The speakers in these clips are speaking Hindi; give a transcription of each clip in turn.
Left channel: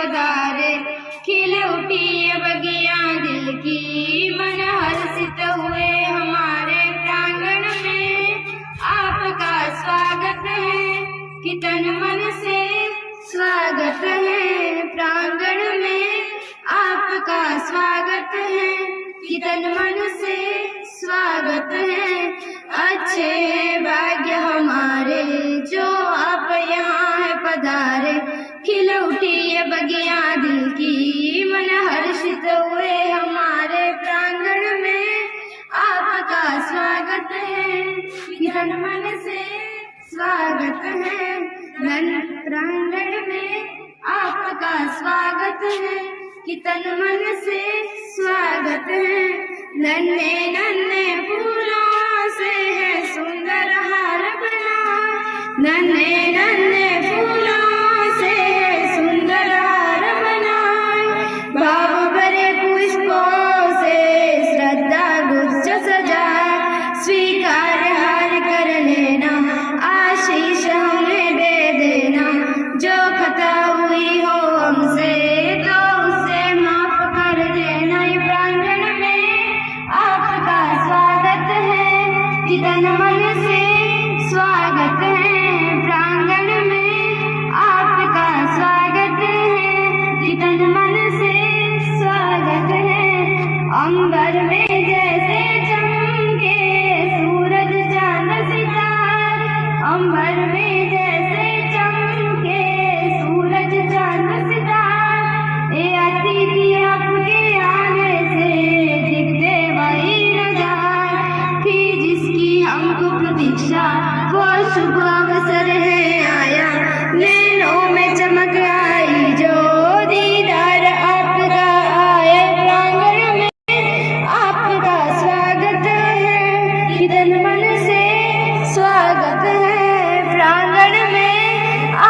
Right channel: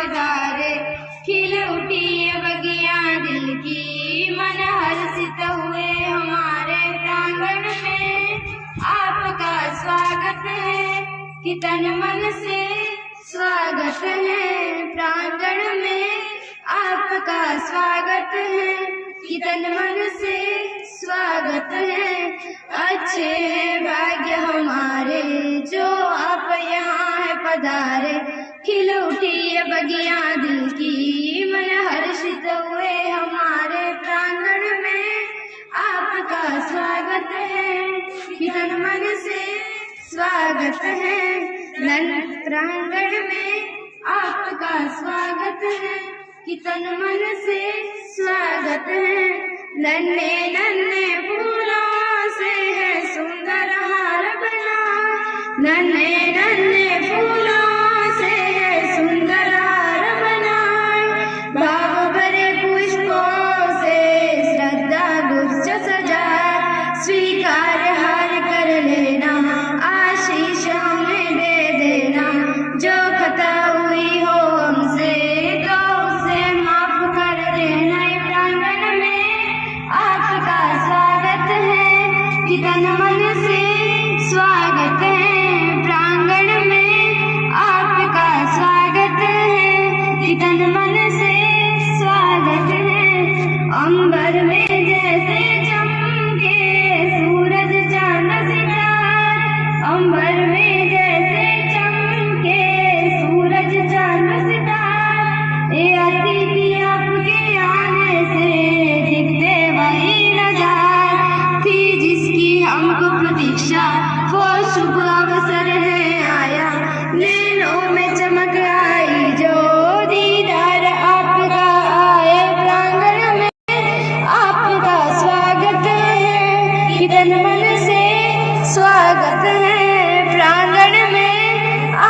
पधारे। खिल उठी बगिया दिल की, मन हर्षित हुए हमारे प्रांगण में। आपका स्वागत है कि तन मन से स्वागत है प्रांगण में। आपका स्वागत है कि तन मन से स्वागत है। अच्छे भाग्य हमारे जो आप यहाँ है पधारे। खिल उठी बगिया दिल की, मन हर्षित हुए हमारे प्रांगण में। आपका स्वागत है कि तन मन से स्वागत है। प्रांगण में आपका स्वागत है कि तन मन से स्वागत है। नन्हे नन्हे फूलों से है सुंदर हार बना। नन्हे नन्हे फूलों से है सुंदर हार बना। भाव भरे पुष्पों से श्रद्धा गुच्छ सजा। स्वीकार हार कर लेना, आशीष हमें दे देना। जो खता हुई हो हमसे तो उसे माफ कर देना। प्रांगण में आपका स्वागत है कि तन मन से स्वागत है। प्रांगण में आपका स्वागत है कि तन मन से स्वागत है। अंबर में जैसे चमके सूरज चांद सितारे। अंबर में जैसे चमके सूरज चांद सितारे। ये अतिथि आपके आने से दिखते वही नजार थी जिसकी हमको प्रतीक्षा। वो शुभ अवसर है आया, नैनों में चमक आई जो दीदार आपका आए। प्रांगण में आपका स्वागत है कि तन मन से स्वागत है। प्रांगण में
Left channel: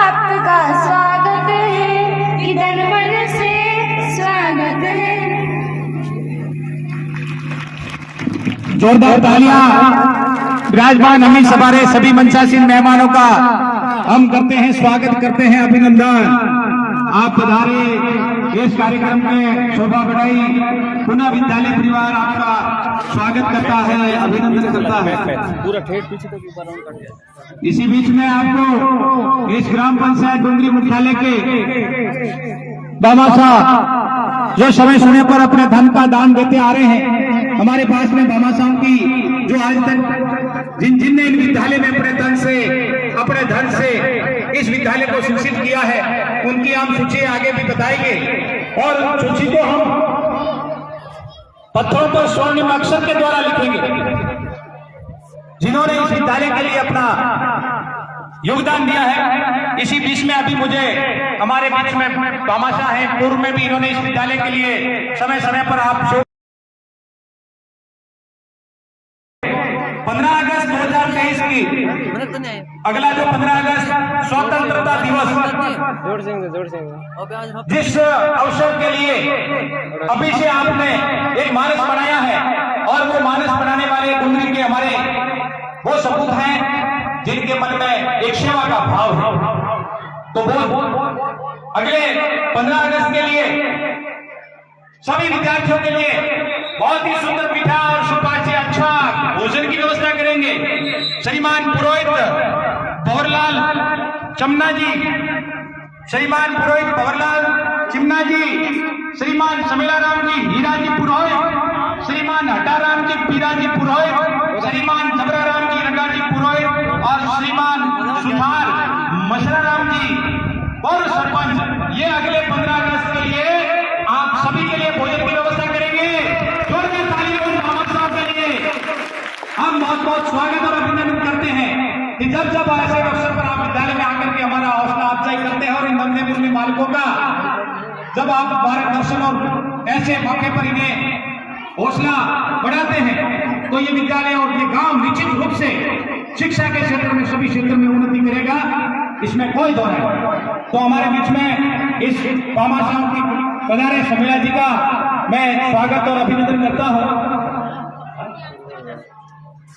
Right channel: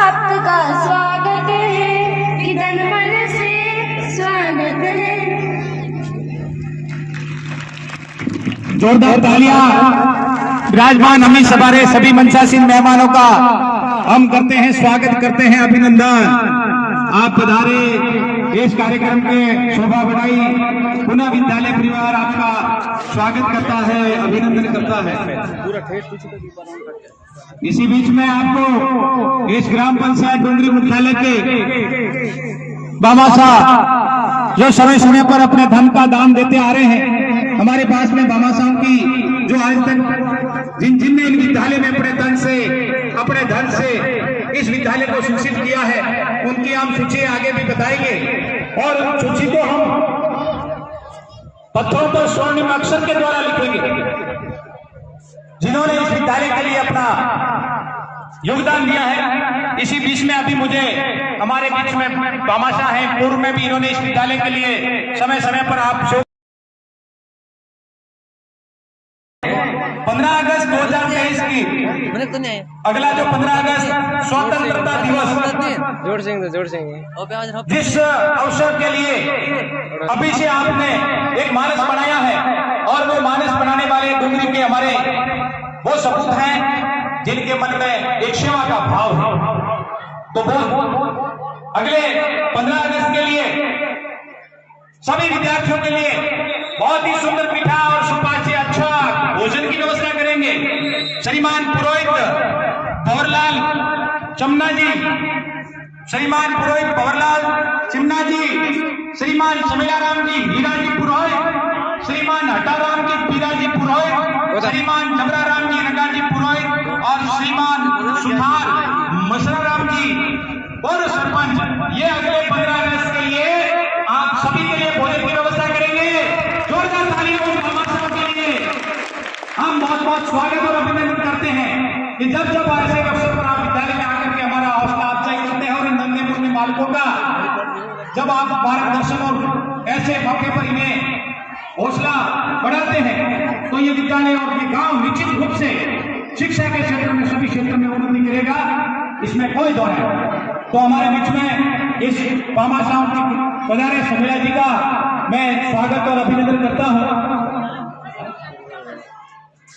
आपका स्वागत है कि तन मन से स्वागत है। जोरदार तालियां विराजमान हमें सवारे सभी मंचासीन मेहमानों का हम करते हैं, स्वागत करते हैं, अभिनंदन। आप पधारे, इस कार्यक्रम के शोभा बढ़ाई। पुनः विद्यालय परिवार आपका स्वागत करता है, अभिनंदन करता है। इसी बीच में आपको इस ग्राम पंचायत डोंगरी मुख्यालय के बामासा जो समय समय पर अपने धन का दान देते आ रहे हैं। हमारे पास में बामासाओं की जो आज तक जिनने इस विद्यालय में अपने धन से इस विद्यालय को सूचित किया है, उनकी हम सूची आगे भी बताएंगे और उन सूची को हम पत्थरों पर स्वर्णिम अक्षर के द्वारा लिखेंगे। जिन्होंने इस विद्यालय के लिए अपना योगदान दिया है। इसी बीच में अभी मुझे हमारे बीच में बामासा है, पूर्व में भी इन्होंने इस विद्यालय के लिए समय समय पर आप 15 अगस्त 2023 की अगला जो 15 अगस्त स्वतंत्रता दिवस, जिस अवसर के लिए अभी से आपने एक मानस बनाया है और वो मानस बनाने वाले डोंगरी के हमारे वो सपूत हैं जिनके मन में एक सेवा का भाव है। तो वो अगले 15 अगस्त के लिए सभी विद्यार्थियों के लिए बहुत ही सुंदर मीठा और सुपाच्य अच्छा भोजन की व्यवस्था करेंगे। श्रीमान पुरोहित भंवरलाल चमना जी, श्रीमान पुरोहित भंवरलाल चिमना जी, श्रीमान समेलाराम जी हीरा जी पुरोहित, श्रीमान हटाराम जी पीरा जी पुरोहित, श्रीमान जबराराम जी रंगा जी पुरोहित और श्रीमान सुधार मसराराम जी और सरपंच। ये अगले 15 अगस्त के लिए आप सभी के लिए भोजन की व्यवस्था करेंगे। जोरदार ताली उन बामासाओं के लिए हम बहुत बहुत स्वागत और अभिनंदन करते हैं कि जब जब ऐसे अवसर पर आप विद्यालय में आकर के हमारा हौसला अफजाई करते हैं और इन नन्हे मुन्ने बालकों का जब आप मार्गदर्शन और ऐसे मौके पर इन्हें हौसला बढ़ाते हैं तो ये विद्यालय और ये गांव निश्चित रूप से शिक्षा के क्षेत्र में सभी क्षेत्र में उन्नति करेगा, इसमें कोई दो है। तो हमारे बीच में इस बामासाओं की पधारे समेला जी का मैं स्वागत और अभिनंदन करता हूं।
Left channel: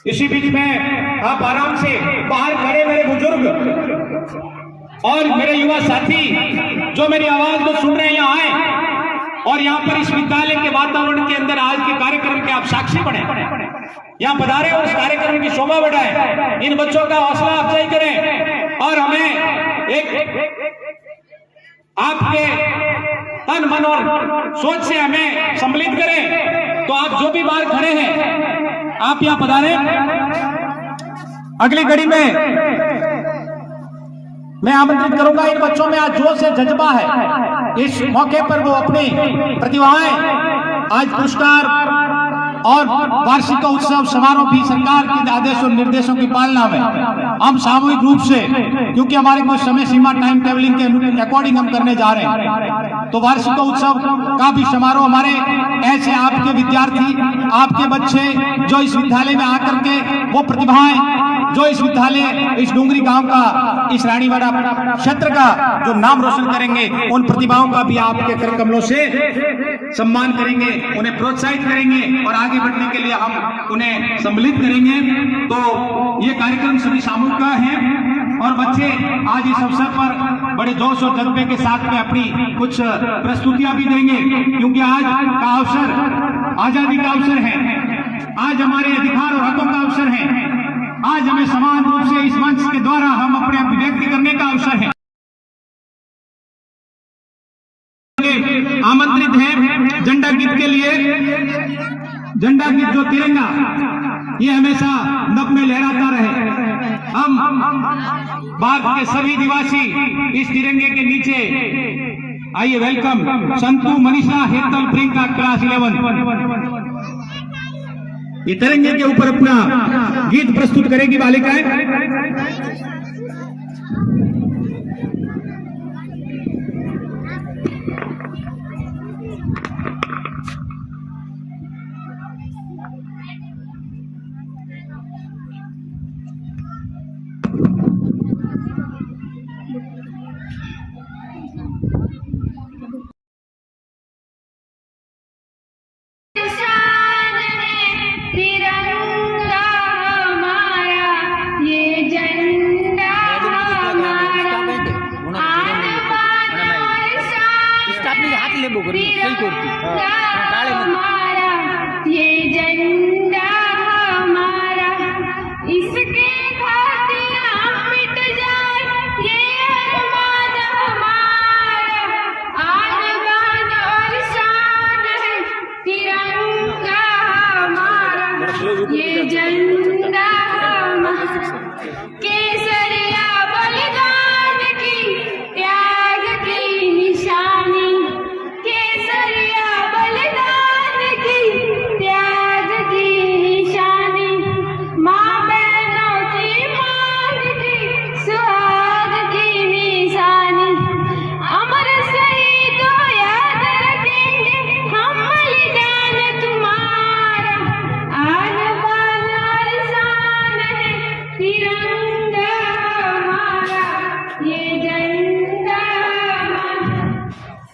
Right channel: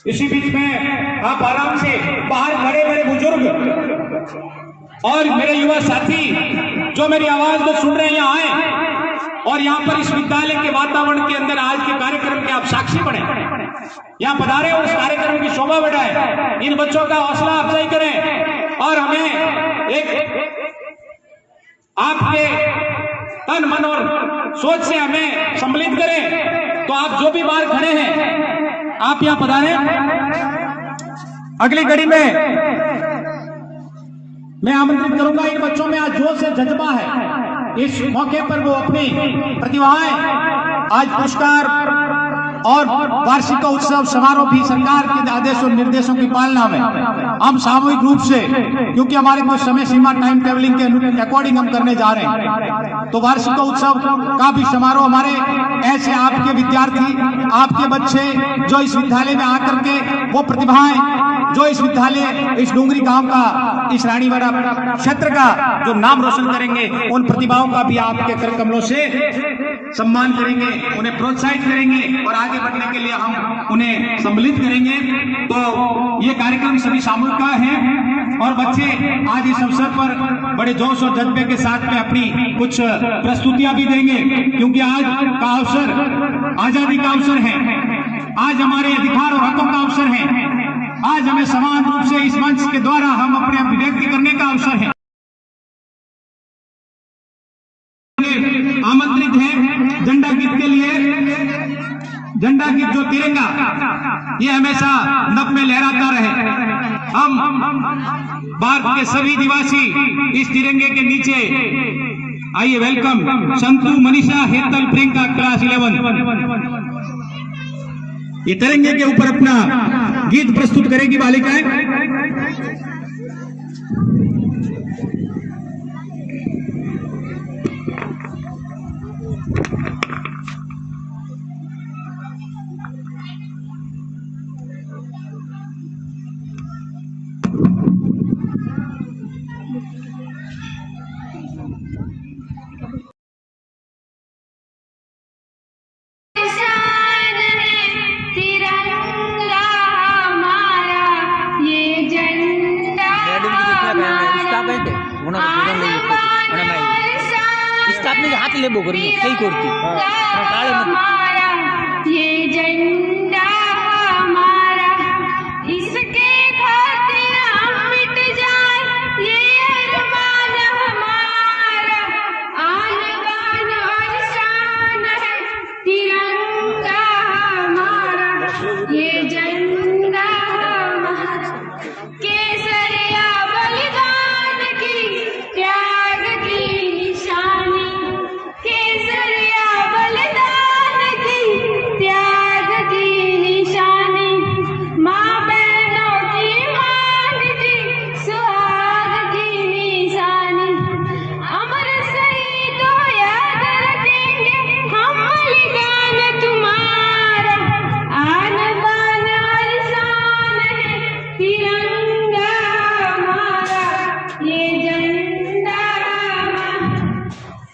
इसी बीच में आप आराम से बाहर खड़े मेरे बुजुर्ग और मेरे युवा साथी जो मेरी आवाज को सुन रहे हैं यहाँ आए और यहाँ पर इस विद्यालय के वातावरण के अंदर आज के कार्यक्रम के आप साक्षी बने, यहाँ पधारे और इस कार्यक्रम की शोभा बढ़ाए, इन बच्चों का हौसला अफजाई करें और हमें एक आपके तन मन और सोच से हमें सम्मिलित करें। तो आप जो भी बाहर खड़े हैं आप यहाँ पधारे। अगली घड़ी में मैं आमंत्रित करूंगा, इन बच्चों में आज जोश से जज्बा है, इस मौके पर वो अपनी प्रतिभाएं आज पुरस्कार और वार्षिक उत्सव समारोह भी सरकार के आदेश और निर्देशों की पालना में हम सामूहिक रूप से, क्योंकि हमारे को समय सीमा टाइम टेबलिंग के अकॉर्डिंग हम करने जा रहे हैं, तो वार्षिक उत्सव का भी समारोह हमारे ऐसे आपके विद्यार्थी, आपके बच्चे जो इस विद्यालय में आकर के वो प्रतिभाएं जो इस विद्यालय, इस डूंगरी गांव का, इस रानीवाड़ा क्षेत्र का जो नाम रोशन करेंगे, उन प्रतिभाओं का भी आपके कर कमलों से सम्मान करेंगे, उन्हें प्रोत्साहित करेंगे और आगे बढ़ने के लिए हम उन्हें सम्मिलित करेंगे। तो ये कार्यक्रम सभी सामूहिक का है और बच्चे आज इस अवसर पर बड़े जोश और जज्बे के साथ में अपनी कुछ प्रस्तुतियां भी देंगे, क्योंकि आज का अवसर आजादी का अवसर है, आज हमारे अधिकार और हकों का अवसर है, आज हमें समान रूप से इस मंच के द्वारा हम अपने अभिव्यक्ति करने का अवसर है। आमंत्रित है झंडा गीत के लिए। झंडा गीत जो तिरंगा ये हमेशा नभ में लहराता रहे। हम भारत के सभी निवासी इस तिरंगे के नीचे आइए। वेलकम संतु, मनीषा, हेतल, प्रियंका, क्लास 11 ये तिरंगे के ऊपर अपना गीत प्रस्तुत करेगी बालिकाएं। हाथ लेबो करी सही करती टाले ये झंडा हमारा, इसके खातिर हम मिट जाए, ये अरमान हमारा, आन बान और शान है तिरंगा हमारा, ये झंडा हमारा, केसरिया बलिदान की त्याग की निशानी, केसरिया बलिदान की त्याग की निशानी, माँ बहनों की मान की सुहाग की निशानी, अमर शहीदों याद रखेंगे हम बलिदान तुम्हारा, आन बान और शान है तिरंगा हमारा, ये झंडा हमारा,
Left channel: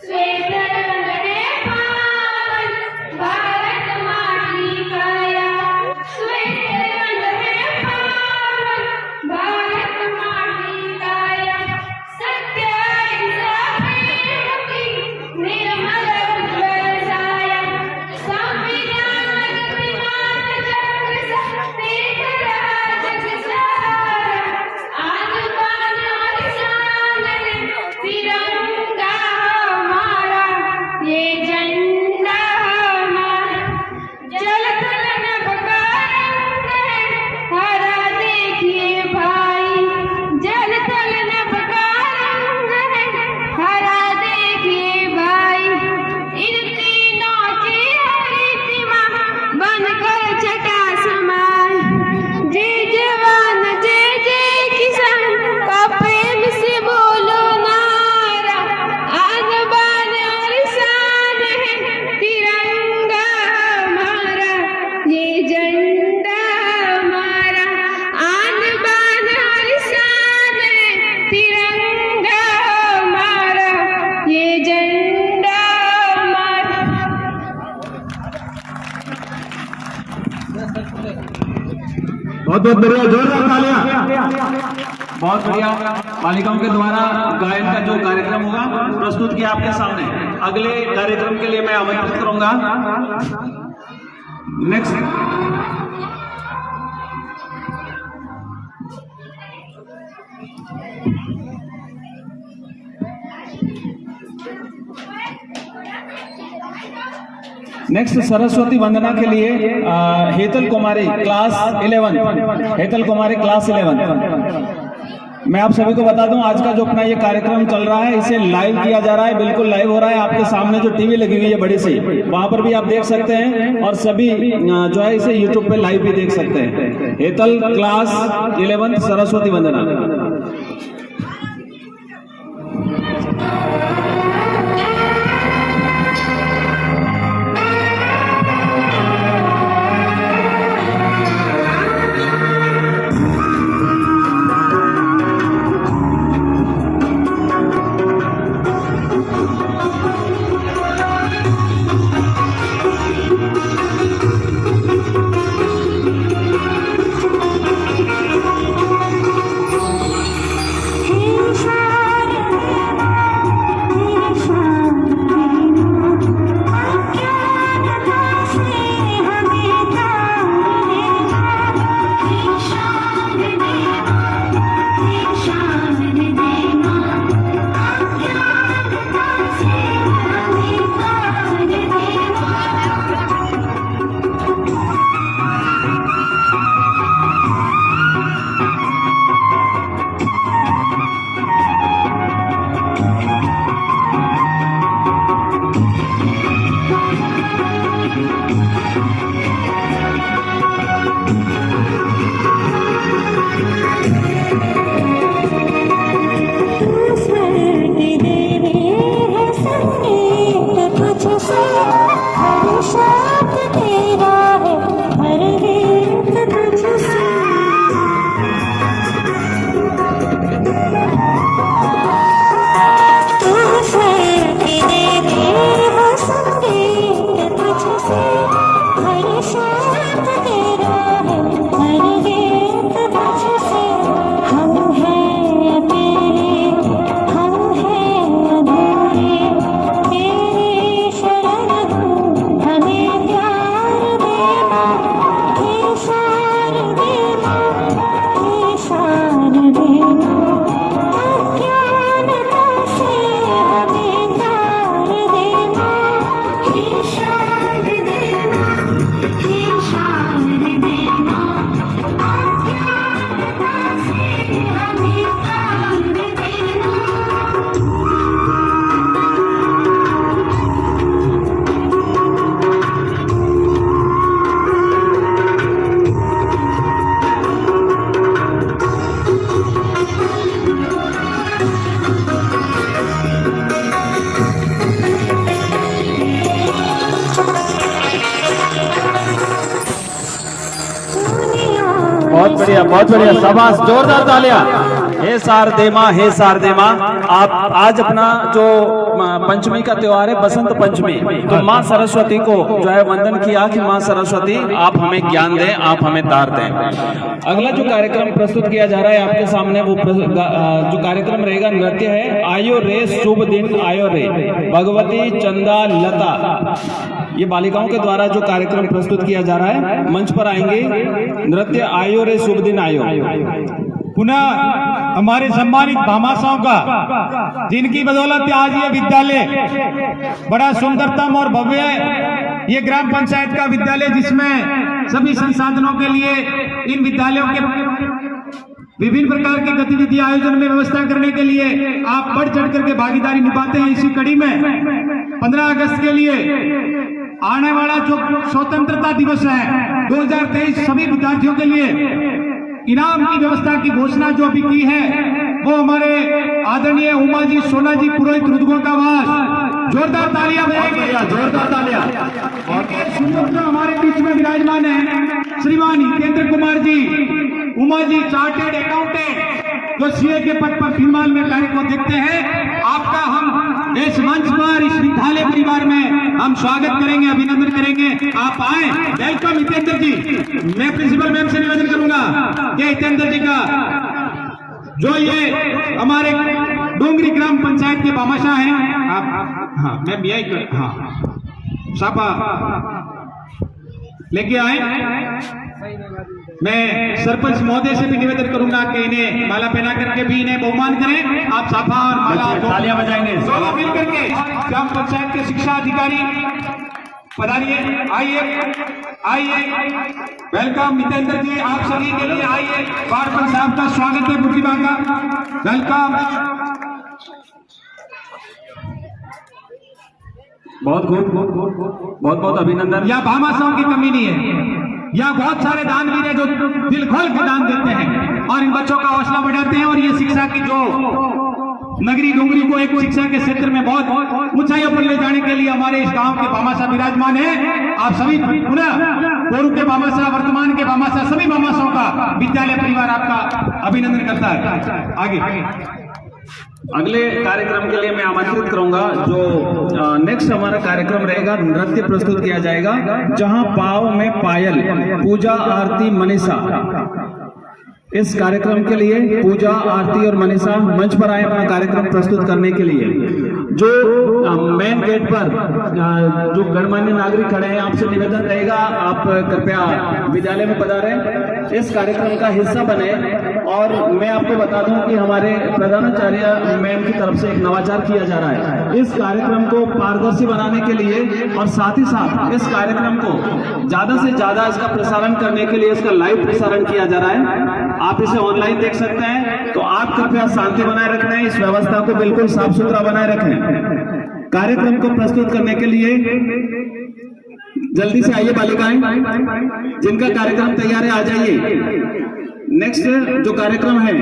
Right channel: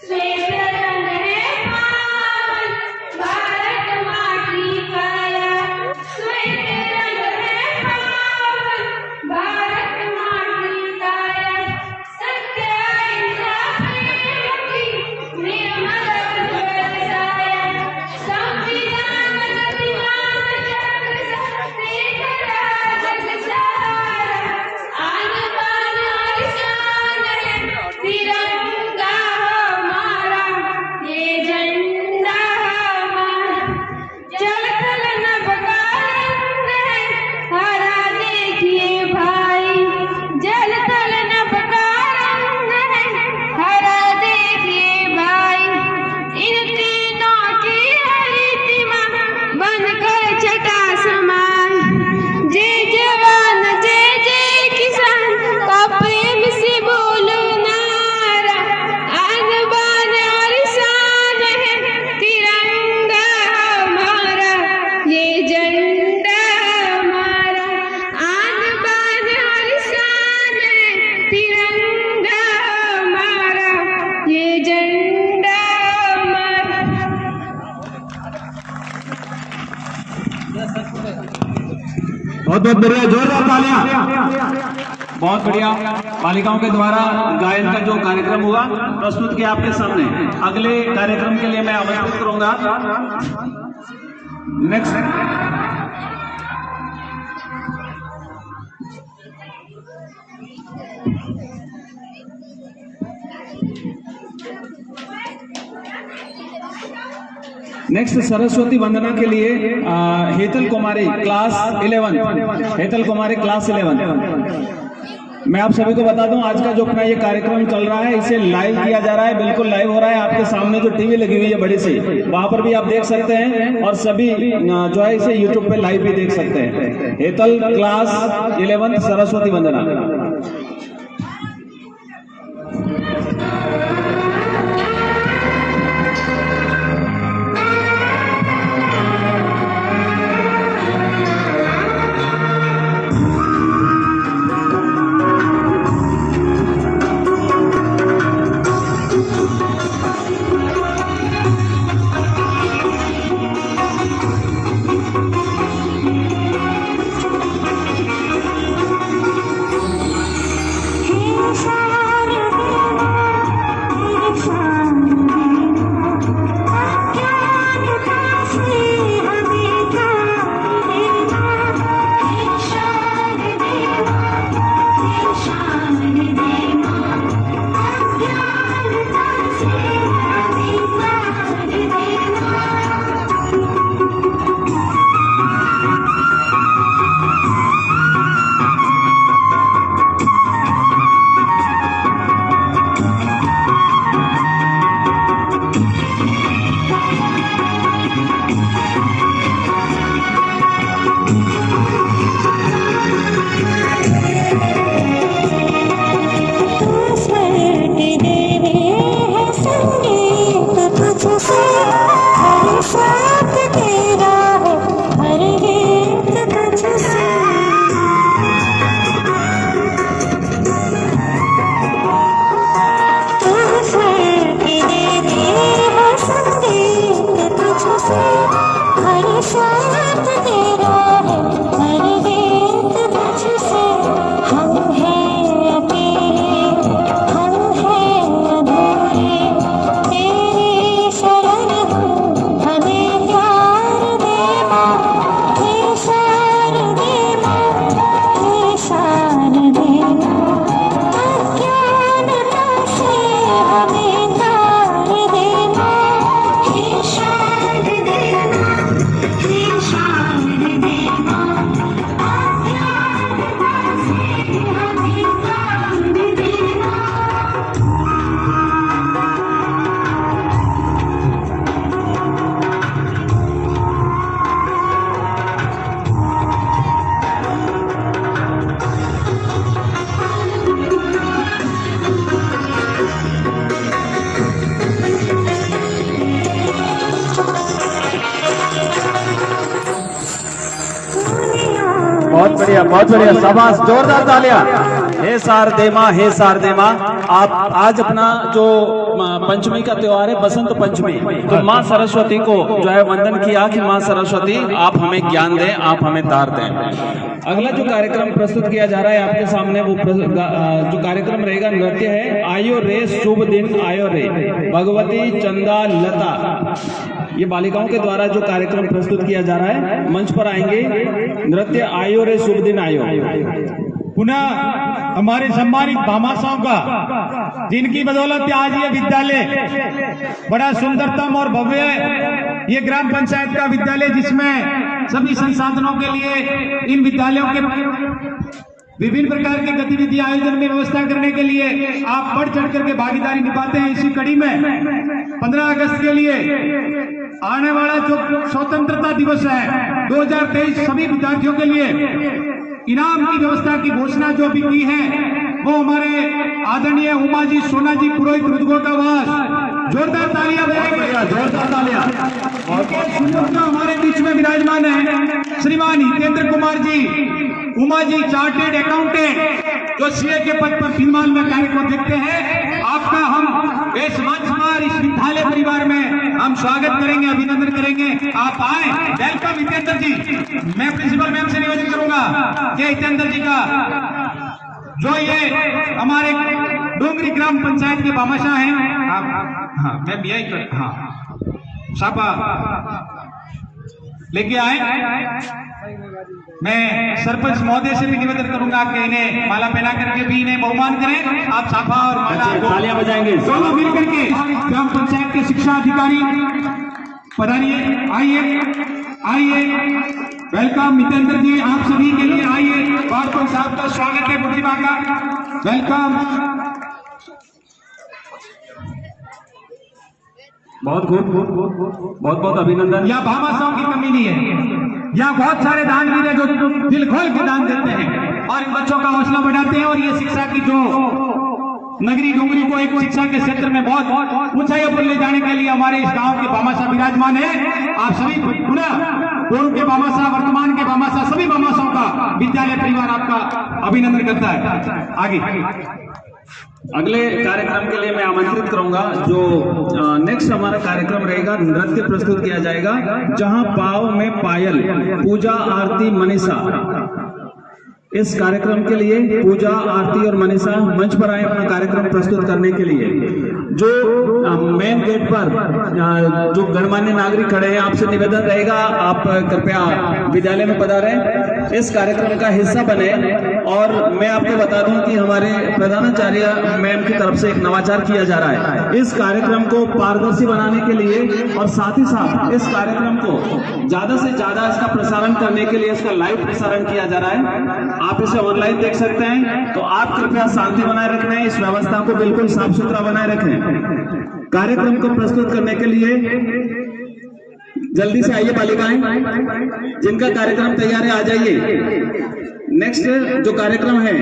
श्वेत रंग है पावन भारत माँ की काया, श्वेत रंग है पावन भारत माँ की काया, सत्य अहिंसा प्रेम की निर्मल उज्ज्वल छाया, संविधान गतिमान चक्र तेज रहा जग सारा, आन बान और शान है तिरंगा हमारा, ये झंडा हमारा, जल थल नभ का रंग है हरा देखिए भाई, जल थल नभ का रंग है हरा देखिए भाई, इन तीनों की हरितिमा बनकर छटा समाए, जय जवान जय जय किसान का प्रेम से बोलो नारा, आन बान और शान है तिरंगा हमारा, ये झंडा हमारा, आन बान और शान है तिरंगा हमारा, ये झंडा हमारा। बहुत बहुत बढ़िया, जोरदार तालियां। बहुत बढ़िया। बालिकाओं के द्वारा गायन का जो कार्यक्रम हुआ प्रस्तुत किया आपके सामने। अगले कार्यक्रम के लिए मैं आमंत्रित करूंगा। नेक्स्ट सरस्वती वंदना के लिए हेतल कुमारी क्लास 11, हेतल कुमारी क्लास 11। मैं आप सभी को बता दूं, आज का जो अपना ये कार्यक्रम चल रहा है इसे लाइव किया जा रहा है, बिल्कुल लाइव हो रहा है। आपके सामने जो टीवी लगी हुई है बड़ी सी, वहां पर भी आप देख सकते हैं और सभी जो है इसे यूट्यूब पे लाइव भी देख सकते हैं। हेतल क्लास 11 सरस्वती वंदना। बहुत बढ़िया, शाबाश, जोरदार तालियां। हे शारदे माँ, आप आज अपना जो पंचमी का त्योहार है बसंत पंचमी, तो माँ सरस्वती को जो है वंदन किया कि माँ सरस्वती आप हमें ज्ञान दें, आप हमें दार दें। अगला जो कार्यक्रम प्रस्तुत किया जा रहा है आपके सामने, वो जो कार्यक्रम रहेगा नृत्य है आयो रे शुभ दिन आयो रे, भगवती चंदा लता। ये बालिकाओं के द्वारा जो कार्यक्रम प्रस्तुत किया जा रहा है, मंच पर आएंगे नृत्य आयो रे शुभ दिन आयो। पुनः हमारे सम्मानित भामाशाहों का, जिनकी बदौलत आज ये विद्यालय बड़ा सुंदरतम और भव्य है। ये ग्राम पंचायत का विद्यालय जिसमें सभी संसाधनों के लिए इन विद्यालयों के विभिन्न प्रकार की गतिविधि आयोजन में व्यवस्था करने के लिए आप बढ़ चढ़ करके भागीदारी निभाते हैं। इसी कड़ी में 15 अगस्त के लिए आने वाला जो स्वतंत्रता दिवस है 2023 सभी विद्यार्थियों के लिए इनाम की व्यवस्था की घोषणा जो भी की है, वो हमारे आदरणीय उमा जी सोना जी पुरोहित रुद्रगोकावास, जोरदार तालियां बजाएंगे, जोरदार तालियां। और हमारे बीच में विराजमान है श्रीमान हितेंद्र कुमार जी, उमा जी चार्टेड अकाउंटेंट, जो सीए के पद पर फिलहाल में कार्य को देखते हैं। आपका हम इस मंच पर, इस विद्यालय परिवार में हम स्वागत करेंगे, अभिनंदन करेंगे। आप आए, वेलकम हितेंद्र जी। मैं प्रिंसिपल मैम से निवेदन करूंगा कि हितेंद्र जी का जो ये हमारे डोंगरी ग्राम पंचायत के भामाशाह हैं, हाँ मैं भी आई, हाँ शाबा लेके आए। मैं सरपंच महोदय से भी निवेदन करूंगा कि इन्हें माला पहना करके भी इन्हें बहुमान करें। आप छापा और माला तालियां बजाएंगे। दोनों मिलकर के ग्राम पंचायत के शिक्षा अधिकारी पधारिए, आइए वेलकम। मितेंद्र जी आप सभी के लिए आइए, पार्षद साहब का स्वागत है प्रतिभा का, वेलकम। बहुत अभिनंदन। या भामाशाहों की कमी नहीं है, यहाँ बहुत सारे दानवीर हैं जो दिल खोल के दान देते हैं और इन बच्चों का हौसला बढ़ाते हैं और ये शिक्षा की जो नगरी डोंगरी को एक शिक्षा के क्षेत्र में बहुत ऊंचाइयों पर ले जाने के लिए हमारे इस गांव के भामाशाह विराजमान है। आप सभी पुनः पूर्व के भामाशाह, वर्तमान के भामाशाह, सभी भामाशाहों का विद्यालय परिवार आपका अभिनंदन करता है। आगे अगले कार्यक्रम के लिए मैं आमंत्रित करूंगा। जो नेक्स्ट हमारा कार्यक्रम रहेगा, नृत्य प्रस्तुत किया जाएगा, जहां पाव में पायल, पूजा आरती मनीषा। इस कार्यक्रम के लिए पूजा आरती और मनीषा मंच पर आए अपना कार्यक्रम प्रस्तुत करने के लिए। जो मेन गेट पर जो गणमान्य नागरिक खड़े हैं, आपसे निवेदन रहेगा आप कृपया विद्यालय में पधारें, इस कार्यक्रम का हिस्सा बने। और मैं आपको बता दूं कि हमारे प्रधानाचार्य मैम की तरफ से एक नवाचार किया जा रहा है इस कार्यक्रम को पारदर्शी बनाने के लिए, और साथ ही साथ इस कार्यक्रम को ज्यादा से ज्यादा इसका प्रसारण करने के लिए इसका लाइव प्रसारण किया जा रहा है। आप इसे ऑनलाइन देख सकते हैं, तो आप कृपया शांति बनाए रखना, इस व्यवस्था को बिल्कुल साफ सुथरा बनाए रखें। कार्यक्रम को प्रस्तुत करने के लिए जल्दी से आइए बालिकाएं, जिनका कार्यक्रम तैयार है आ जाइए। नेक्स्ट जो कार्यक्रम है,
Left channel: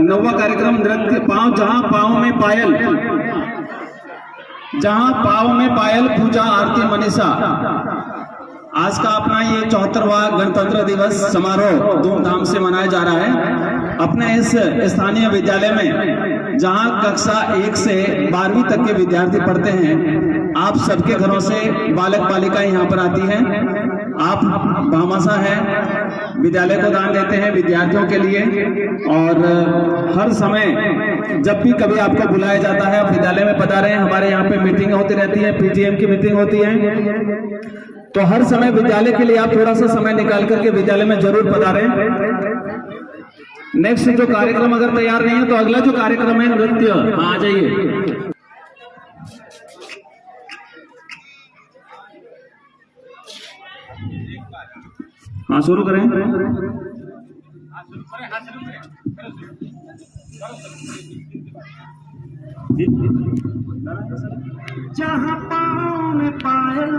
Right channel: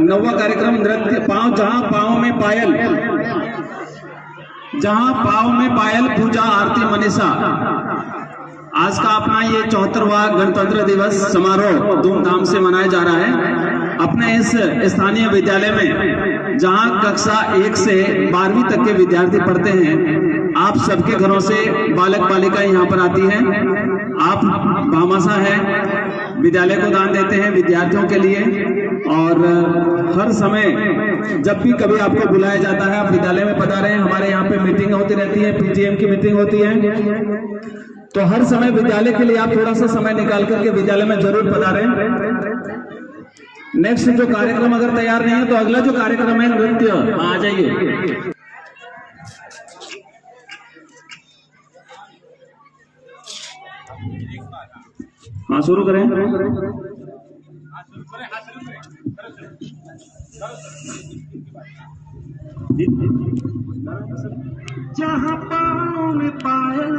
नौवां कार्यक्रम नृत्य पांव, जहां पांव में पायल, जहां पांव में पायल, पूजा आरती मनीषा। आज का अपना ये 74वां गणतंत्र दिवस समारोह धूमधाम से मनाया जा रहा है अपने इस स्थानीय विद्यालय में, जहां कक्षा 1 से 12वीं तक के विद्यार्थी पढ़ते हैं। आप सबके घरों से बालक बालिकाएं यहाँ पर आती हैं। आप भामाशाह हैं, विद्यालय को दान देते हैं विद्यार्थियों के लिए, और हर समय जब भी कभी आपको बुलाया जाता है आप विद्यालय में पधारें। हमारे यहाँ पे मीटिंग होती रहती है, पीटीएम की मीटिंग होती है, तो हर समय विद्यालय के लिए आप थोड़ा सा समय निकाल करके विद्यालय में जरूर पधारें। नेक्स्ट जो कार्यक्रम अगर तैयार नहीं है, तो अगला जो कार्यक्रम है नृत्य, आ जाइए। हाँ शुरू करें। जहाँ पाँव में पायल,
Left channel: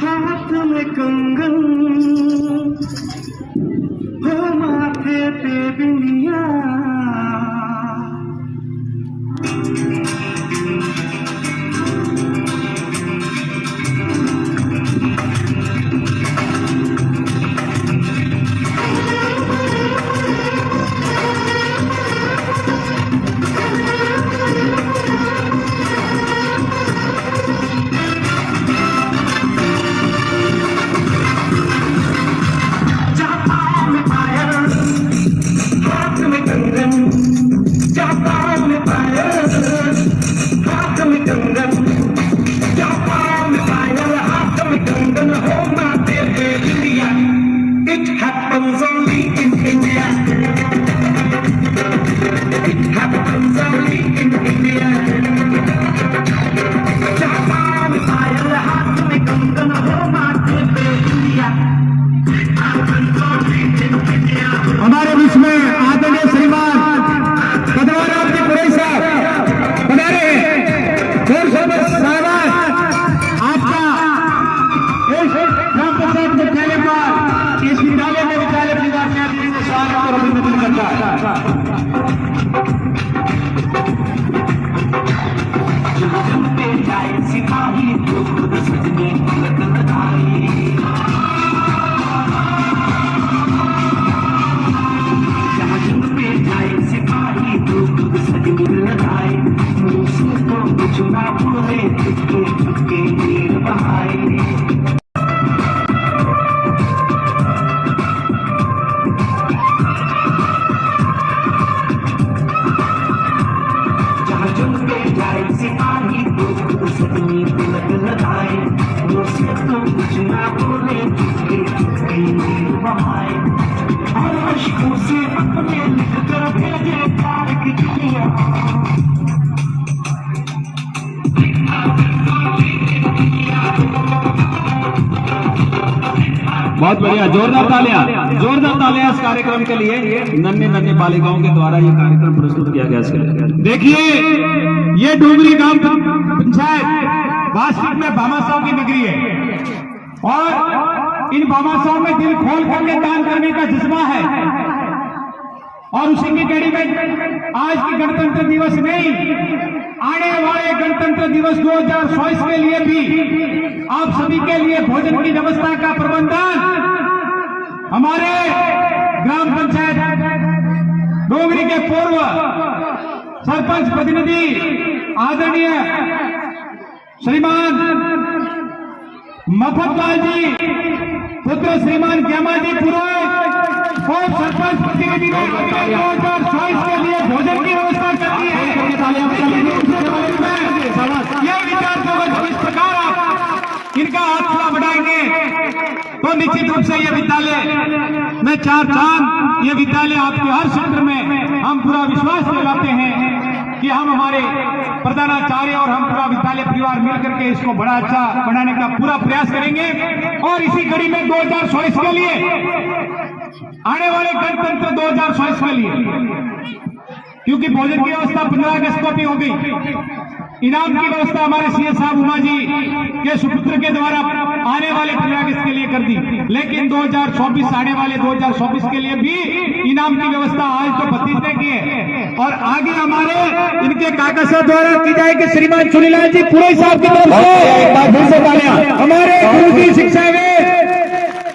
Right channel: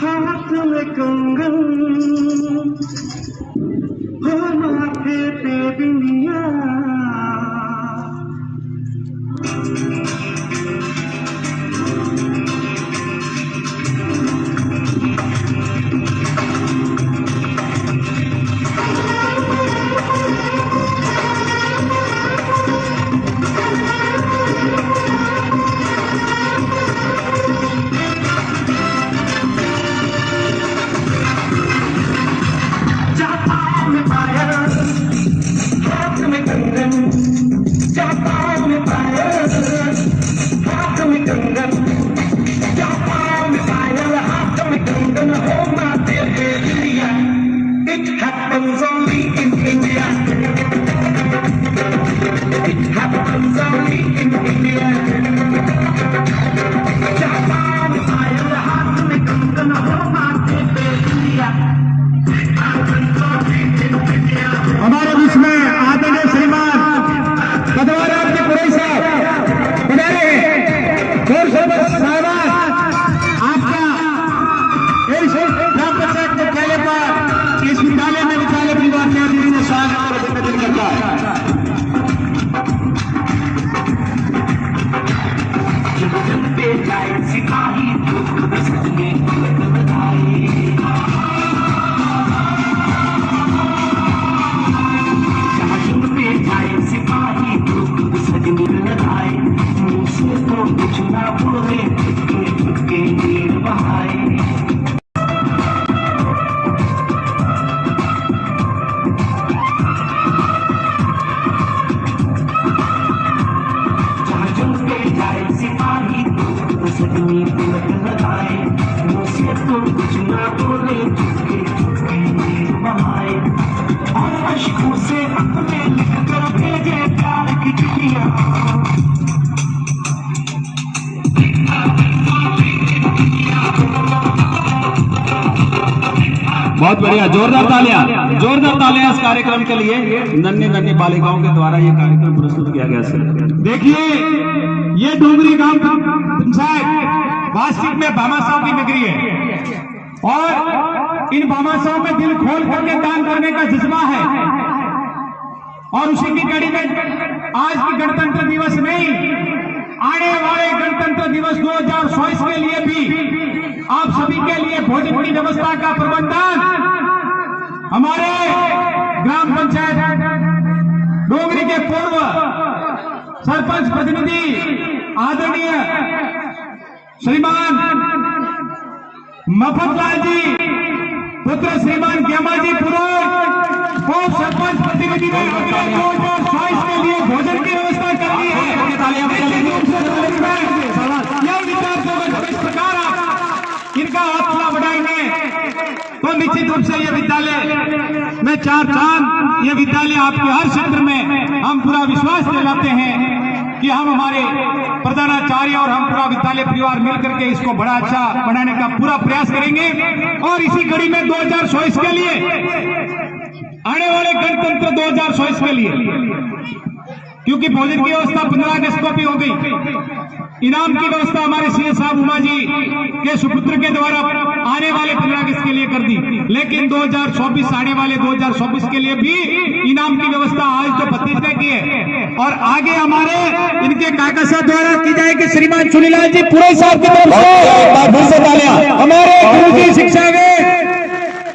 हाथ में कंगन, हो माथे पे बिंदिया, हमारे बीच में आदरणीय श्रीमान पदवार आपके पुरे साहब हमारे जोर शोर साहबान, आपका ग्राम पंचायत मुख्यालय पर इस विद्यालय में विद्यालय परिवार के आदमी ने स्वागत और अभिनंदन करता है। ले जाए सिपाही दोस्त सजनी तिलक लगाए मुझसे तो कुछ ना बोले चुपके चुपके बहाए और अश्कों से अपने लिख कर भेजे प्यार की चिट्ठियां। बहुत बढ़िया, जोरदार तालियां इस कार्यक्रम के लिए। नन्ही नन्ही बालिकाओं के द्वारा ये कार्यक्रम प्रस्तुत किया गया है। देखिए, ये डोंगरी गांव पंचायत वास्तविक में भामाशाह की नगरी है और इन भामाशाह में दिल खोल करके काम करने का जज्बा है और उसी की कड़ी में आज की गणतंत्र दिवस नहीं, आने वाले गणतंत्र दिवस 2024 के लिए भी आप सभी के लिए भोजन की व्यवस्था का प्रबंधन हमारे ग्राम पंचायत डोंगरी के पूर्व सरपंच प्रतिनिधि आदरणीय श्रीमान मफतलाल जी पुत्र श्रीमान ग्यामा जी पुरोहित को सरपंच प्रतिनिधि ने 2024 के लिए भोजन की व्यवस्था कर दी है। ये विचार जगत इस प्रकार इनका हाथ थोड़ा बढ़ाएंगे तो निश्चित रूप से ये विद्यालय में चार चांद, ये विद्यालय आपके हर क्षेत्र में हम पूरा विश्वास दिलाते हैं कि हम हमारे प्रधानाचार्य और हम पूरा विद्यालय परिवार मिलकर के इसको बड़ा अच्छा बनाने का पूरा प्रयास करेंगे। और इसी कड़ी में 2024 के लिए, आने वाले गणतंत्र 2024 के लिए, क्योंकि भोजन की व्यवस्था 15 अगस्त को भी हो गई, इनाम की व्यवस्था हमारे सीएस साहब उमा जी के सुपुत्र के द्वारा आने वाले 15 अगस्त के लिए कर दी, लेकिन 2024 आने वाले 2024 के लिए भी इनाम की व्यवस्था आज तो 32 की है और आगे हमारे इनके कागज से द्वारा की जाएगी। श्रीमान चुनीलाल जी पूरे साहब की तरफ से हमारे गुरु की शिक्षा में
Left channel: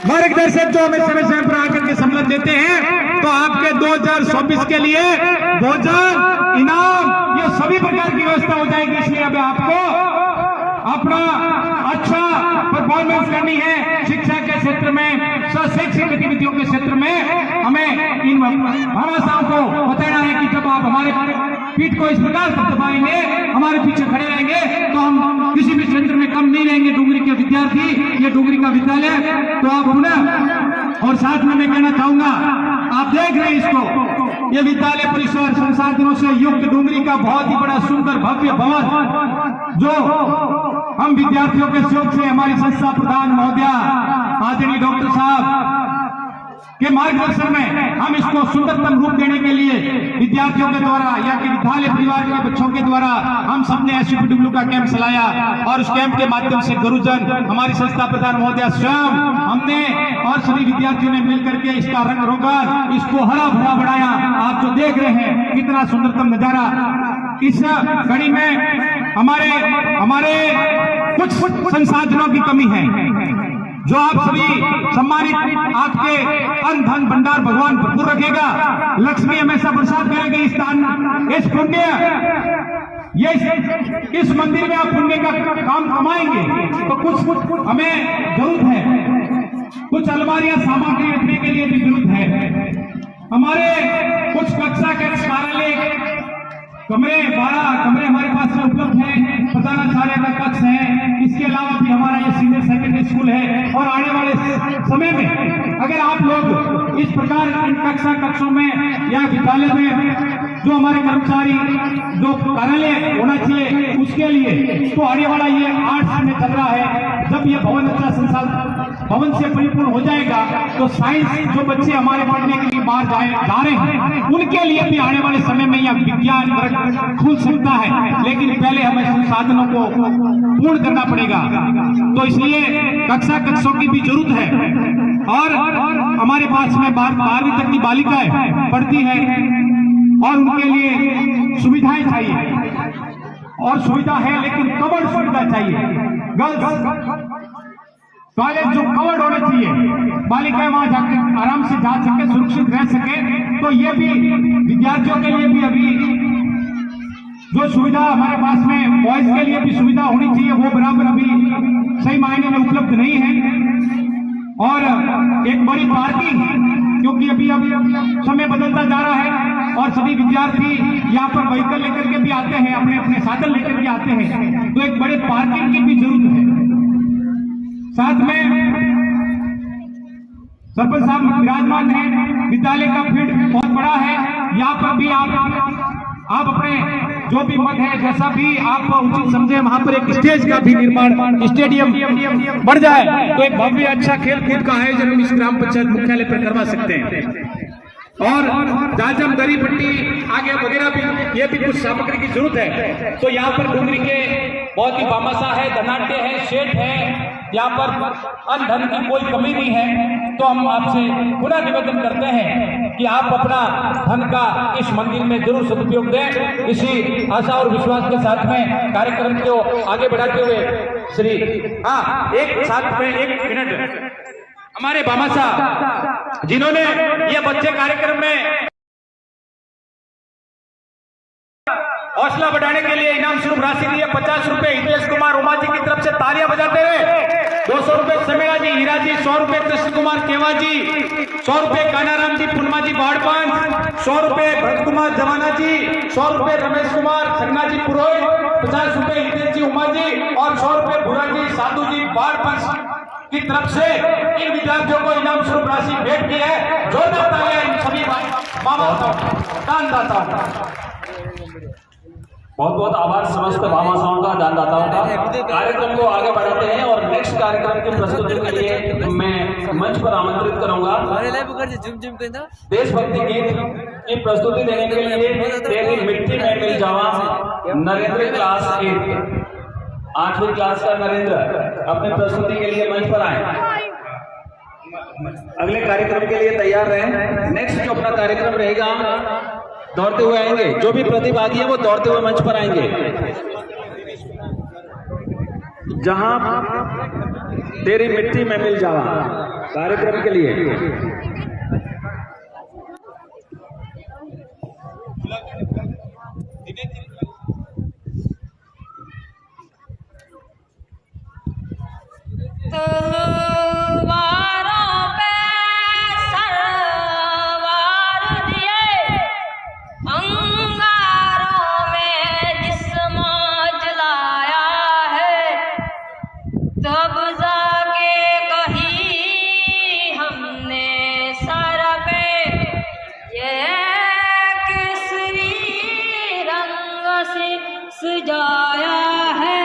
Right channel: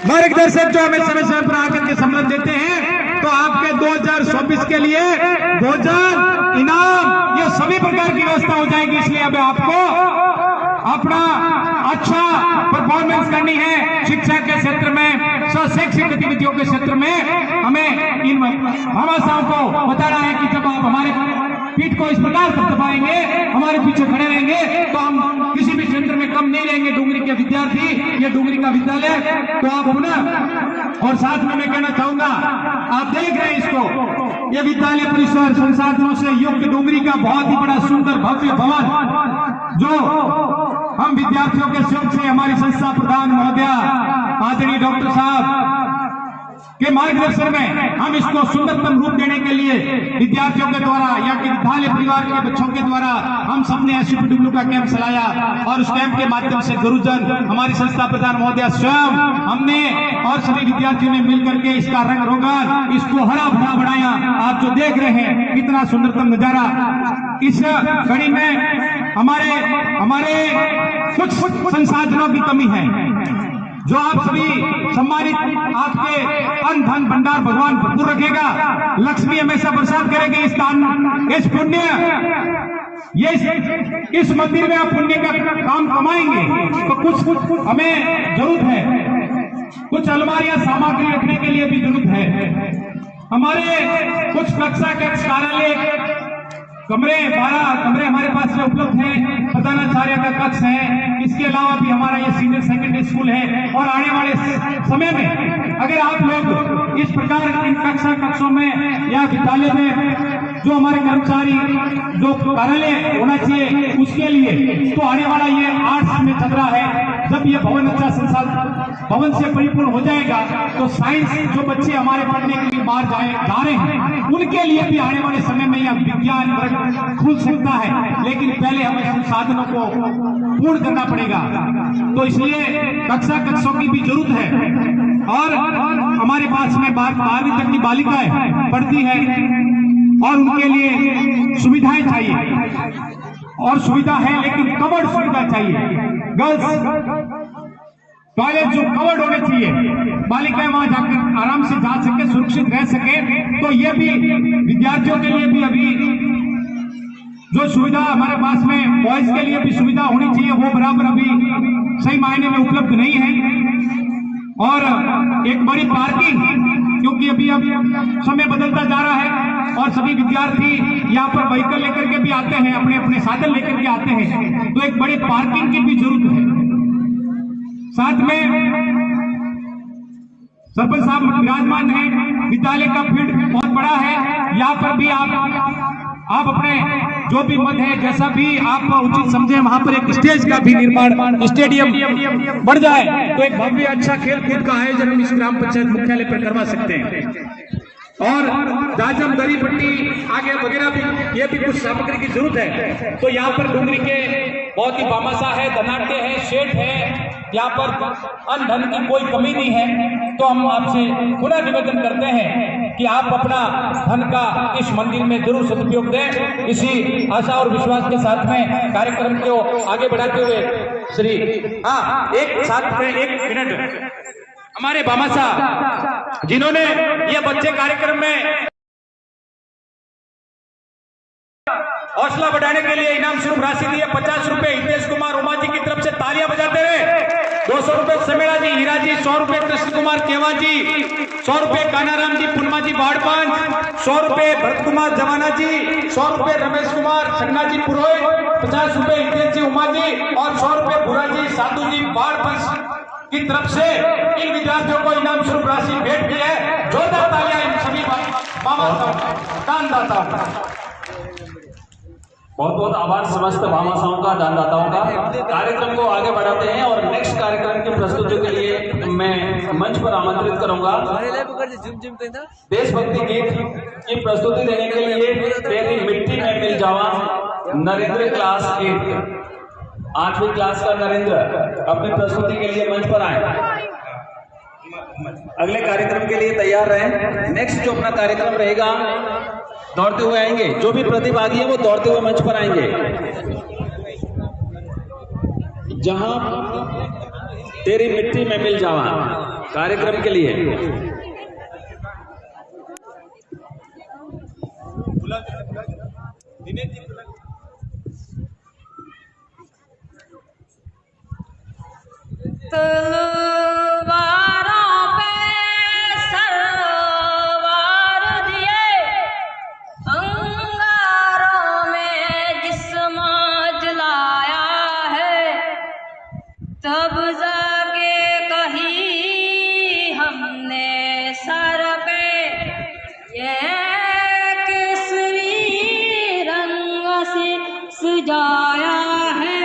मार्गदर्शक जो हमें समय समय पर आकर के सम्मान देते हैं, तो आपके 2024 के लिए भोजन, इनाम, ये सभी प्रकार की व्यवस्था हो जाएगी। इसलिए अब आपको अपना अच्छा परफॉर्मेंस करनी है शिक्षा के क्षेत्र में, शैक्षिक गतिविधियों के क्षेत्र में। हमें इन भामाशाहों को बताना है कि जब आप हमारे पीठ को इस प्रकार से दबाएंगे, हमारे पीछे खड़े रहेंगे, तो हम किसी भी क्षेत्र में कम नहीं रहेंगे। डोंगरी के विद्यार्थी, ये डोंगरी का विद्यालय, तो आप पुनः, और साथ में मैं कहना चाहूंगा, आप देख रहे हैं इसको, ये विद्यालय परिसर संसाधनों से युक्त डोंगरी का बहुत ही बड़ा सुंदर भव्य भवन, जो हम विद्यार्थियों के सहयोग से हमारी संस्था प्रधान महोदया आदरणीय डॉक्टर साहब के मार्गदर्शन में हम इसको सुंदरतम रूप देने के लिए विद्यार्थियों के द्वारा या कि विद्यालय परिवार के बच्चों के द्वारा हम सबने SUPW का कैंप चलाया और उस कैंप के माध्यम से गुरुजन, हमारी संस्था प्रधान महोदया स्वयं, हमने और सभी विद्यार्थियों ने मिलकर के इसका रंग रोगन, इसको हरा भरा बनाया। आप जो देख रहे हैं कितना सुंदरतम नजारा। इस कड़ी में हमारे कुछ संसाधनों की कमी है, जो आप सभी सम्मानित, आपके अन्न धन भंडार भगवान भरपूर रखेगा, लक्ष्मी हमेशा प्रसाद करेगी। इस पुण्य, ये इस मंदिर में आप पुण्य का काम कमाएंगे, तो कुछ हमें जरूरत है, कुछ अलमारियां सामग्री रखने के लिए भी जरूरत है। हमारे कुछ कक्षा के कार्यालय कमरे, 12 कमरे हमारे पास में उपलब्ध हैं, प्रधानाचार्य का कक्ष है, इसके अलावा भी हमारा ये सीनियर सेकेंडरी स्कूल है। और आने वाले समय में अगर आप लोग इस प्रकार इन कक्षों में या विद्यालय में जो हमारे कर्मचारी, जो कार्यालय होना चाहिए उसके लिए, तो आने वाला ये आर्ट्स में चल रहा है, जब ये भवन अच्छा संसाधन भवन से परिपूर्ण हो जाएगा, तो साइंस जो बच्चे हमारे पढ़ने के लिए बाहर जा रहे हैं, उनके लिए भी आने वाले समय में यह विज्ञान खुल सकता है। लेकिन पहले हमें संसाधनों को पूर्ण करना पड़ेगा, तो इसलिए कक्षों की भी जरूरत है। और हमारे पास में 12वीं तक की बालिकाएं पढ़ती है और उनके लिए सुविधाएं चाहिए, और सुविधा है लेकिन कवर्ड सुविधा चाहिए। गर्ल्स टॉयलेट जो कवर्ड होने चाहिए, बालिकाएं वहां जाकर आराम से जा सके, सुरक्षित रह सके। तो ये भी विद्यार्थियों के लिए भी अभी जो सुविधा हमारे पास में बॉयज के लिए भी सुविधा होनी चाहिए, वो बराबर अभी सही मायने में उपलब्ध नहीं है। और एक बड़ी पार्किंग, क्योंकि अभी समय बदलता जा रहा है और सभी विद्यार्थी यहाँ पर व्हीकल लेकर के भी आते हैं, अपने अपने साधन लेकर के आते हैं, तो एक बड़े पार्किंग की भी जरूरत है। साथ में सरपंच साहब विराजमान है, विद्यालय का फील्ड बहुत बड़ा है, यहाँ पर भी आप अपने जो भी मत है, जैसा भी आप उचित समझे, वहां पर एक स्टेज का भी निर्माण, स्टेडियम बढ़ जाए तो एक भव्य अच्छा खेल कूद का आयोजन हम इस ग्राम पंचायत मुख्यालय पर करवा सकते हैं। और जाजम दरी पट्टी आगे वगैरह भी, ये भी कुछ सामग्री की जरूरत है। तो यहाँ पर डुंगरी के बहुत ही बामासा है, धनाट्य है, शेठ है, यहाँ पर अन्न धन की कोई कमी नहीं है। तो हम आपसे पुनः निवेदन करते हैं कि आप अपना धन का इस मंदिर में जरूर सदुपयोग दें। इसी आशा और विश्वास के साथ में कार्यक्रम को आगे बढ़ाते हुए एक मिनट हमारे बामासा जिन्होंने ये बच्चे कार्यक्रम में हौसला बढ़ाने के लिए इनाम स्वरूप राशि दी है 50 रुपए हितेश कुमार उमा जी की तरफ से तालियां बजाते रहे। 200 रुपए समेरा जी, हीरा जी, 100 रुपए कृष्ण कुमार केवा जी, 100 रुपए कानाराम जी, पुनमा जी बाड़पान, 100 रुपए भरत कुमार जवाना जी, 100 रुपए रमेश कुमार सन्ना जी पुरोहित, 50 रुपए हितेश जी उमा जी और 100 रुपए भूरा जी साधु जी बाड़पान की तरफ से इन विद्यार्थियों को इनाम स्वरूप राशि भेंट की है। जोरदार तालियां इन सभी दानदाताओं का। बहुत बहुत आभार समस्त भामाशाहों का, दानदाताओं का। कार्यक्रम को आगे बढ़ाते हैं और नेक्स्ट कार्यक्रम की प्रस्तुति के लिए मैं मंच पर आमंत्रित करूंगा देशभक्ति गीत की प्रस्तुति देने के लिए तेरी मिट्टी में मिल जावा नरेंद्र क्लास 8वीं क्लास का नरेंद्र अपनी प्रस्तुति के लिए मंच पर आए। अगले कार्यक्रम के लिए तैयार रहें। नेक्स्ट जो अपना कार्यक्रम रहेगा दौड़ते हुए आएंगे, जो भी प्रतिभागी हैं वो दौड़ते हुए मंच पर आएंगे। जहां तेरी मिट्टी में मिल जावा कार्यक्रम के लिए तलवारों पे सरवार दिए, अंगारों में जिस्म जलाया है, तब जाके कही हमने सर पे ये केसरी रंग से सजाया है।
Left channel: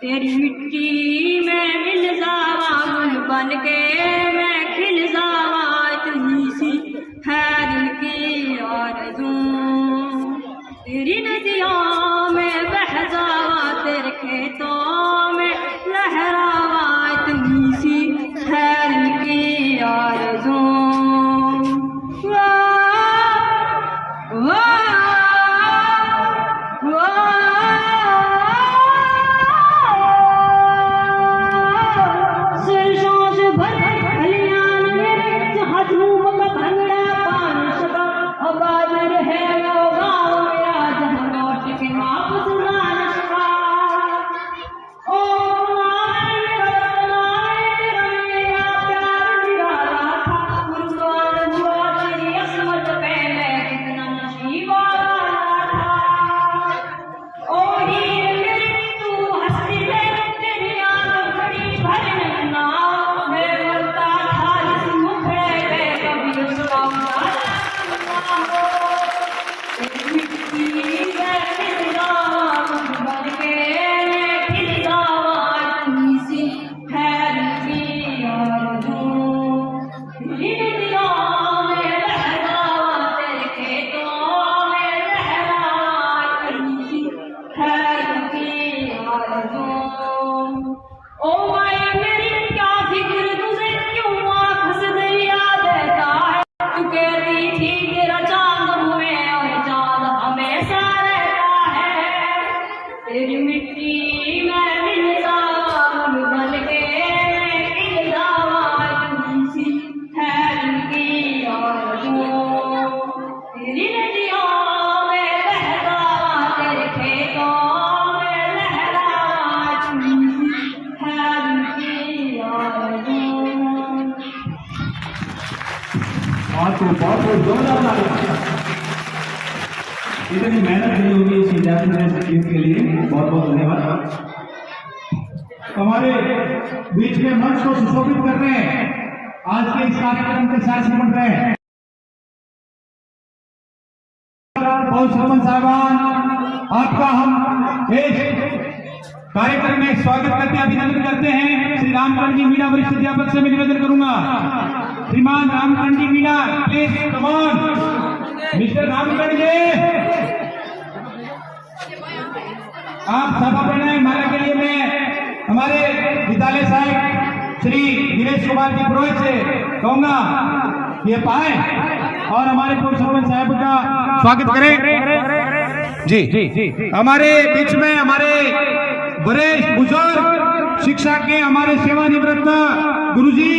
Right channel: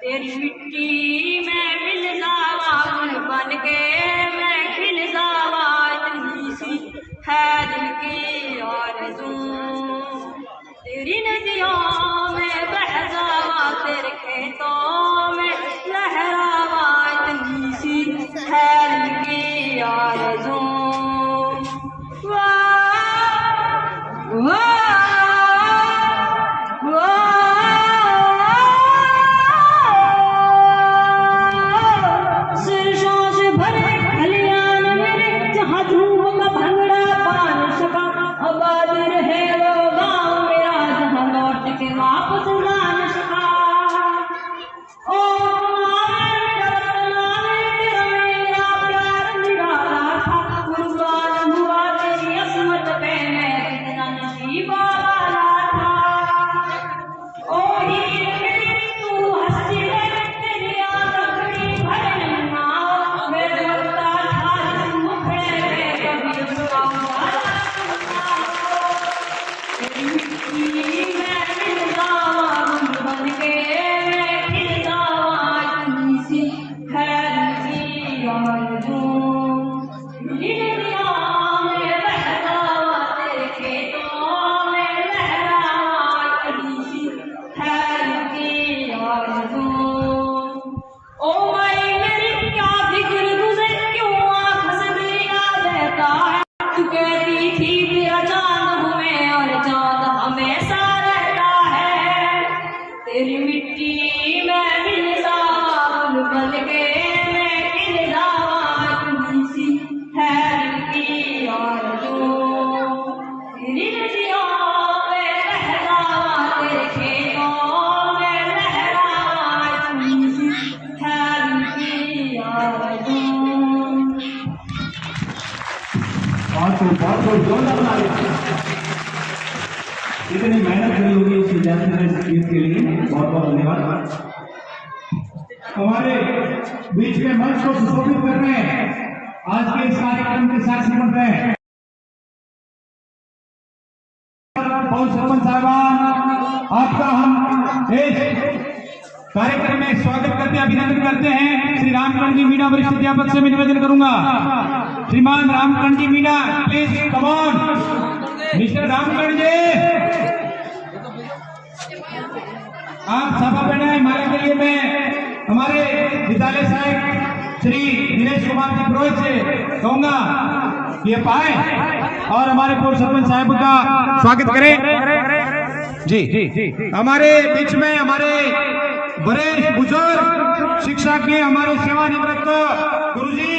तेरी मिट्टी में मिल जावा बन के मैं खिल जावा, इतनी सी है दिल की आरज़ू। तेरी नदियों में बह जावा, तेरे खेतों में लहरावा, इतनी सी है दिल की आरज़ू। वाह वाह बहुत जोरदार तालियां। इतनी मेहनत करी होगी इस विद्यार्थी ने गीत के लिए, बहुत बहुत धन्यवाद। हमारे बीच में मंच को सुशोभित कर रहे हैं आज के इस कार्यक्रम के साक्षी बन रहे हैं पौल सरपंच साहब, आपका हम इस कार्यक्रम में स्वागत करते हैं, अभिनंदन करते हैं। श्री रामकंडी मीणा वरिष्ठ अध्यापक से मैं निवेदन करूंगा, श्रीमान Ramkandi Meena, please come on mister Ramkandi, आप सभा बनाए माला के लिए मैं हमारे विद्यालय साहब श्री दिनेश कुमार जी पुरोहित से कहूंगा ये पाए और हमारे पूर्व सरपंच साहब का स्वागत करें। जी हमारे बीच में हमारे वरिष्ठ बुजुर्ग शिक्षा के हमारे सेवानिवृत्त गुरुजी,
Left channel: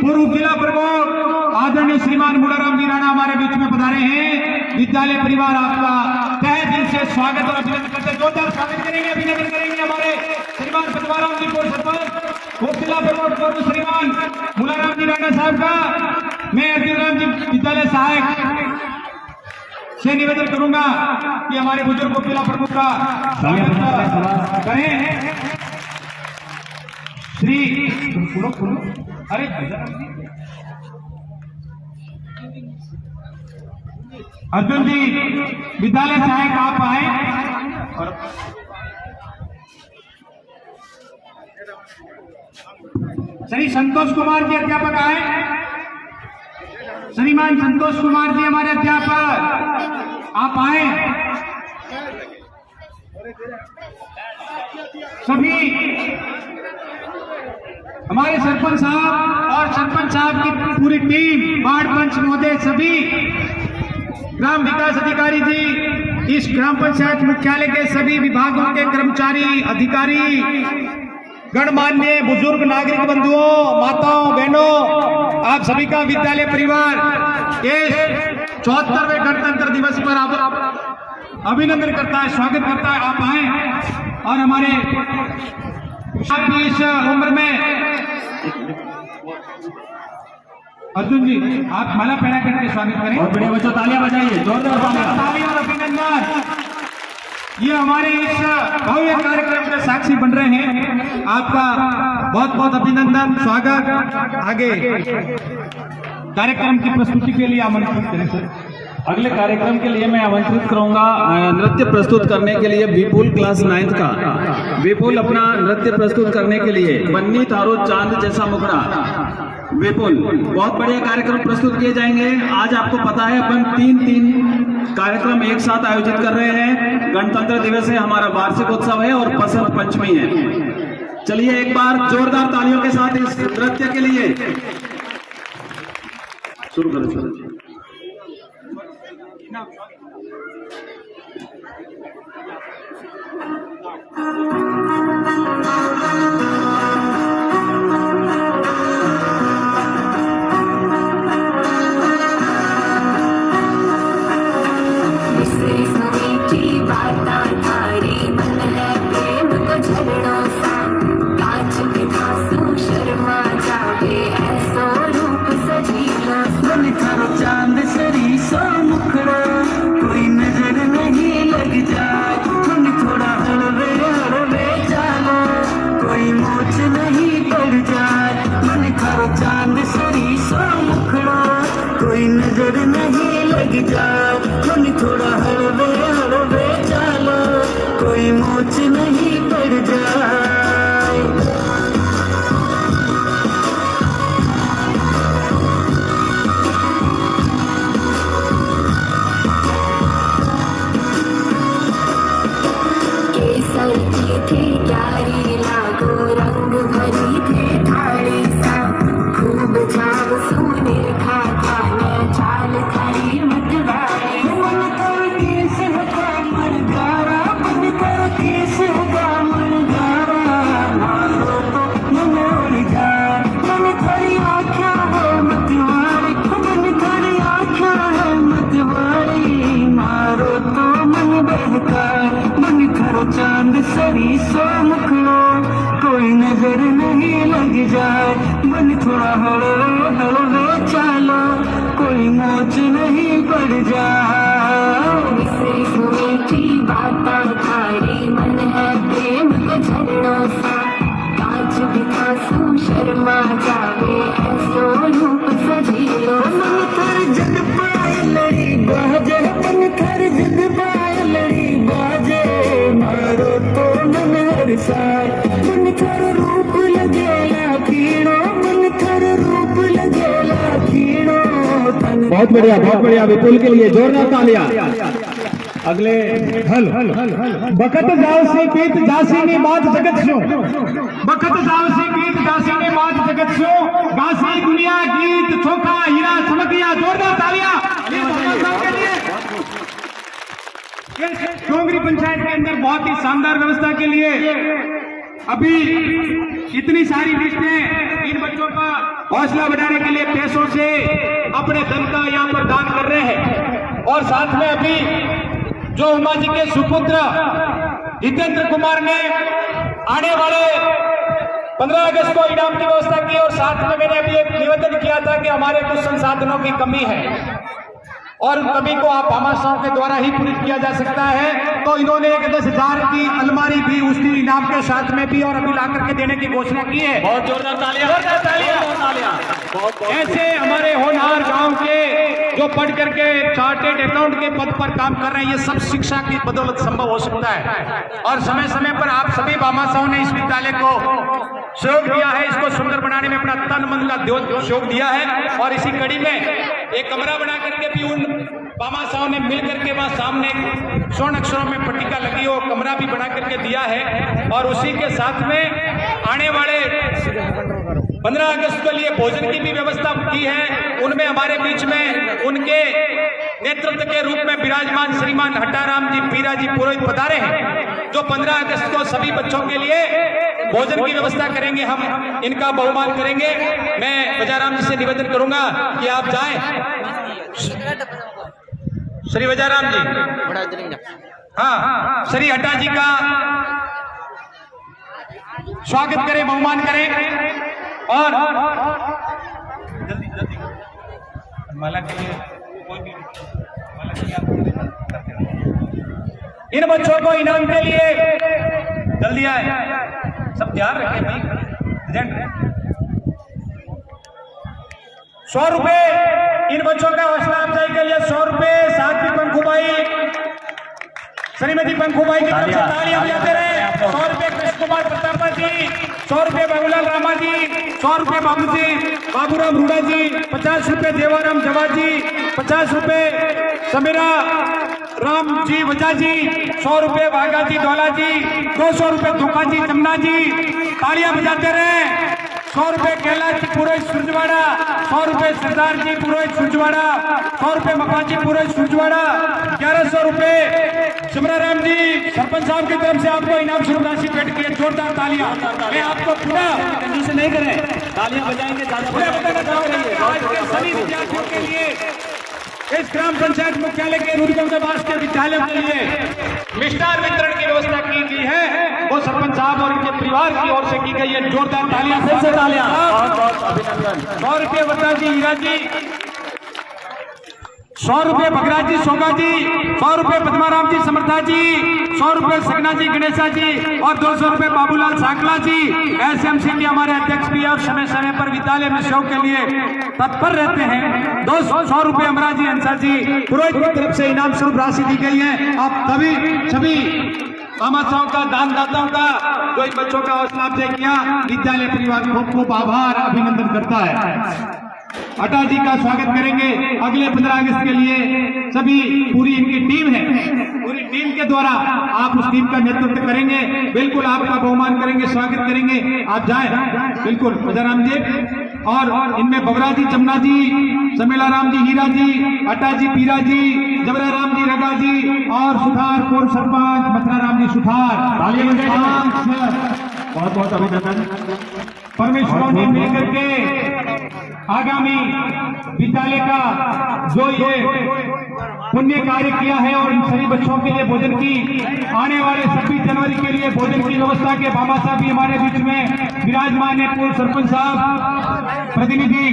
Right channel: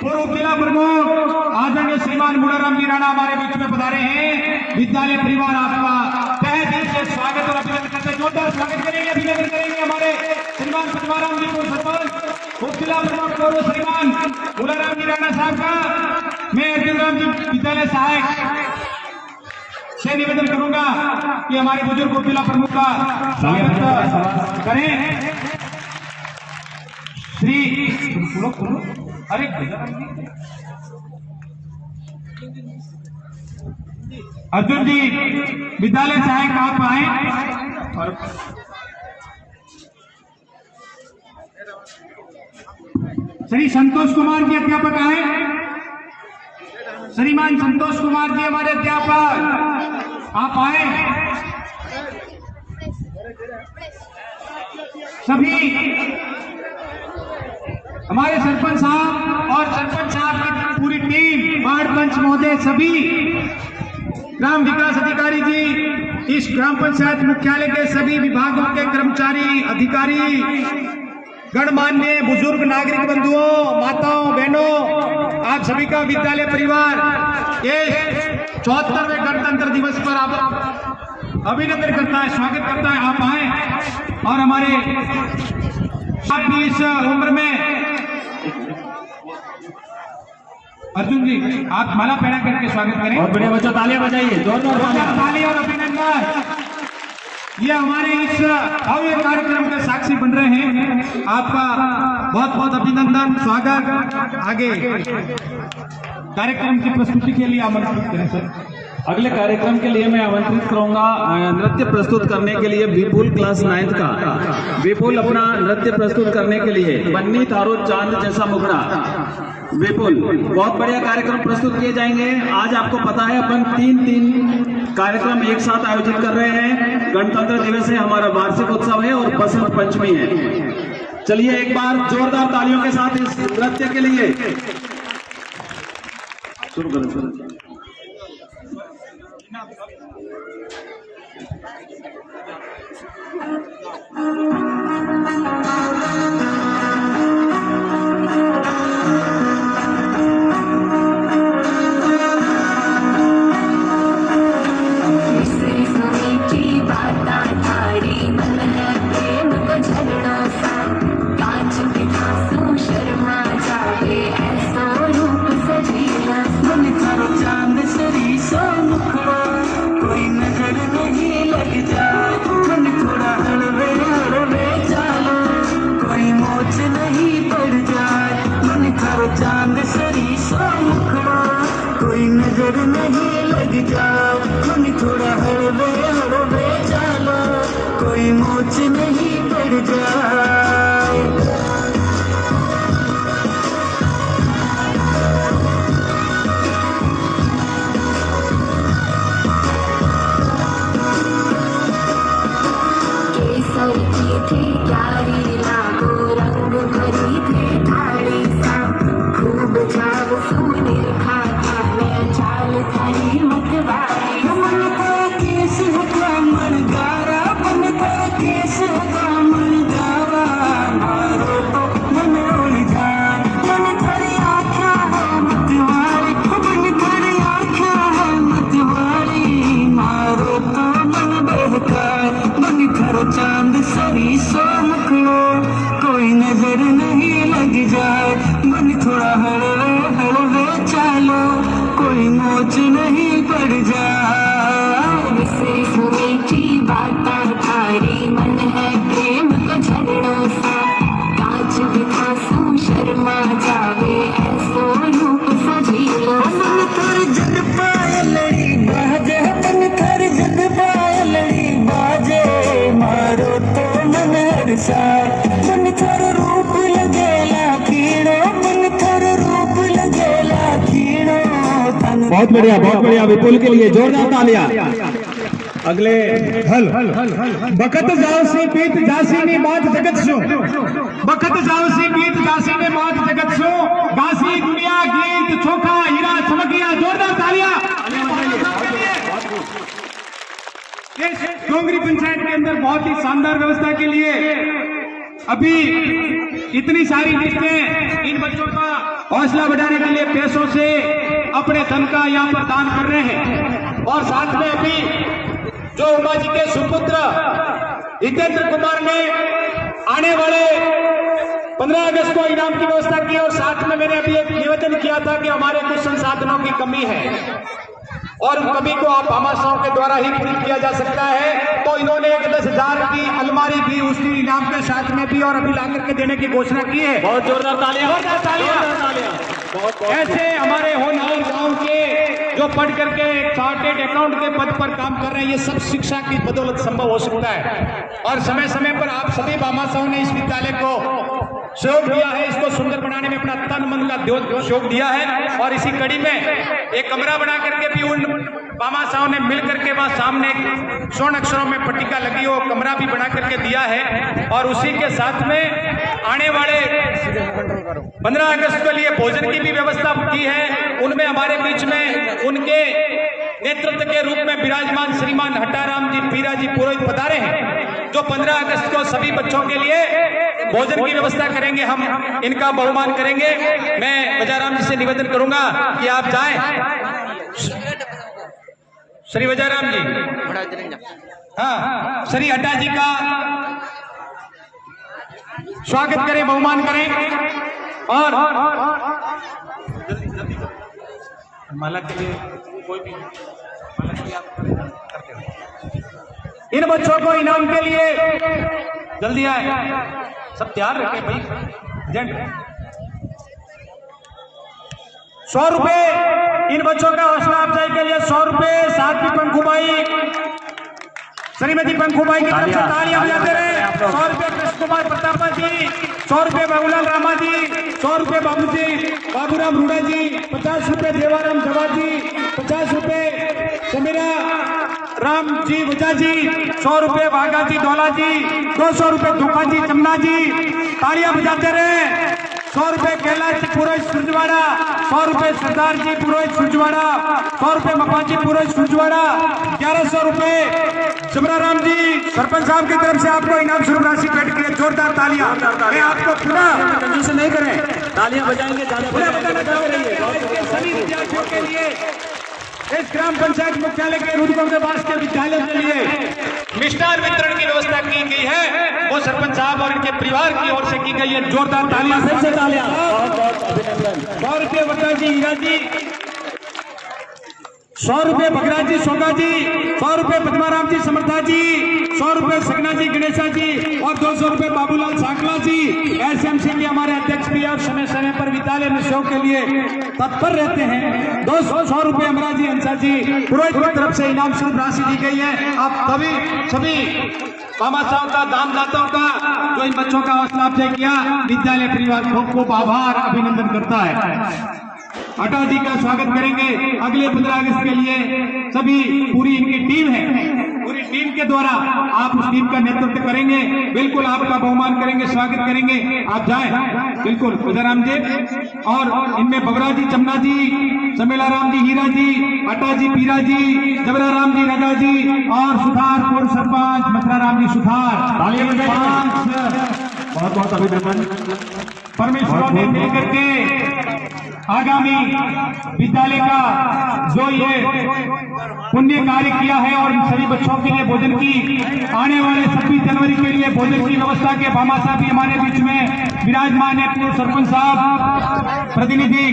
पूर्व जिला प्रमुख आदरणीय श्रीमान मुलाराम जी राणा हमारे बीच में पधारे हैं। विद्यालय परिवार आपका तहे दिल से स्वागत और अभिनंदन करते हैं, जोरदार स्वागत करेंगे, अभिनंदन करेंगे हमारे श्रीमान पचवाराम जी पूर्व सरपंच, पूर्व जिला प्रमुख पूर्व श्रीमान मुलाराम जी राणा साहब का मैं अर्जुन राम जी विद्यालय सहायक से निवेदन करूंगा कि हमारे बुजुर्ग जिला प्रमुख का स्वागत करें। श्री अरे अर्जुन जी विद्यालय सहायक आप आए और श्री संतोष कुमार जी अध्यापक आए, श्रीमान संतोष कुमार जी हमारे अध्यापक आप आए। सभी हमारे सरपंच साहब और सरपंच साहब की पूरी टीम, वार्ड पंच महोदय, सभी ग्राम विकास अधिकारी जी, इस ग्राम पंचायत मुख्यालय के सभी विभागों के कर्मचारी, अधिकारी, गणमान्य बुजुर्ग नागरिक बंधुओं, माताओं, बहनों, आप सभी का विद्यालय परिवार इस 74वें गणतंत्र दिवस पर आप अभिनंदन करता है, स्वागत करता है। आप आए और हमारे सब भी इस उम्र में अर्जुन जी आप माला पहना करके स्वागत करें। बहुत बढ़िया बच्चों, तालियां बजाइए, जोरदार तालियां और अभिनंदन। ये हमारे इस भव्य कार्यक्रम के साक्षी बन रहे हैं, आपका बहुत बहुत अभिनंदन, स्वागत। आगे कार्यक्रम की प्रस्तुति के लिए आमंत्रित करें सर। अगले कार्यक्रम के लिए मैं आमंत्रित करूंगा नृत्य प्रस्तुत करने के लिए विपुल क्लास 9th का। विपुल अपना नृत्य प्रस्तुत करने के लिए, बन्नी तारो चांद जैसा मुखड़ा, विपुल बहुत बढ़िया कार्यक्रम प्रस्तुत किए जाएंगे। आज आपको पता है अपन तीन कार्यक्रम एक साथ आयोजित कर रहे हैं। गणतंत्र दिवस है, हमारा वार्षिक उत्सव है और बसंत पंचमी है। चलिए एक बार जोरदार तालियों के साथ इस नृत्य के लिए शुरू करें। कोई नजर नहीं लग जाए, तुम थोड़ा हलवे हलवे चलो, कोई मोच नहीं पड़ जाए। केसर की थी प्यारी लागो, रंग भरी थी थाली सा, खूब छाव सोने खा चाल खड़ी मतवाली। बहुत बढ़िया विपुल के लिए जोरदार तालियां। अगले हल बखत जावसी बीत जासी ने बात जगत सो, बखत जावसी बीत जासी ने बात जगत सो, गासी दुनिया गीत चोखा हीरा चमकिया। जोरदार तालियां डोंगरी पंचायत के अंदर बहुत ही शानदार व्यवस्था के लिए। अभी इतनी सारी लिस्टें इन बच्चों का हौसला बढ़ाने के लिए पैसों से अपने धन का यहाँ पर दान कर रहे हैं। और साथ में अभी जो उमा जी के सुपुत्र हितेंद्र कुमार ने आने वाले 15 अगस्त को इनाम की व्यवस्था की। और साथ में मैंने अभी एक निवेदन किया था कि हमारे कुछ संसाधनों की कमी है और उन कमी को आप भामाशाहों के द्वारा ही पूरी किया जा सकता है। तो इन्होंने एक 10,000 की अलमारी भी उसी इनाम के साथ में भी और अभी ला करके देने की घोषणा की है। बहुत जोरदार तालियां। ऐसे हमारे होनहार गांव के जो पढ़ करके चार्टेड अकाउंट के पद पर काम कर रहे हैं, ये सब शिक्षा की बदौलत संभव हो सकता है। और समय समय पर आप सभी भामाशाहों ने इस विद्यालय को सहयोग दिया है, इसको सुंदर बनाने में अपना तन मन का सहयोग दिया है। और इसी कड़ी में एक कमरा बना करके भी उन भामाशाहों ने मिल करके वहां सामने स्वर्ण अक्षरों में पट्टिका लगी हो कमरा भी बना करके दिया है। और उसी के साथ में आने वाले 15 अगस्त के लिए भोजन की भी व्यवस्था की है। उनमें हमारे बीच में उनके नेतृत्व के रूप में विराजमान श्रीमान हट्टाराम जी पीरा जी पुरोहित पधारे हैं, जो 15 अगस्त को सभी बच्चों के लिए भोजन की व्यवस्था करेंगे। हम इनका बहुमान करेंगे। मैं वजाराम जी से निवेदन करूंगा कि आप जाएं। श्री वजाराम जी, हाँ, श्री हट्टा जी का स्वागत करें, बहुमान करें। और माला के लिए कोई भी इन बच्चों को इनाम के लिए जल्दी आए, सब ध्यान रखें भाई। 100 रुपए इन बच्चों का हौसला अफजाई के लिए 100 रुपए। साथ ही पंखुबाई, श्रीमती पंखुबाई की तरफ से तालियां बजाते रहे। 100 रुपए कृष्ण कुमार प्रतापा जी, 100 रुपए बाबूलाल रामा जी, 100 रुपए बाबू जी बाबूराम रूडा जी, 50 रुपए देवाराम जवा जी, 50 रुपए समीरा राम जी वजा जी, 100 रुपए भागा जी धौला जी, 200 रुपए धोखा जी जमुना जी। तालियां बजाते रहे। 100 रुपए कैलाश जी पुरोहित सुरजवाड़ा, 100 रुपए सरदार जी पुरोहित सुरजवाड़ा, 100 रुपए मपाजी पुरोहित सुरजवाड़ा, 1100 रुपए जबरा राम जी सरपंच साहब की तरफ से आपको इनाम स्वरूप राशि भेंट की। जोरदार तालियां। मैं आपको पूरा कंजूसी नहीं करें, तालियां बजाएंगे। सभी विद्यार्थियों के लिए इस ग्राम पंचायत मुख्यालय के रूपगंगाबास के विद्यालय के लिए मिष्ठान वितरण की व्यवस्था की गई है, वो सरपंच साहब और इनके परिवार की ओर से की गई है। जोरदार तालियां, फिर से तालियां। 100 रुपये वर्ता जी हीरा जी, 100 रुपये बगरा जी सोगा जी, 100 रुपये पद्माराम जी समर्था जी, 100 रुपये सगना जी गणेशा जी और 200 रुपये बाबूलाल सांकला जी। एसएमसी के हमारे अध्यक्ष भी और समय समय पर विद्यालय में सहयोग के लिए तत्पर रहते हैं। 200 रुपये अमरा जी हंसा जी पुरोहित की तरफ से इनाम स्वरूप राशि दी गई है। आप सभी भामाशाहों का, दानदाताओं का, जो इन बच्चों का हौसला अफजाई किया, विद्यालय परिवार खूब खूब आभार अभिनंदन करता है। हट्टा जी का स्वागत करेंगे। अगले 15 अगस्त के लिए सभी पूरी इनकी टीम है, पूरी टीम के द्वारा आप उस टीम का नेतृत्व करेंगे। बिल्कुल आपका बहुमान करेंगे, स्वागत करेंगे। आप जाएं बिल्कुल वजाराम जी। और इनमें बबरा जी जमुना जी, समेला राम जी हीरा जी, हट्टा जी पीरा जी, जबरा राम जी नगा जी और सुधार पूर्व सरपंच मथुरा राम जी सुधार। बहुत बहुत अभिनंदन। परमेश्वर ने मिलकर के आगामी विद्यालय का जो ये पुण्य कार्य किया है और इन सभी बच्चों के लिए भोजन की, आने वाले 26 जनवरी के लिए भोजन की व्यवस्था के भामाशाह भी हमारे बीच में विराजमान है। पूर्व सरपंच साहब, प्रतिनिधि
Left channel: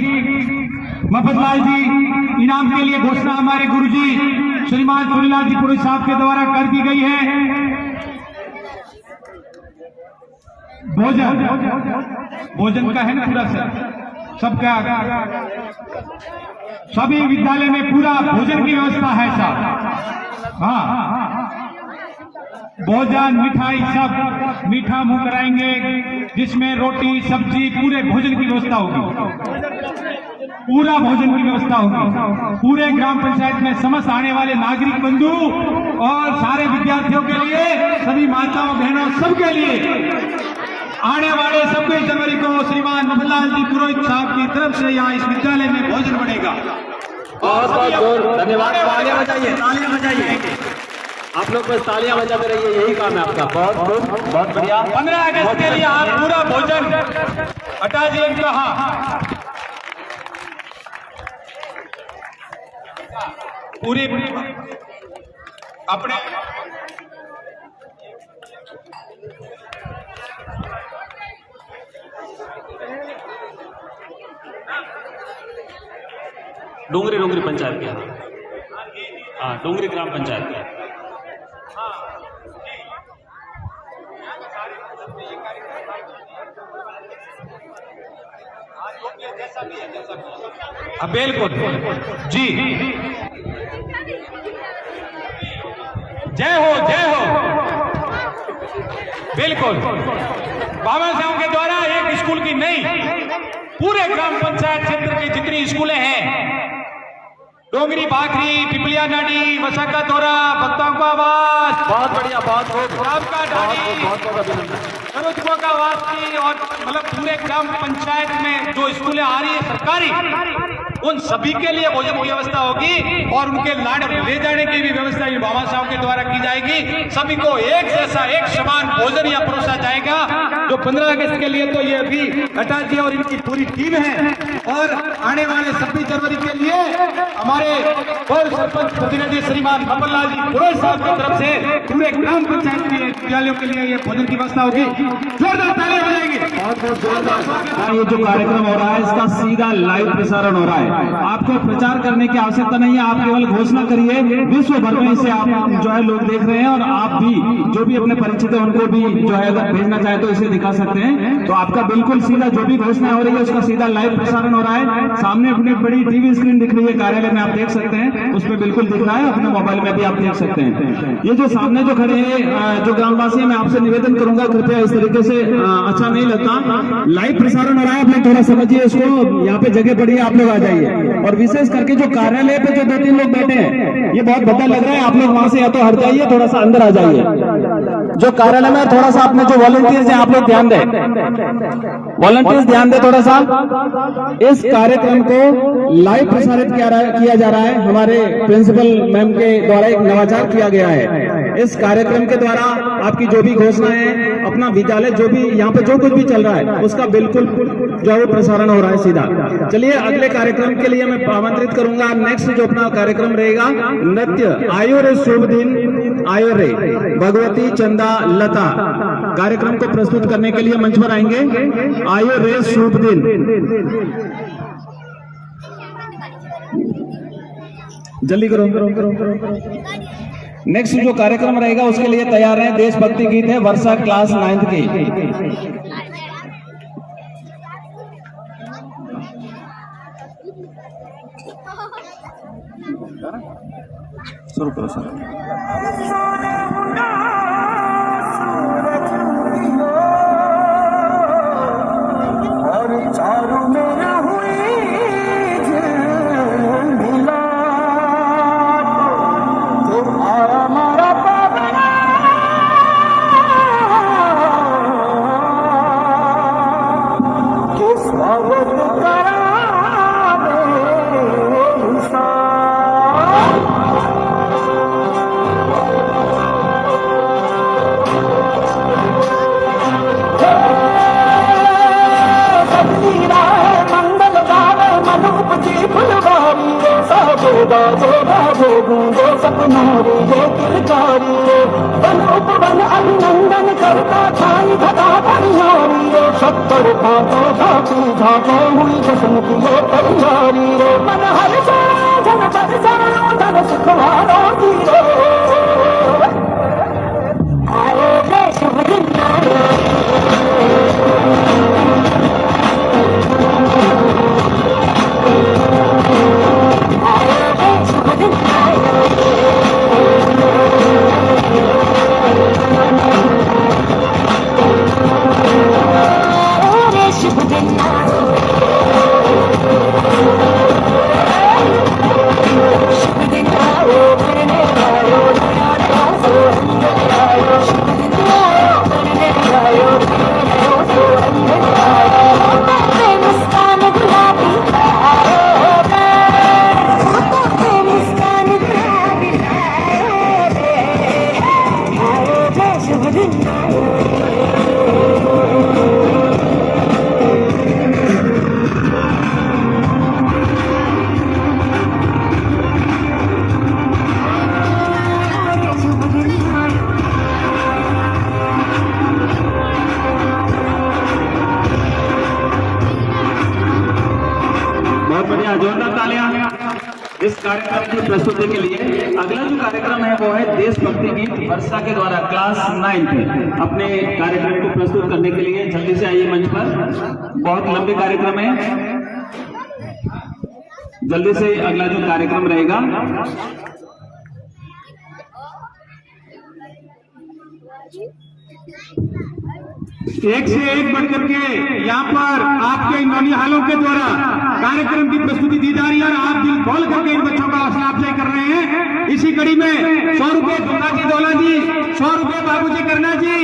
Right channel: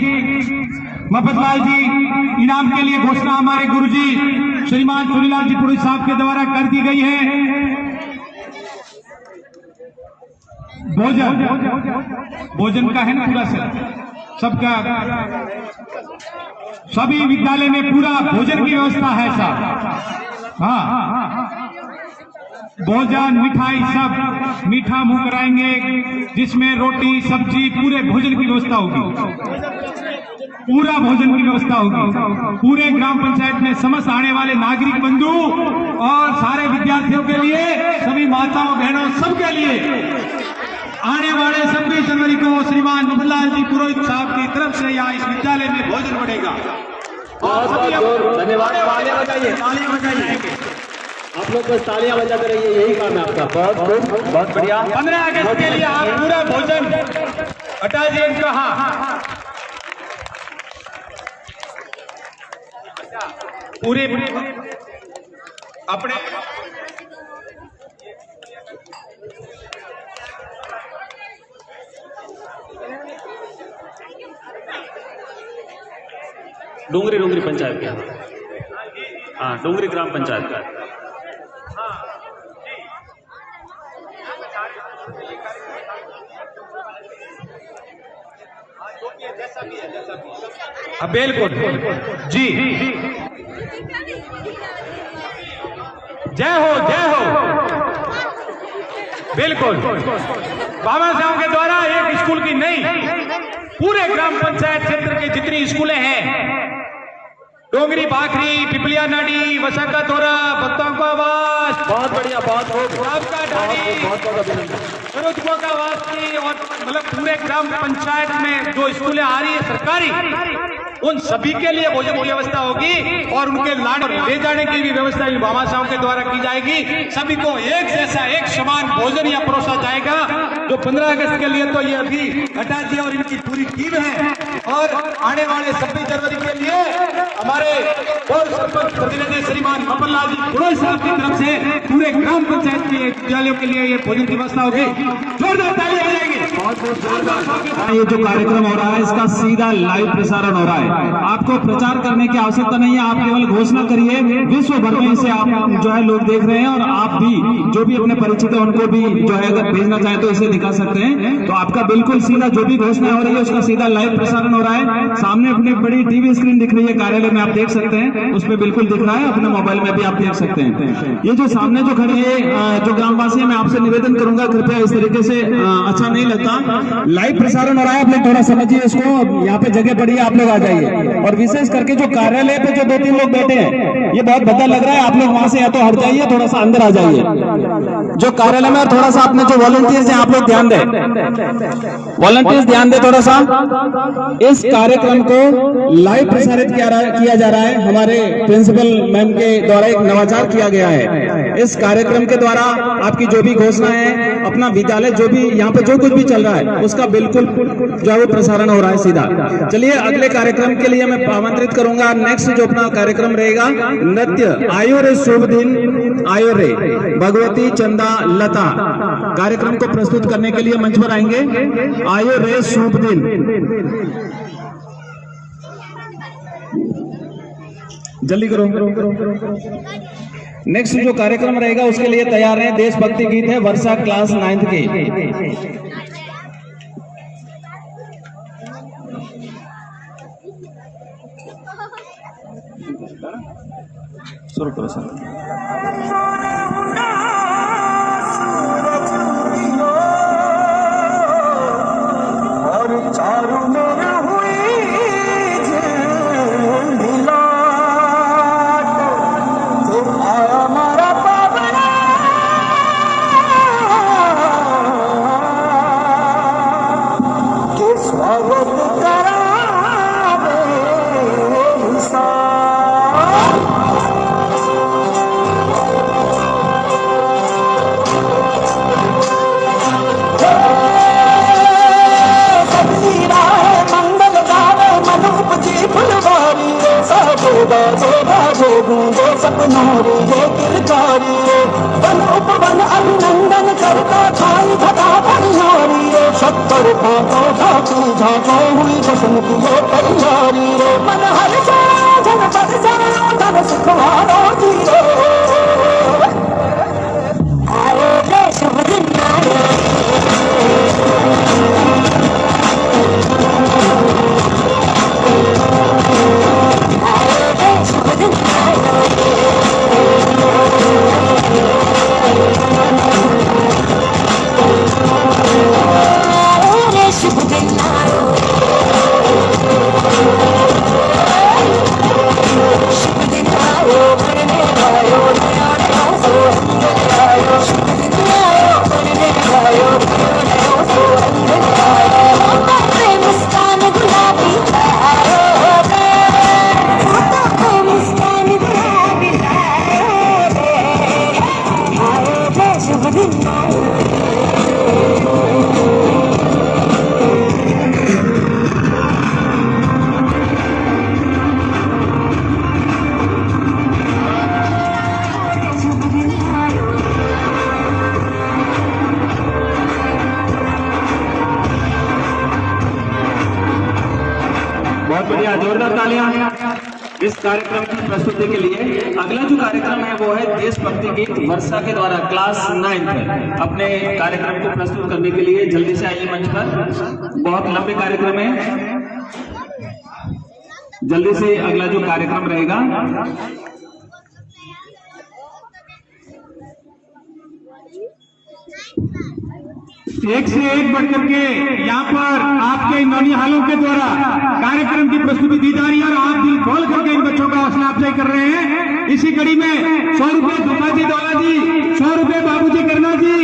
मफतलाल जी, इनाम के लिए घोषणा हमारे गुरुजी श्रीमान सुनीलाल जी पुरोहित साहब के द्वारा कर दी गई है। भोजन का है ना पूरा सर? सबका सभी विद्यालय में पूरा भोजन की व्यवस्था है साहब। हाँ, भोजन मिठाई सब मीठा मुंह कराएंगे, जिसमें रोटी सब्जी पूरे भोजन की व्यवस्था होगी, पूरा भोजन की व्यवस्था होगी। पूरे ग्राम पंचायत में समस्त आने वाले नागरिक बंधु और सारे विद्यार्थियों के लिए, सभी माताओं बहनों सबके लिए आने वाले 26 जनवरी को श्रीमान नंदलाल जी पुरोहित साहब की तरफ से यहाँ इस विद्यालय में भोजन बढ़ेगा। धन्यवाद। तालियां बजाइए, आप लोग बस तालियां बजाते रहिए, यही काम है आपका। बहुत बढ़िया। 15 अगस्त के लिए आप पूरा भोजन हटा दिए इनका। हाँ, पूरी अपने डोंगरी पंचायत का, हाँ डोंगरी ग्राम पंचायत का। बिल्कुल जी, जय हो जय हो। बिल्कुल, बाबा साहब के द्वारा एक स्कूल की नहीं, पूरे ग्राम पंचायत क्षेत्र के जितनी स्कूलें हैं, डोंगरी, बाखरी, पिपलिया नाडी, वसंता तोरा, भक्तों का आवास, बहुत बढ़िया, बहुत अभिनंदन, सरोजकों का आवास की, और मतलब पूरे ग्राम पंचायत में जो स्कूलें आ रही है सरकारी, उन सभी के लिए भोजन की व्यवस्था होगी और उनके लाड ले जाने की भी व्यवस्था बाबा साहब के द्वारा की जाएगी। सभी को एक जैसा एक समान भोजन यहाँ परोसा जाएगा। जो 15 अगस्त के लिए तो ये अभी हटा दिया और इनकी पूरी टीम है, और आने वाले 26 जनवरी के लिए हमारे पूर्व सरपंच प्रतिनिधि श्रीमान नंदलाल जी पुरोहित साहब की तरफ से पूरे ग्राम पंचायत के विद्यालयों के लिए ये भोजन की व्यवस्था होगी। जोरदार तालियां बजाएंगे। ये जो कार्यक्रम हो रहा है इसका सीधा लाइव प्रसारण हो रहा है। आपको प्रचार करने की आवश्यकता नहीं है, आप केवल घोषणा करिए, विश्व भर में इसे आप जो है लोग देख रहे हैं, और आप भी जो भी अपने परिचित है उनको भी जो है अगर भेजना चाहे तो इसे दिखा सकते हैं। तो आपका बिल्कुल सीधा जो भी घोषणा हो रही है उसका सीधा लाइव प्रसारण हो रहा है। सामने अपनी बड़ी टीवी स्क्रीन दिख रही है, कार्यालय में आप देख सकते हैं, उसमें बिल्कुल दिख रहा है, अपने मोबाइल में भी आप देख सकते हैं। ये जो सामने जो खड़े हैं जो ग्रामवासी, मैं आपसे निवेदन करूंगा कृपया इस तरीके से अच्छा नहीं लगता, लाइव प्रसारण हो रहा है, आप लोग थोड़ा समझिए इसको। यहाँ पे जगह पड़ी है, आप लोग आ जाइए, और विशेष करके जो कार्यालय पे जो 2-3 लोग बैठे हैं, ये बहुत बदल लग रहा है, आप लोग वहां से या तो हट जाइए, थोड़ा सा अंदर आ जाइए। जो कार्यालय में थोड़ा सा अपने जो वॉलंटियर्स हैं आप लोग ध्यान दें, वॉलंटियर्स ध्यान दें थोड़ा सा। इस कार्यक्रम को लाइव प्रसारित किया जा रहा है। हमारे प्रिंसिपल मैम के द्वारा एक नवाचार किया गया है। इस कार्यक्रम के द्वारा आपकी जो भी घोषणाएं हैं, अपना विद्यालय जो भी यहाँ पे जो कुछ भी चल रहा है उसका बिल्कुल जो है प्रसारण हो रहा है सीधा। चलिए अगले कार्यक्रम के लिए मैं आमंत्रित करूंगा। नेक्स्ट जो अपना कार्यक्रम रहेगा नृत्य आयो रे शुभ दिन आयो रे भगवती चंदा लता, कार्यक्रम को प्रस्तुत करने के लिए मंच पर आएंगे। आयो रे शुभ दिन। जल्दी करो। नेक्स्ट जो कार्यक्रम रहेगा उसके लिए तैयार है। देशभक्ति गीत है वर्षा क्लास 9th के। शुरू करो सर। चारों मेरा हुई झूला तो आया मारा पावना के स्वागत करा सपनारी रे किलकारी रे वन उपवन अभिनंदन करता छाई घटा परिहारी रे सत्तर भागो झाँकी झाँको हुई जश्न की ये परिहारी रे मन हर जा धन पद जा धन सुखवारो जीरो आए रे शुभ दिन इस कार्यक्रम की प्रस्तुति के लिए अगला जो कार्यक्रम है वो है देशभक्ति गीत वर्षा के द्वारा क्लास 9th अपने कार्यक्रम को प्रस्तुत करने के लिए जल्दी से आइए मंच पर। बहुत लंबे कार्यक्रम है, जल्दी से अगला जो कार्यक्रम रहेगा। एक से एक बढ़कर के यहाँ पर आपके इन नौनिहालों के द्वारा कार्यक्रम की प्रस्तुति दी जा रही है और आप दिल खोल करके इन बच्चों का हौसला अफजाई कर रहे हैं। इसी कड़ी में 100 रुपए दुर्गा जी दौला जी, 100 रुपए बाबूजी करना जी,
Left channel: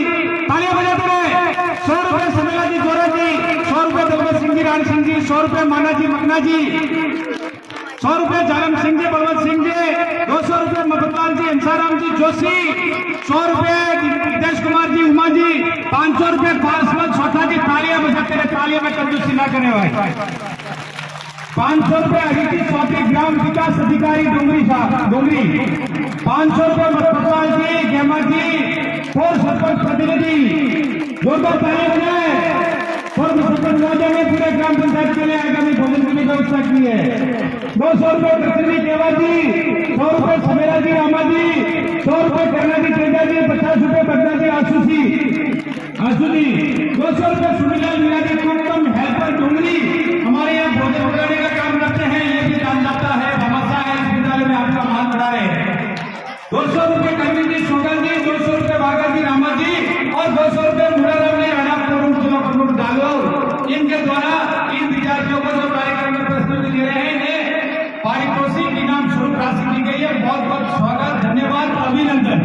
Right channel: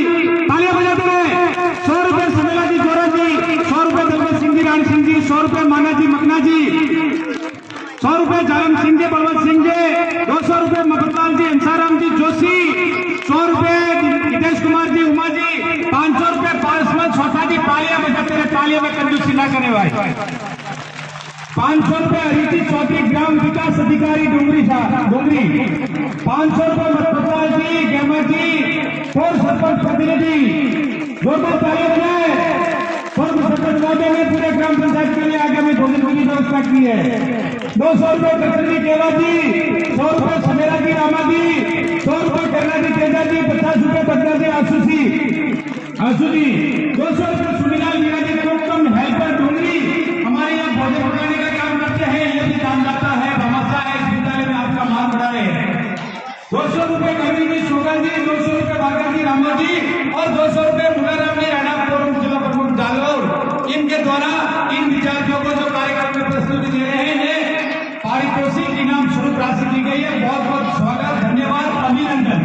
तालियां बजाते रहे। 100 रुपए समेला जी जोरा जी, 100 रुपए दलबत सिंह जी राण सिंह जी, 100 रुपए माना जी मकना जी, 100 रुपए जारम सिंह जी बलवंत सिंह जी, 200 रुपए मधुपाल जी अंसाराम जी जोशी, 100 रुपए हितेश कुमार जी उमा जी, 500 रुपए पारसमल छोटा जी। तालियां बजाते रहे, तालियां में कंजूसी ना करे भाई। 500 रुपए अभिजीत चौधरी ग्राम विकास अधिकारी डोंगरी साहब डोंगरी, 500 रुपए मधुपाल जी गेमा जी और सरपंच प्रतिनिधि। जोरदार तालियां बजाएं। और सरपंच महोदय ने पूरे ग्राम पंचायत के लिए आगामी भोजन की व्यवस्था की है। 200 रुपए कृष्ण जी केवा जी, 100 रुपए समेरा जी रामा जी, 100 रुपए करना जी तेजा जी, 50 रुपए बदला जी आंसू जी, 200 रुपए सुनीलाल मीरा जी कुटुंब हेल्पर डूंगरी हमारे यहाँ भोजन बनाने का काम करते हैं। ये भी नामदाता है, भरोसा है, इस विद्यालय में आपका मान बढ़ा रहे हैं। 200 रुपए कर्मी जी शोभा जी, 200 रुपए भागा जी रामा जी और 200 रुपए मुराराम जी राणा फोरम जिला प्रमुख जालोर। इनके द्वारा इन विद्यार्थियों को जो कार्यक्रम में प्रस्तुति दे रहे हैं पारितोषिक इनाम स्वरूप राशि दी गई है। बहुत बहुत स्वागत, धन्यवाद, अभिनंदन।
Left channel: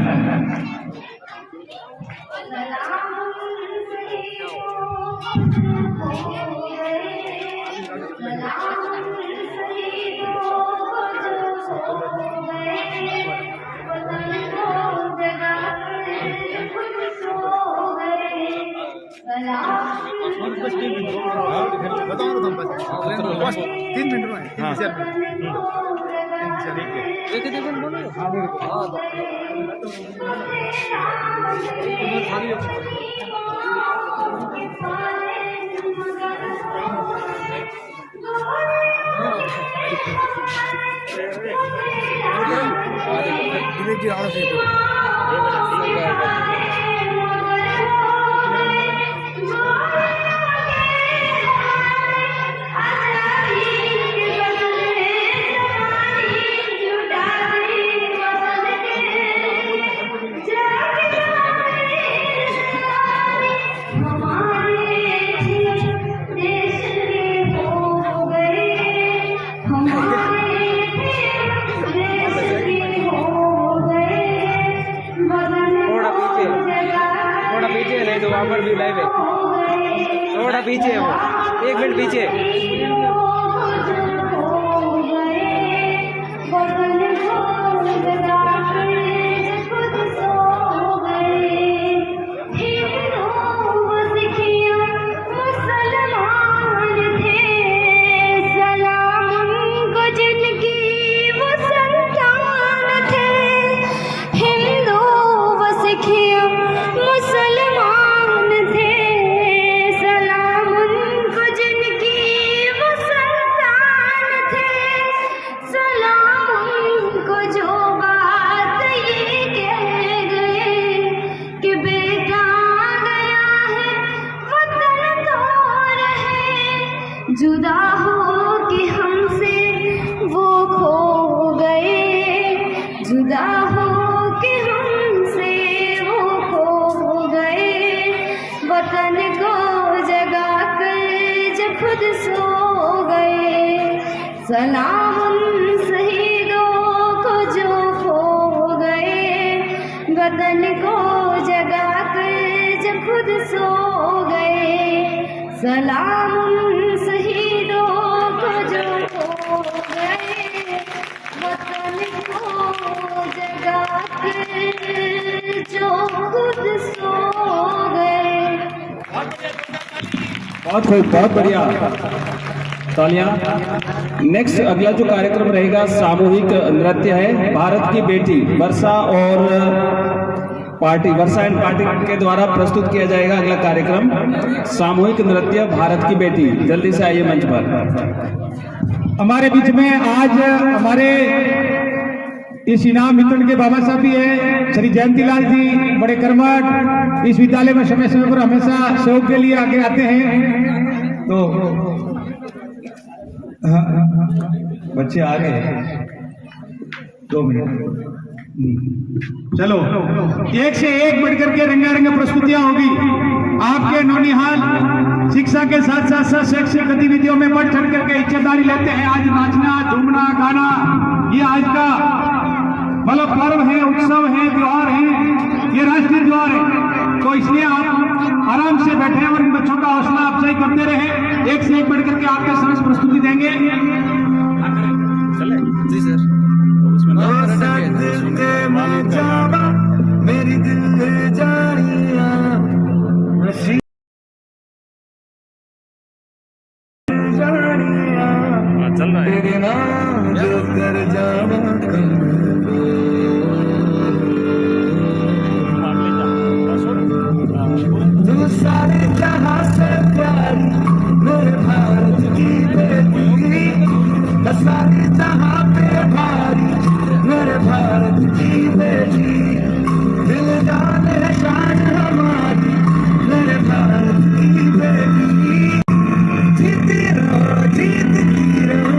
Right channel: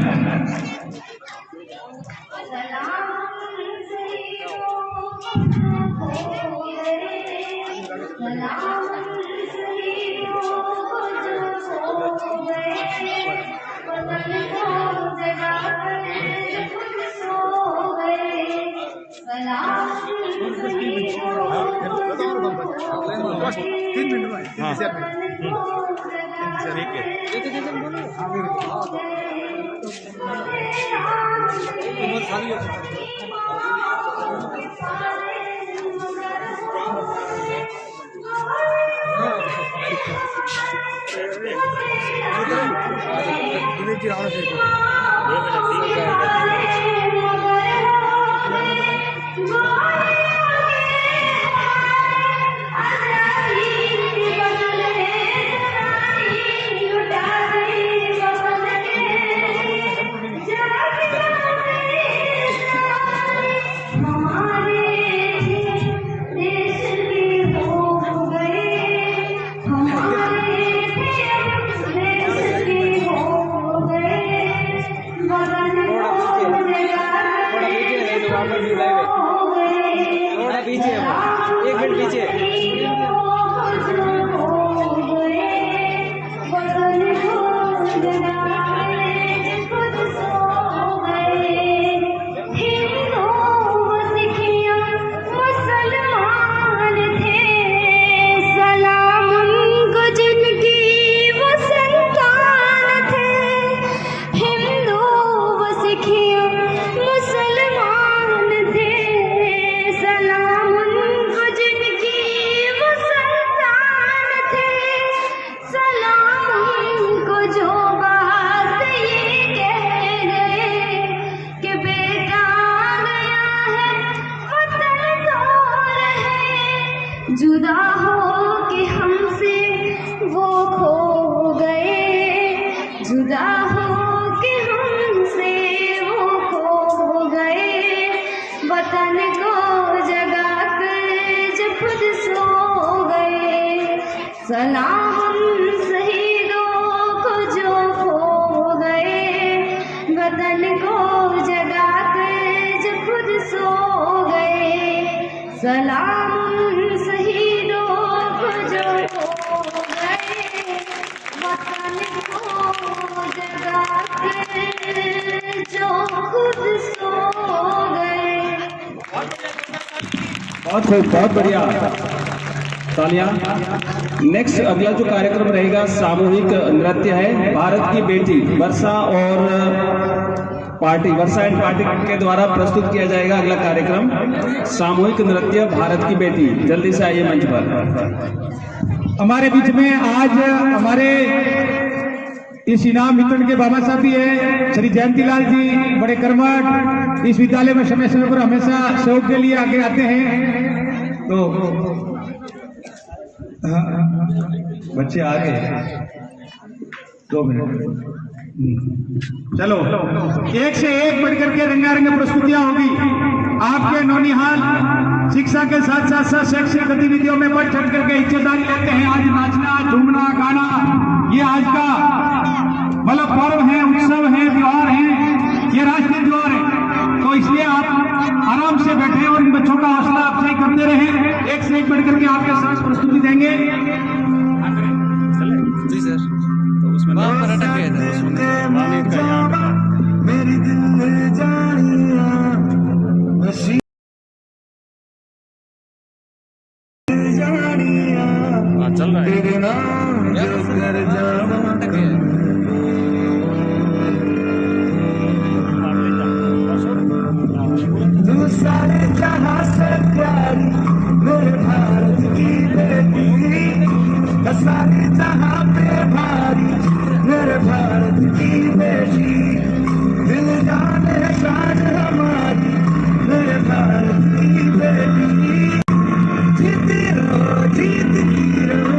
थोड़ा पीछे, एक मिनट पीछे। जुदा हो के हमसे वो खो गए, जुदा हो के हमसे वो खो गए। वतन को जगा कर जब खुद सो गए, सलाम उन शहीदों को जो खो गए। वतन को जगा कर जब खुद सो गए, सलाम बहुत बढ़िया, तालियां। नेक्स्ट अगला जो कार्यक्रम रहेगा सामूहिक नृत्य है। भारत की बेटी वर्षा और पार्टी वर्षायन पार्टी के द्वारा प्रस्तुत किया जाएगा अगला कार्यक्रम सामूहिक नृत्य भारत की बेटी। जल्दी से आइए मंच पर। हमारे बीच में आज हमारे इस इनाम वितरण के बाबा साहब भी है, श्री जयंतीलाल जी, बड़े कर्मठ, इस विद्यालय में समय समय पर हमेशा सहयोग के लिए आगे आते हैं। तो बच्चे आ गए, 2 मिनट। चलो, एक से एक बढ़कर के रंगारंग प्रस्तुतियां होगी। आपके नौनिहाल शिक्षा के साथ साथ शैक्षिक गतिविधियों में बढ़ चढ़ करके हिस्सेदारी लेते हैं। आज नाचना, झूमना, गाना, ये आज का मतलब पर्व है, उत्सव है, त्योहार है, ये राष्ट्रीय त्योहार है। तो इसलिए आप आराम से बैठे और इन बच्चों का हौसला अफजाई करते रहे। एक से एक बढ़ करके आपके समक्ष प्रस्तुति देंगे। जी सर, तो उसमें मेरी दिल जानिया चल रहा है। सारे जहां से प्यारी मेरे भारत की बेटी, सारे जहां पे भारी मेरे भारत की बेटी, दिल जाने शान हमारी मेरे भारत की बेटी, जीती रहो जीतती रहो।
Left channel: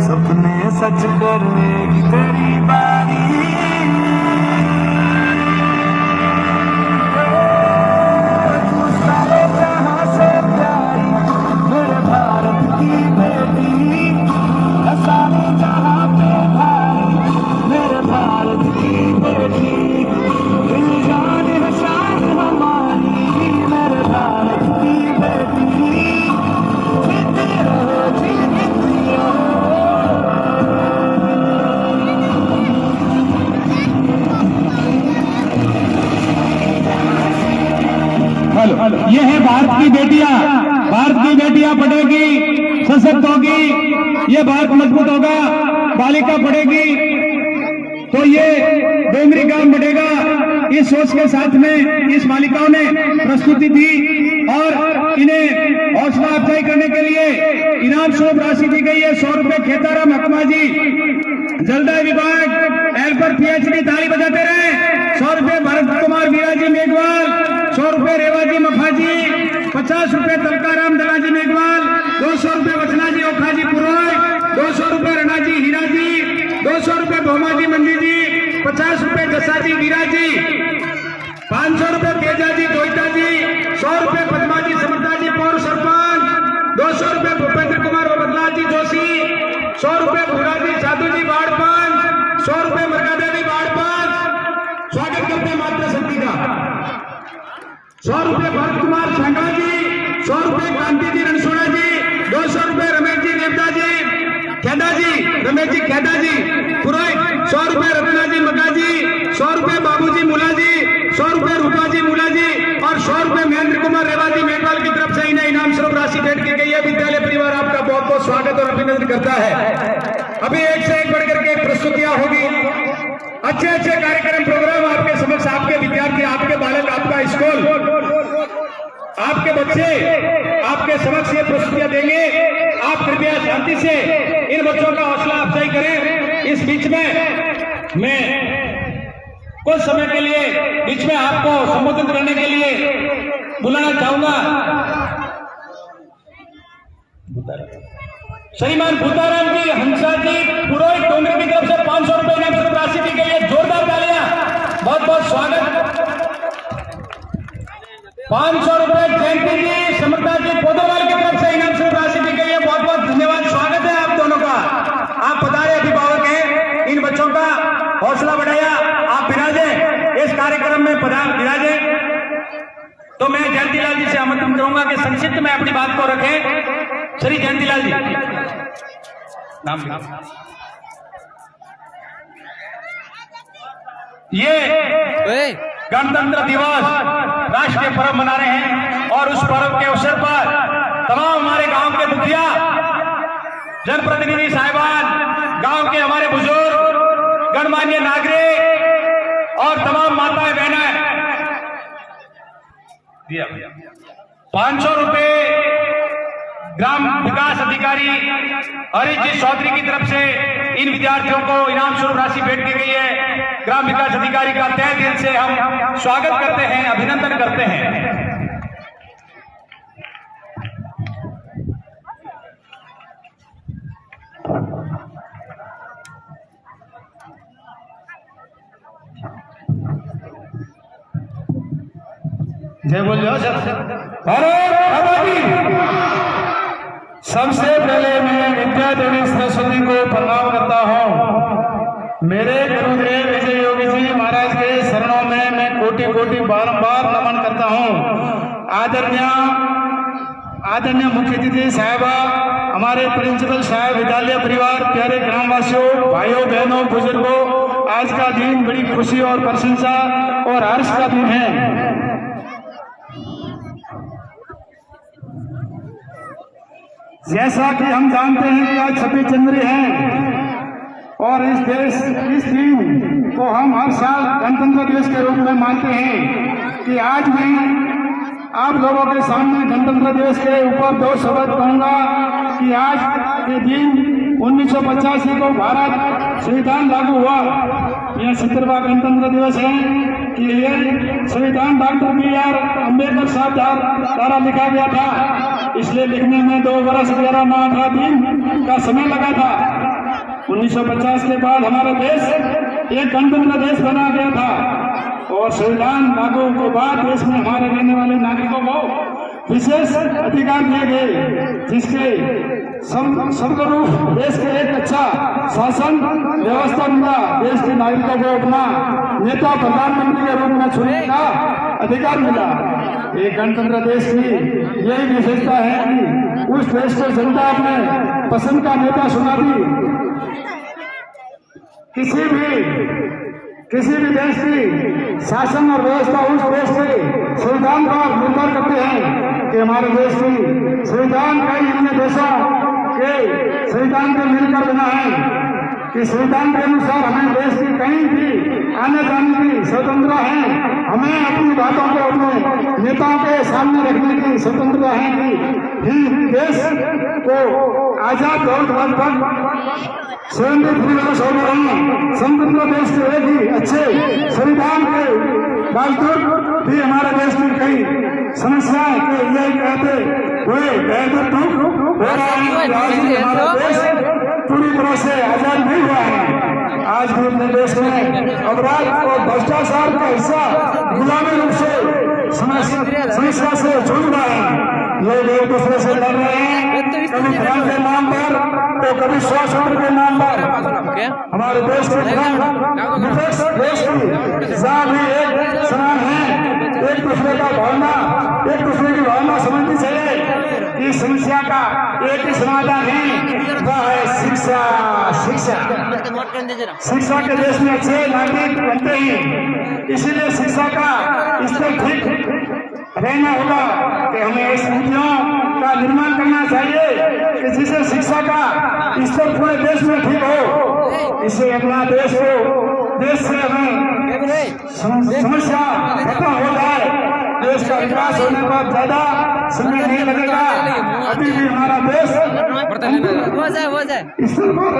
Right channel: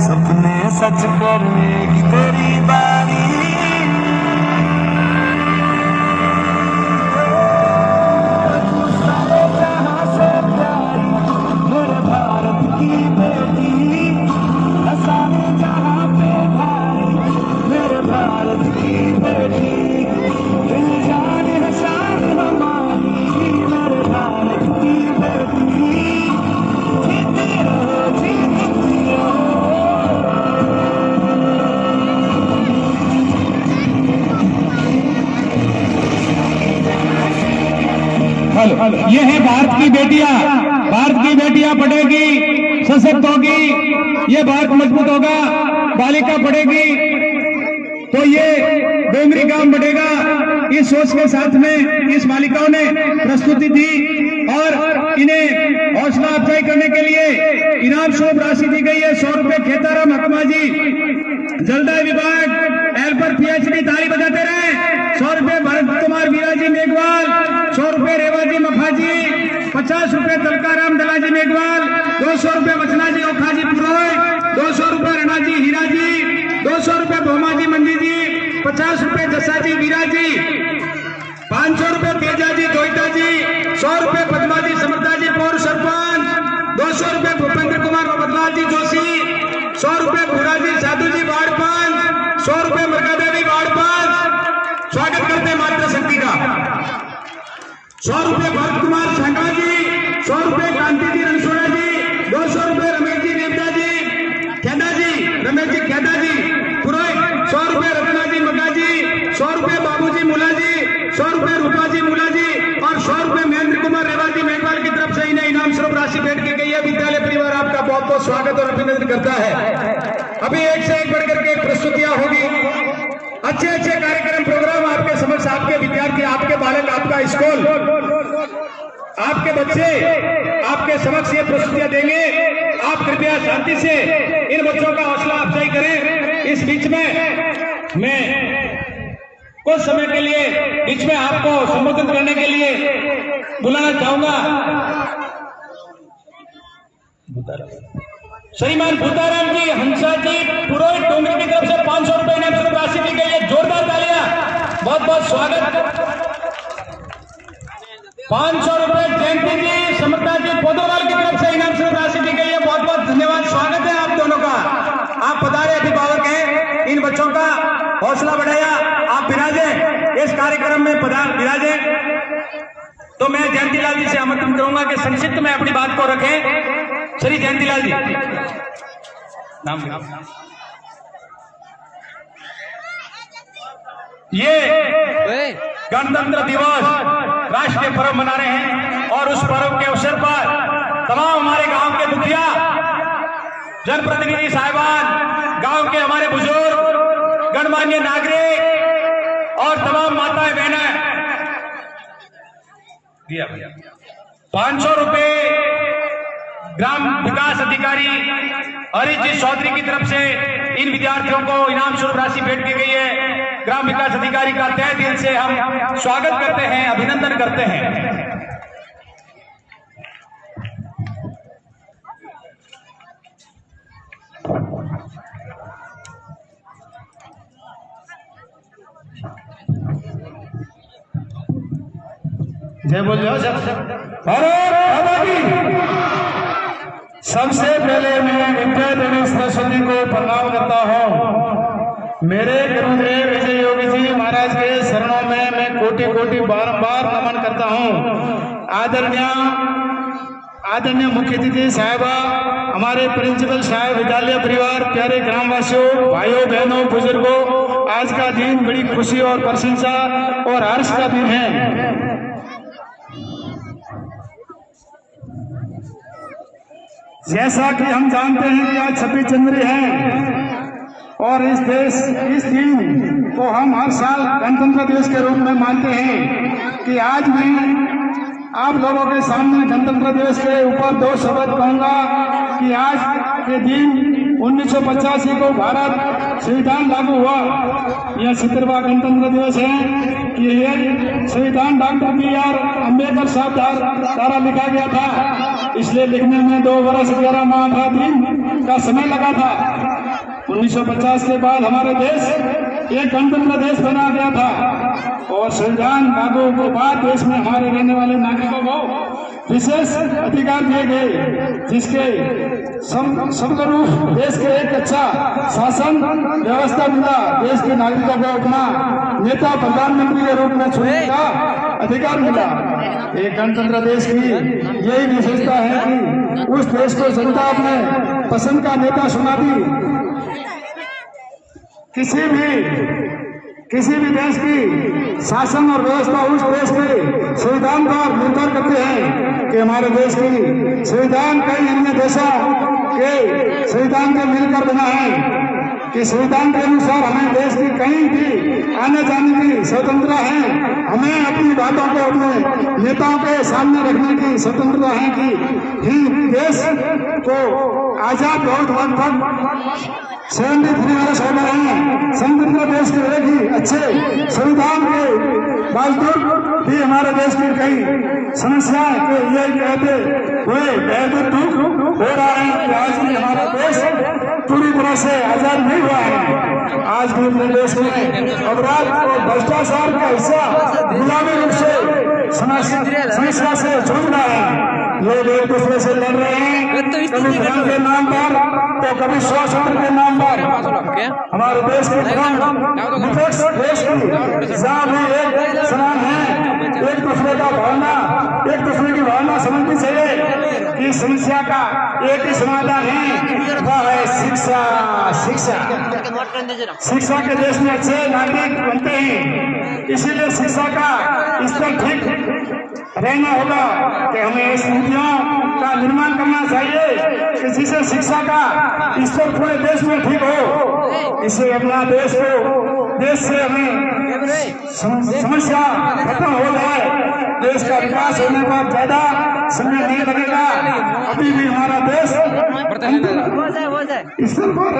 सपने सच करने की तेरी बारी, तू सारे जहां से प्यारी मेरे भारत की बेटी, सारे जहां पे भारी मेरे भारत की बेटी, दिल जान है शान हमारी मेरे भारत की बेटी, ये है भारत की बेटियां। भारत की बेटियां पढ़ेगी, सशक्त होगी, ये भारत मजबूत होगा। बालिका पढ़ेगी तो ये डोमरी गांव बढ़ेगा। इस सोच के साथ में इस बालिकाओं ने प्रस्तुति दी और इन्हें हौसला अफजाई करने के लिए इनाम स्वरूप राशि दी गई है 100 रुपए। खेताराम हकमा जी, जलदाय विभाग, हेल्पर PhD, ताली बजाते रहे। 100 रुपए भरत कुमार वीराजी मेघवाल, 100 रुपए रेवाजी मफाजी, 50 रुपए कलकाराम दलाजी मेघवाल, 200 रुपए वचनाजी ओखाजी पुरोहित, 200 रुपए रणाजी हीराजी, 200 रुपए भोमाजी मंडी जी, 50 रुपए जसाजी वीराजी, 500 रुपए तेजाजी गोइटाजी, 100 रुपए पद्माजी समर्थाजी पौर सरपंच, 200 रुपए भूपेंद्र कुमार बदलाजी जोशी, 100 रुपए भूराजी साधुजी वार्ड पंच, 100 रुपए मरकादेवी वार्ड पंच। स्वागत करते मातृ शक्ति का। 100 रुपए भरत कुमार सांगा जी, 100 रुपए कांति जी रणसोला जी, 200 रुपए रमेश जी देवता जी खेदा जी, रमेश जी खेदा जी पुरोहित, 100 रुपए रत्ना जी मका जी, 100 रुपए बाबू जी मुला जी, 100 रुपए रूपा जी मुला जी और 100 रुपए महेंद्र कुमार रेवाजी मेघवाल की तरफ से इन्हें इनाम स्वरूप राशि भेंट की गई है। विद्यालय परिवार आपका बहुत बहुत स्वागत और अभिनंदन करता है। अभी एक से एक बढ़कर के प्रस्तुतियां होगी। अच्छे अच्छे कार्यक्रम प्रोग्राम आपके समक्ष, आपके विद्यार्थी, आपके बालक, आपका स्कूल, आपके बच्चे आपके समक्ष ये प्रस्तुतियां देंगे। आप कृपया शांति से इन बच्चों का हौसला अफजाई करें। इस बीच में मैं कुछ समय के लिए बीच में आपको संबोधित करने के लिए बुलाना चाहूंगा। श्रीमान भूताराम जी, हंसा जी, पुरोहित डोंगरी की तरफ से 500 रुपए इनाम राशि दी गई है। जोरदार तालियां, बहुत बहुत स्वागत। 500 रुपए जयंती जी, समर्था जी, पोदरवाल की तरफ से इनाम राशि दी गई है। बहुत बहुत धन्यवाद, स्वागत है आप दोनों का। आप पधारे अभिभावक हैं, इन बच्चों का हौसला बढ़ाया, आप विराजे इस कार्यक्रम में विराजे। तो मैं जयंतीलाल जी से आमंत्रित करूंगा कि संक्षिप्त में अपनी बात को रखें। श्री जयंतीलाल जी, नाम ये गणतंत्र दिवस राष्ट्रीय पर्व मना रहे हैं और उस पर्व के अवसर पर तमाम हमारे गांव के मुखिया, जनप्रतिनिधि साहिबान, गांव के हमारे बुजुर्ग, गणमान्य नागरिक और तमाम माताएं बहनें 500 रुपए ग्राम विकास अधिकारी हरीश जी चौधरी की तरफ से इन विद्यार्थियों को इनाम स्वरूप राशि भेंट की गई है। ग्राम विकास अधिकारी का तहे दिल से हम स्वागत करते हैं, अभिनंदन करते हैं। जय बोल जाओ सबसे पहले मैं विद्या देवी सरस्वती को प्रणाम करता हूँ। मेरे गुरुदेव विजय योगी जी महाराज के शरणों में मैं कोटि कोटि बार नमन करता हूँ। आदरणीय मुख्य अतिथि साहिबा, हमारे प्रिंसिपल साहब, विद्यालय परिवार, प्यारे ग्रामवासियों, भाइयों बहनों, बुजुर्गों, आज का दिन बड़ी खुशी और प्रशंसा और हर्ष का दिन है। जैसा कि हम जानते हैं कि आज 26 जनवरी है और इस दिन को हम हर साल गणतंत्र दिवस के रूप में मानते हैं कि आज मैं आप लोगों के सामने गणतंत्र दिवस के ऊपर 2 शब्द कहूंगा कि आज के दिन 1985 को भारत संविधान लागू हुआ। यह 70वां गणतंत्र दिवस है कि ये संविधान डॉक्टर B.R. अम्बेडकर साहब द्वारा लिखा गया था, इसलिए लिखने में 2 वर्ष 11 माह 8 दिन का समय लगा था। 1950 के बाद हमारे देश एक गणतंत्र देश बना गया था और संविधान लागू के बाद देश में हमारे रहने वाले नागरिकों को विशेष अधिकार दिए गए, जिसके सर्वरूप देश के एक अच्छा शासन व्यवस्था मिला। देश के नागरिकों को अपना नेता प्रधानमंत्री के रूप में चुनने का अधिकार मिला। एक गणतंत्र देश की यही विशेषता है कि उस देश को जनता अपने पसंद का नेता चुना दी। किसी भी देश की शासन और व्यवस्था उस देश के संविधान पर निर्भर करते हैं कि हमारे देश की संविधान कई अन्य देशों के संविधान के मिलकर बना है कि संविधान के अनुसार हमें देश की कहीं भी आने जाने की स्वतंत्रता है। हमें अपनी बातों को अपने नेताओं के सामने रखने की स्वतंत्रता है कि देश को आजाद बहुत वक्त तक 73 वर्ष हो गए हैं। स्वतंत्र देश के एक ही अच्छे संविधान के बावजूद भी हमारे देश की कई समस्याएं के यही कहते हुए हो रहा है कि आज भी हमारा देश पूरी तरह से आजाद नहीं हुआ है। आज भी अपने देश में अपराध और भ्रष्टाचार का हिस्सा गुलामी रूप से समस्या से जूझ रहा है। लोग एक दूसरे से लड़ रहे हैं, कभी धर्म के नाम पर तो कभी स्वास्थ्य के नाम पर। हमारे देश के विपक्ष देश की जहाँ भी एक समान है, एक दूसरे का भावना, एक दूसरे की भावना समझनी चाहिए कि समस्या का एक ही समाधान है, वह है शिक्षा। शिक्षा के देश में अच्छे नागरिक बनते हैं, इसीलिए शिक्षा का स्तर ठीक रहना होगा कि हमें ऐसी नीतियों का निर्माण करना चाहिए कि जिससे शिक्षा का स्तर पूरे देश में ठीक हो। इससे अपना देश से हमें समस्या खत्म हो जाए, देश का विकास होने पर ज्यादा समय नहीं लगेगा। अभी भी हमारा देश स्तर पर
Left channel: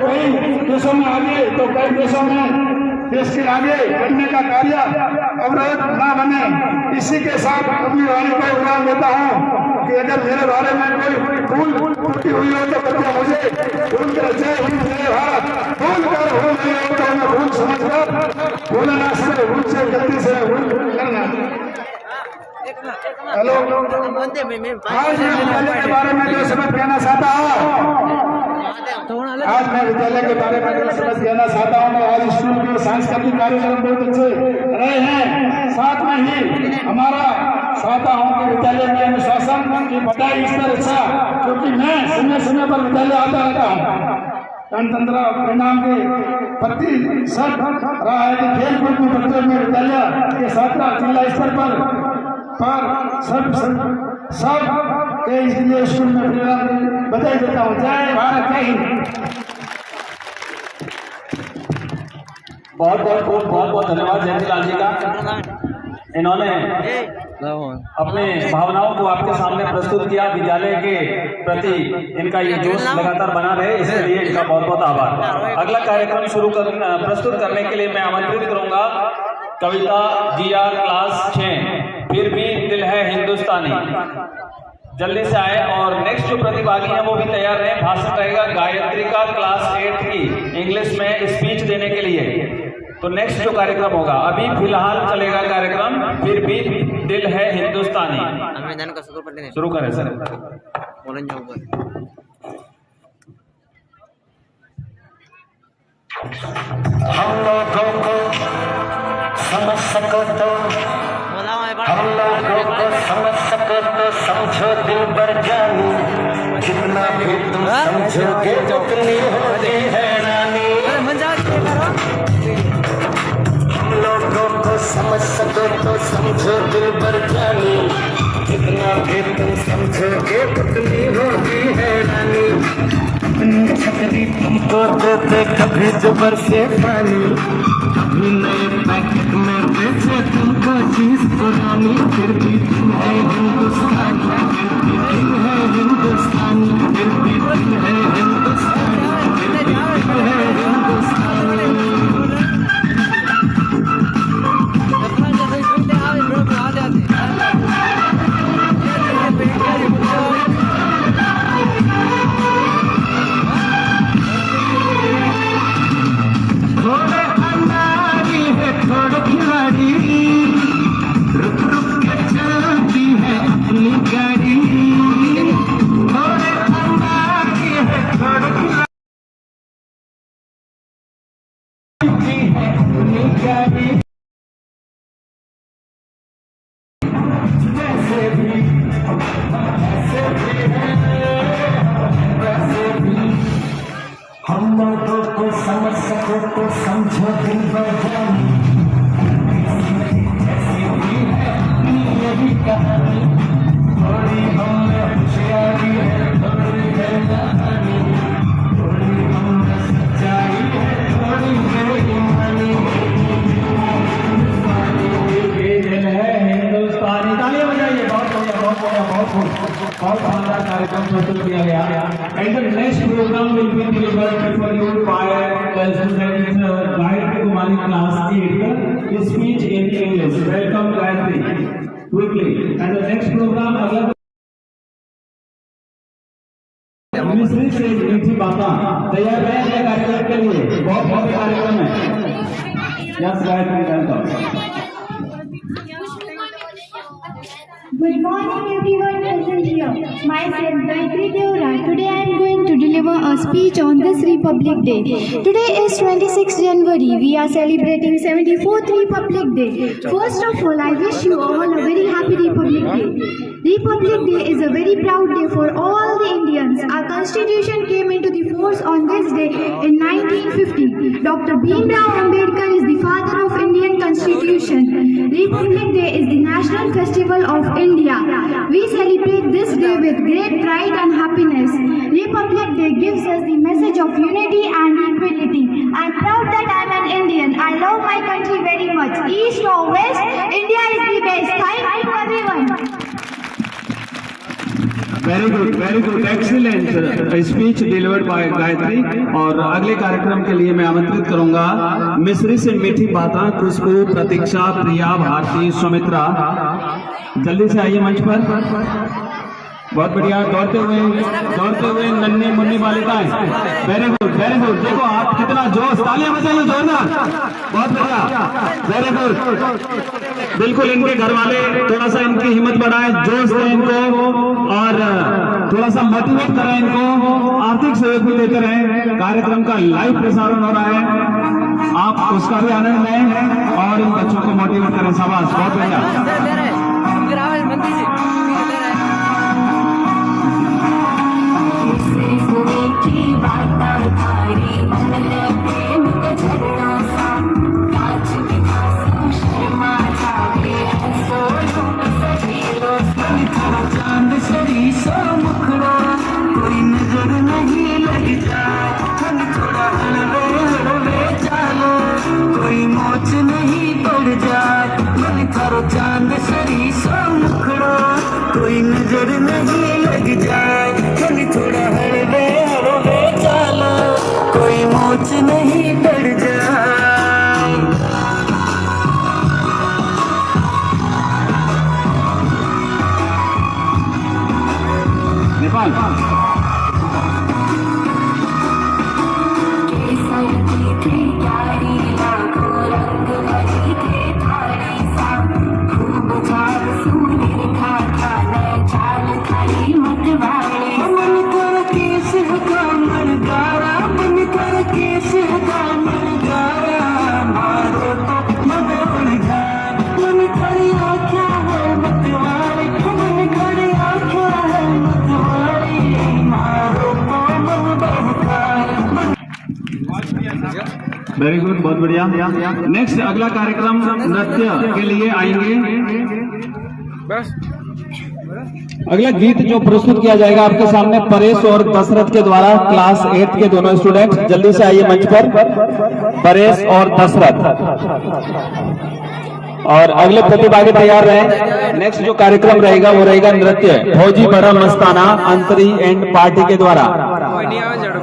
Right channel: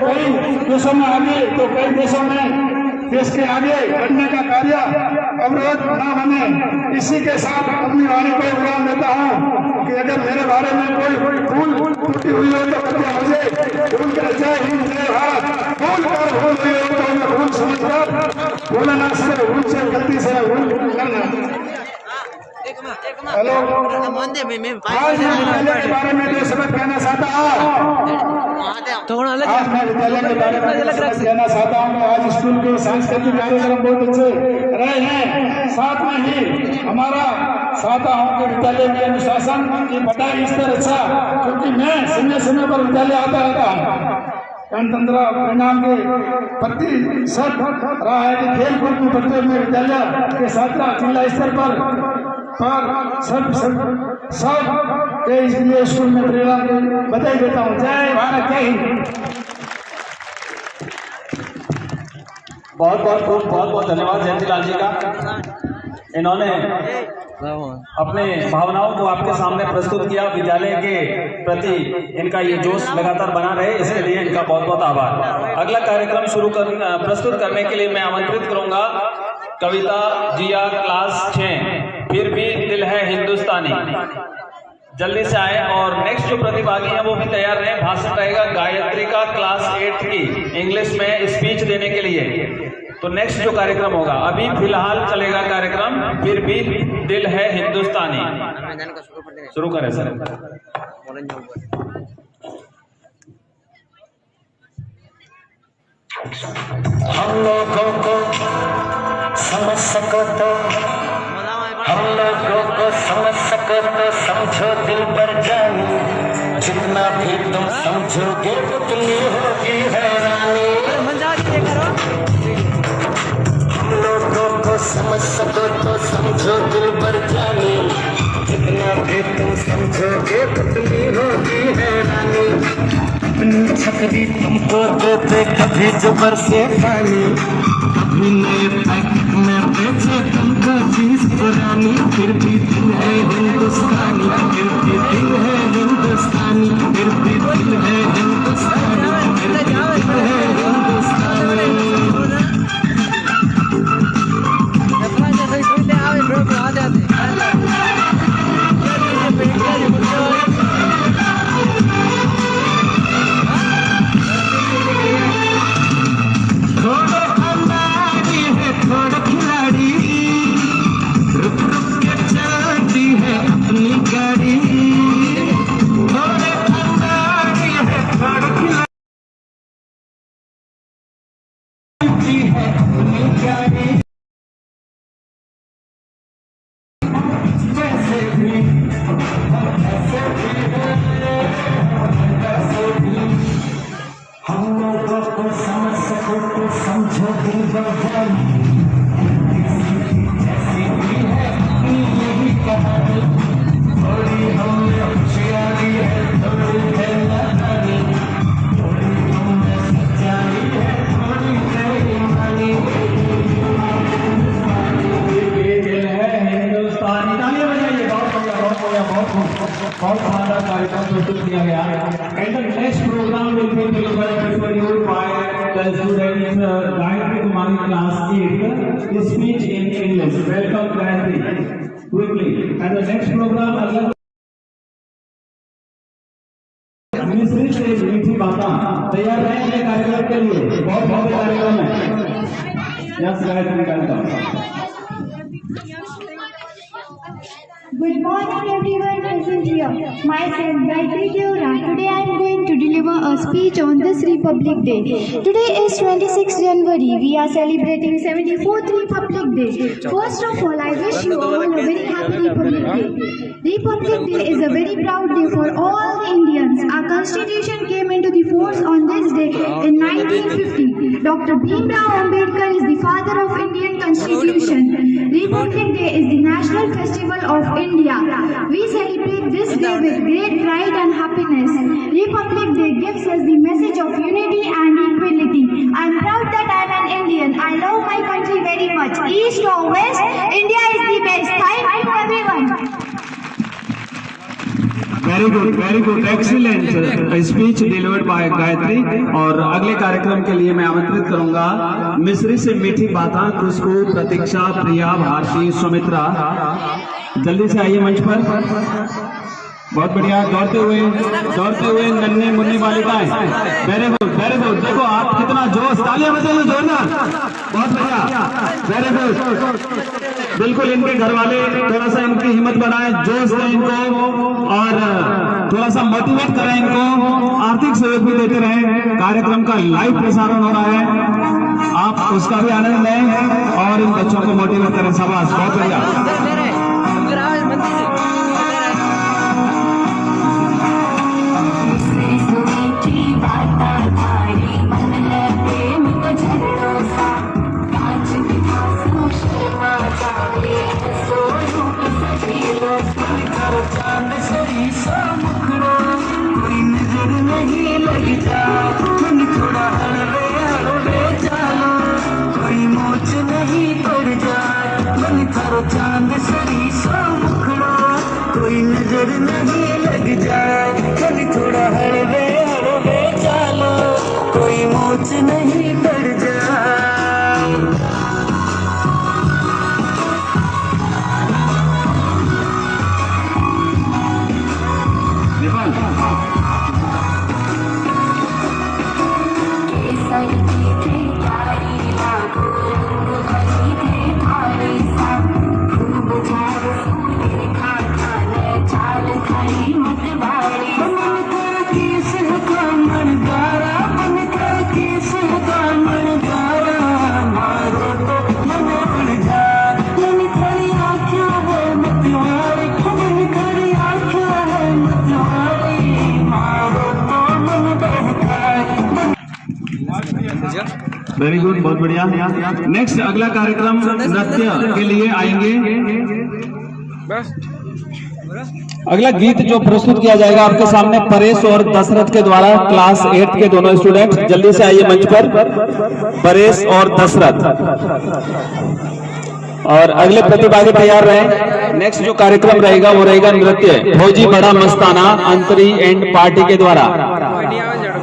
कई देशों में आगे तो कई देशों में देश के आगे बढ़ने का कार्य अवरोध न बने। इसी के साथ अपनी वाणी को विराम देता हूँ कि अगर मेरे बारे में कोई भूल टूटी हुई हो तो कृपया मुझे भूल कर जय हिंद जय भारत भूल कर भूल गए हो तो हमें भूल समझकर भूलना से भूल से गलती से भूल करना। हेलो, आज मैं विद्यालय के बारे में जो शब्द कहना चाहता हूँ, आज मैं विद्यालय के बारे में जो शब्द कहना चाहता हूँ, आज स्कूल के सांस्कृतिक कार्यक्रम बहुत अच्छे रहे हैं। साथ में ही हमारा चाहता हूँ कि विद्यालय के अनुशासन की पढ़ाई स्तर अच्छा, क्योंकि मैं समय पर विद्यालय आता रहता हूँ। गणतंत्र परिणाम के प्रति सब रहा है कि खेल कूद में बच्चों में विद्यालय के छात्र जिला स्तर पर सब के इसलिए स्कूल में बधाई देता हूँ। जय भारत, जय हिंद। बहुत धन्यवाद जयंतीलाल जी का। इन्होंने अपने भावनाओं को आपके सामने प्रस्तुत किया। विद्यालय के प्रति इनका ये जोश लगातार बना रहे, इसके लिए इनका बहुत बहुत आभार। अगला कार्यक्रम प्रस्तुत करने के लिए मैं आमंत्रित करूंगा कविता जिया क्लास 6, फिर भी दिल है हिंदुस्तानी। जल्दी से आए। और नेक्स्ट जो प्रतिभागी है वो भी तैयार रहे। भाषण रहेगा गायत्री का क्लास 8 की इंग्लिश में स्पीच देने के लिए। तो नेक्स्ट जो कार्यक्रम होगा, अभी फिलहाल चलेगा कार्यक्रम फिर भी दिल है हिंदुस्तानी। शुरू करें सर। हम लोगों को समझ सको तो समझो दिल भर जानी, जितना भी तुम समझोगे उतनी होगी हैरानी। हम लोगों को समझ सको तो समझो दिल भर जानी, जितना भी तुम समझोगे उतनी होगी हैरानी। अपनी छतरी तुमको दो कभी जुबर से पानी, कभी नए पैकेट में बेचे तुमको चीज पुरानी। फिर भी दिल है हिंदुस्तानी, फिर भी दिल है हिंदुस्तानी, फिर भी दिल है हिंदुस्तानी, फिर भी दिल है हिंदुस्तानी। समझ सको तो समझो दिल भर जानी, ऐसी भी है यही कहानी। थोड़ी हमने होशियारी है, थोड़ी है कहानी, थोड़ी हमने सच्चाई है, थोड़ी है ईमानी। हिंदुस्तानी तालियां बजाइए। बहुत शानदार कार्यक्रम प्रस्तुत किया गया। And the next programme will be delivered for you by the student Gayatri Kumari class 8 speech in English. Welcome Gayatri quickly. And the next programme अगला मिश्रित से मीठी बातें तैयार रहेंगे कार्यक्रम के लिए। बहुत कार्यक्रम है। Yes Gayatri, welcome. Good morning everyone present here. Myself Gayatri Deora. Today I am going to deliver a speech on this Republic Day. Today is 26 January. We are celebrating 74th Republic Day. First of all, I wish you all a very happy Republic Day. Republic Day is a very proud day for all the Indians. Our Constitution came into the force on this day in 1950. Dr. Bhimrao Ambedkar is the father of Indian Constitution. Republic Day is the national festival of India. We celebrate this day with great pride and happiness. Republic Day gives us the message of unity and equality. I am proud that I am an Indian. I love my country very much. East or west, India is the best. Thank you everyone. Very good excellent speech delivered by Gayatri. और अगले कार्यक्रम के लिए मैं आमंत्रित करूंगा मिस्री से मीठी बातें, खुशबू, प्रतीक्षा, प्रिया, भारती, सुमित्रा, जल्दी से आइए मंच पर। बहुत बढ़िया, दौड़ते हुए नन्हे मुन्नी बालिकाएं, वेरी गुड वेरी गुड। देखो आप कितना जोश, तालियां बजाइए दौड़ना, बहुत बढ़िया, वेरी गुड। बिल्कुल इनके घर वाले थोड़ा सा इनकी हिम्मत बढ़ाएं, जोश दें इनको और थोड़ा सा मोटिवेट करें इनको, आर्थिक सहयोग भी देते रहें। कार्यक्रम का लाइव प्रसारण हो रहा है, आप उसका भी आनंद लें और इन बच्चों को मोटिवेट करें। शाबाश, बहुत बढ़िया। कोई नजर नहीं लग जाए, कभी थोड़ा हरवे चलो, कोई मोच नहीं पड़ जाए। वेरी गुड, बहुत बढ़िया। नेक्स्ट अगला कार्यक्रम नृत्य के लिए आएंगे। अगला गीत जो प्रस्तुत किया जाएगा आपके सामने परेश और दशरथ के द्वारा, क्लास 8 के दोनों स्टूडेंट, जल्दी से आइए मंच पर, परेश और दशरथ। और अगले प्रतिभागी तैयार रहे। नेक्स्ट जो कार्यक्रम रहेगा वो रहेगा नृत्य फौजी बड़ा मस्ताना अंतरी एंड पार्टी के द्वारा।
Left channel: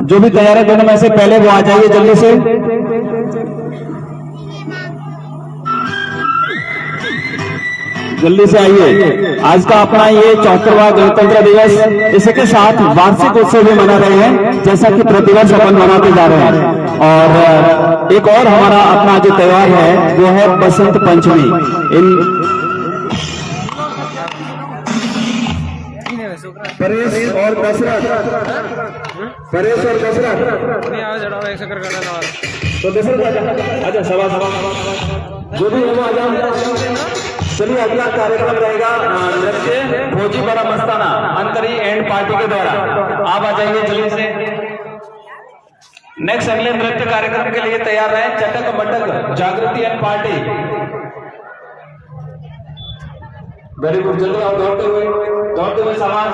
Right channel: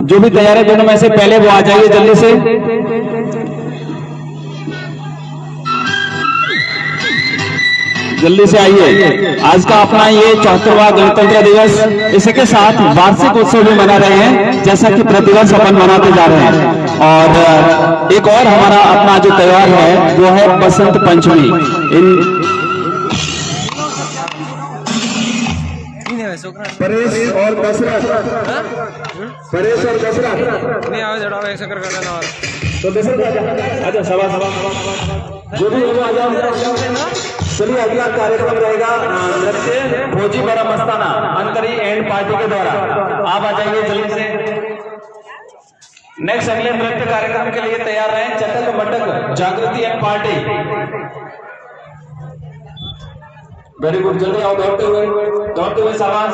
जो भी तैयार है दोनों में से पहले वो आ जाइए जल्दी से। जल्दी से आइए। आज का अपना ये 74वां गणतंत्र दिवस, इसी के साथ वार्षिक उत्सव भी मना रहे हैं, जैसा कि प्रतिभा सपन मनाते जा रहे हैं। और एक और हमारा अपना जो त्योहार है वो है बसंत पंचमी। परेश और दशरथ, तो दशरथ आजा, सभा जो भी हो आ जाओ। चलिए अगला कार्यक्रम रहेगा नृत्य फौजी बड़ा मस्ताना अंतरी एंड पार्टी के द्वारा, आप आ जाइए जल्दी से। नेक्स्ट अगले नृत्य कार्यक्रम के लिए तैयार रहे चटक मटक जागृति एंड पार्टी। वेरी गुड, जल्दी आओ, दौड़ते हुए शाबाश।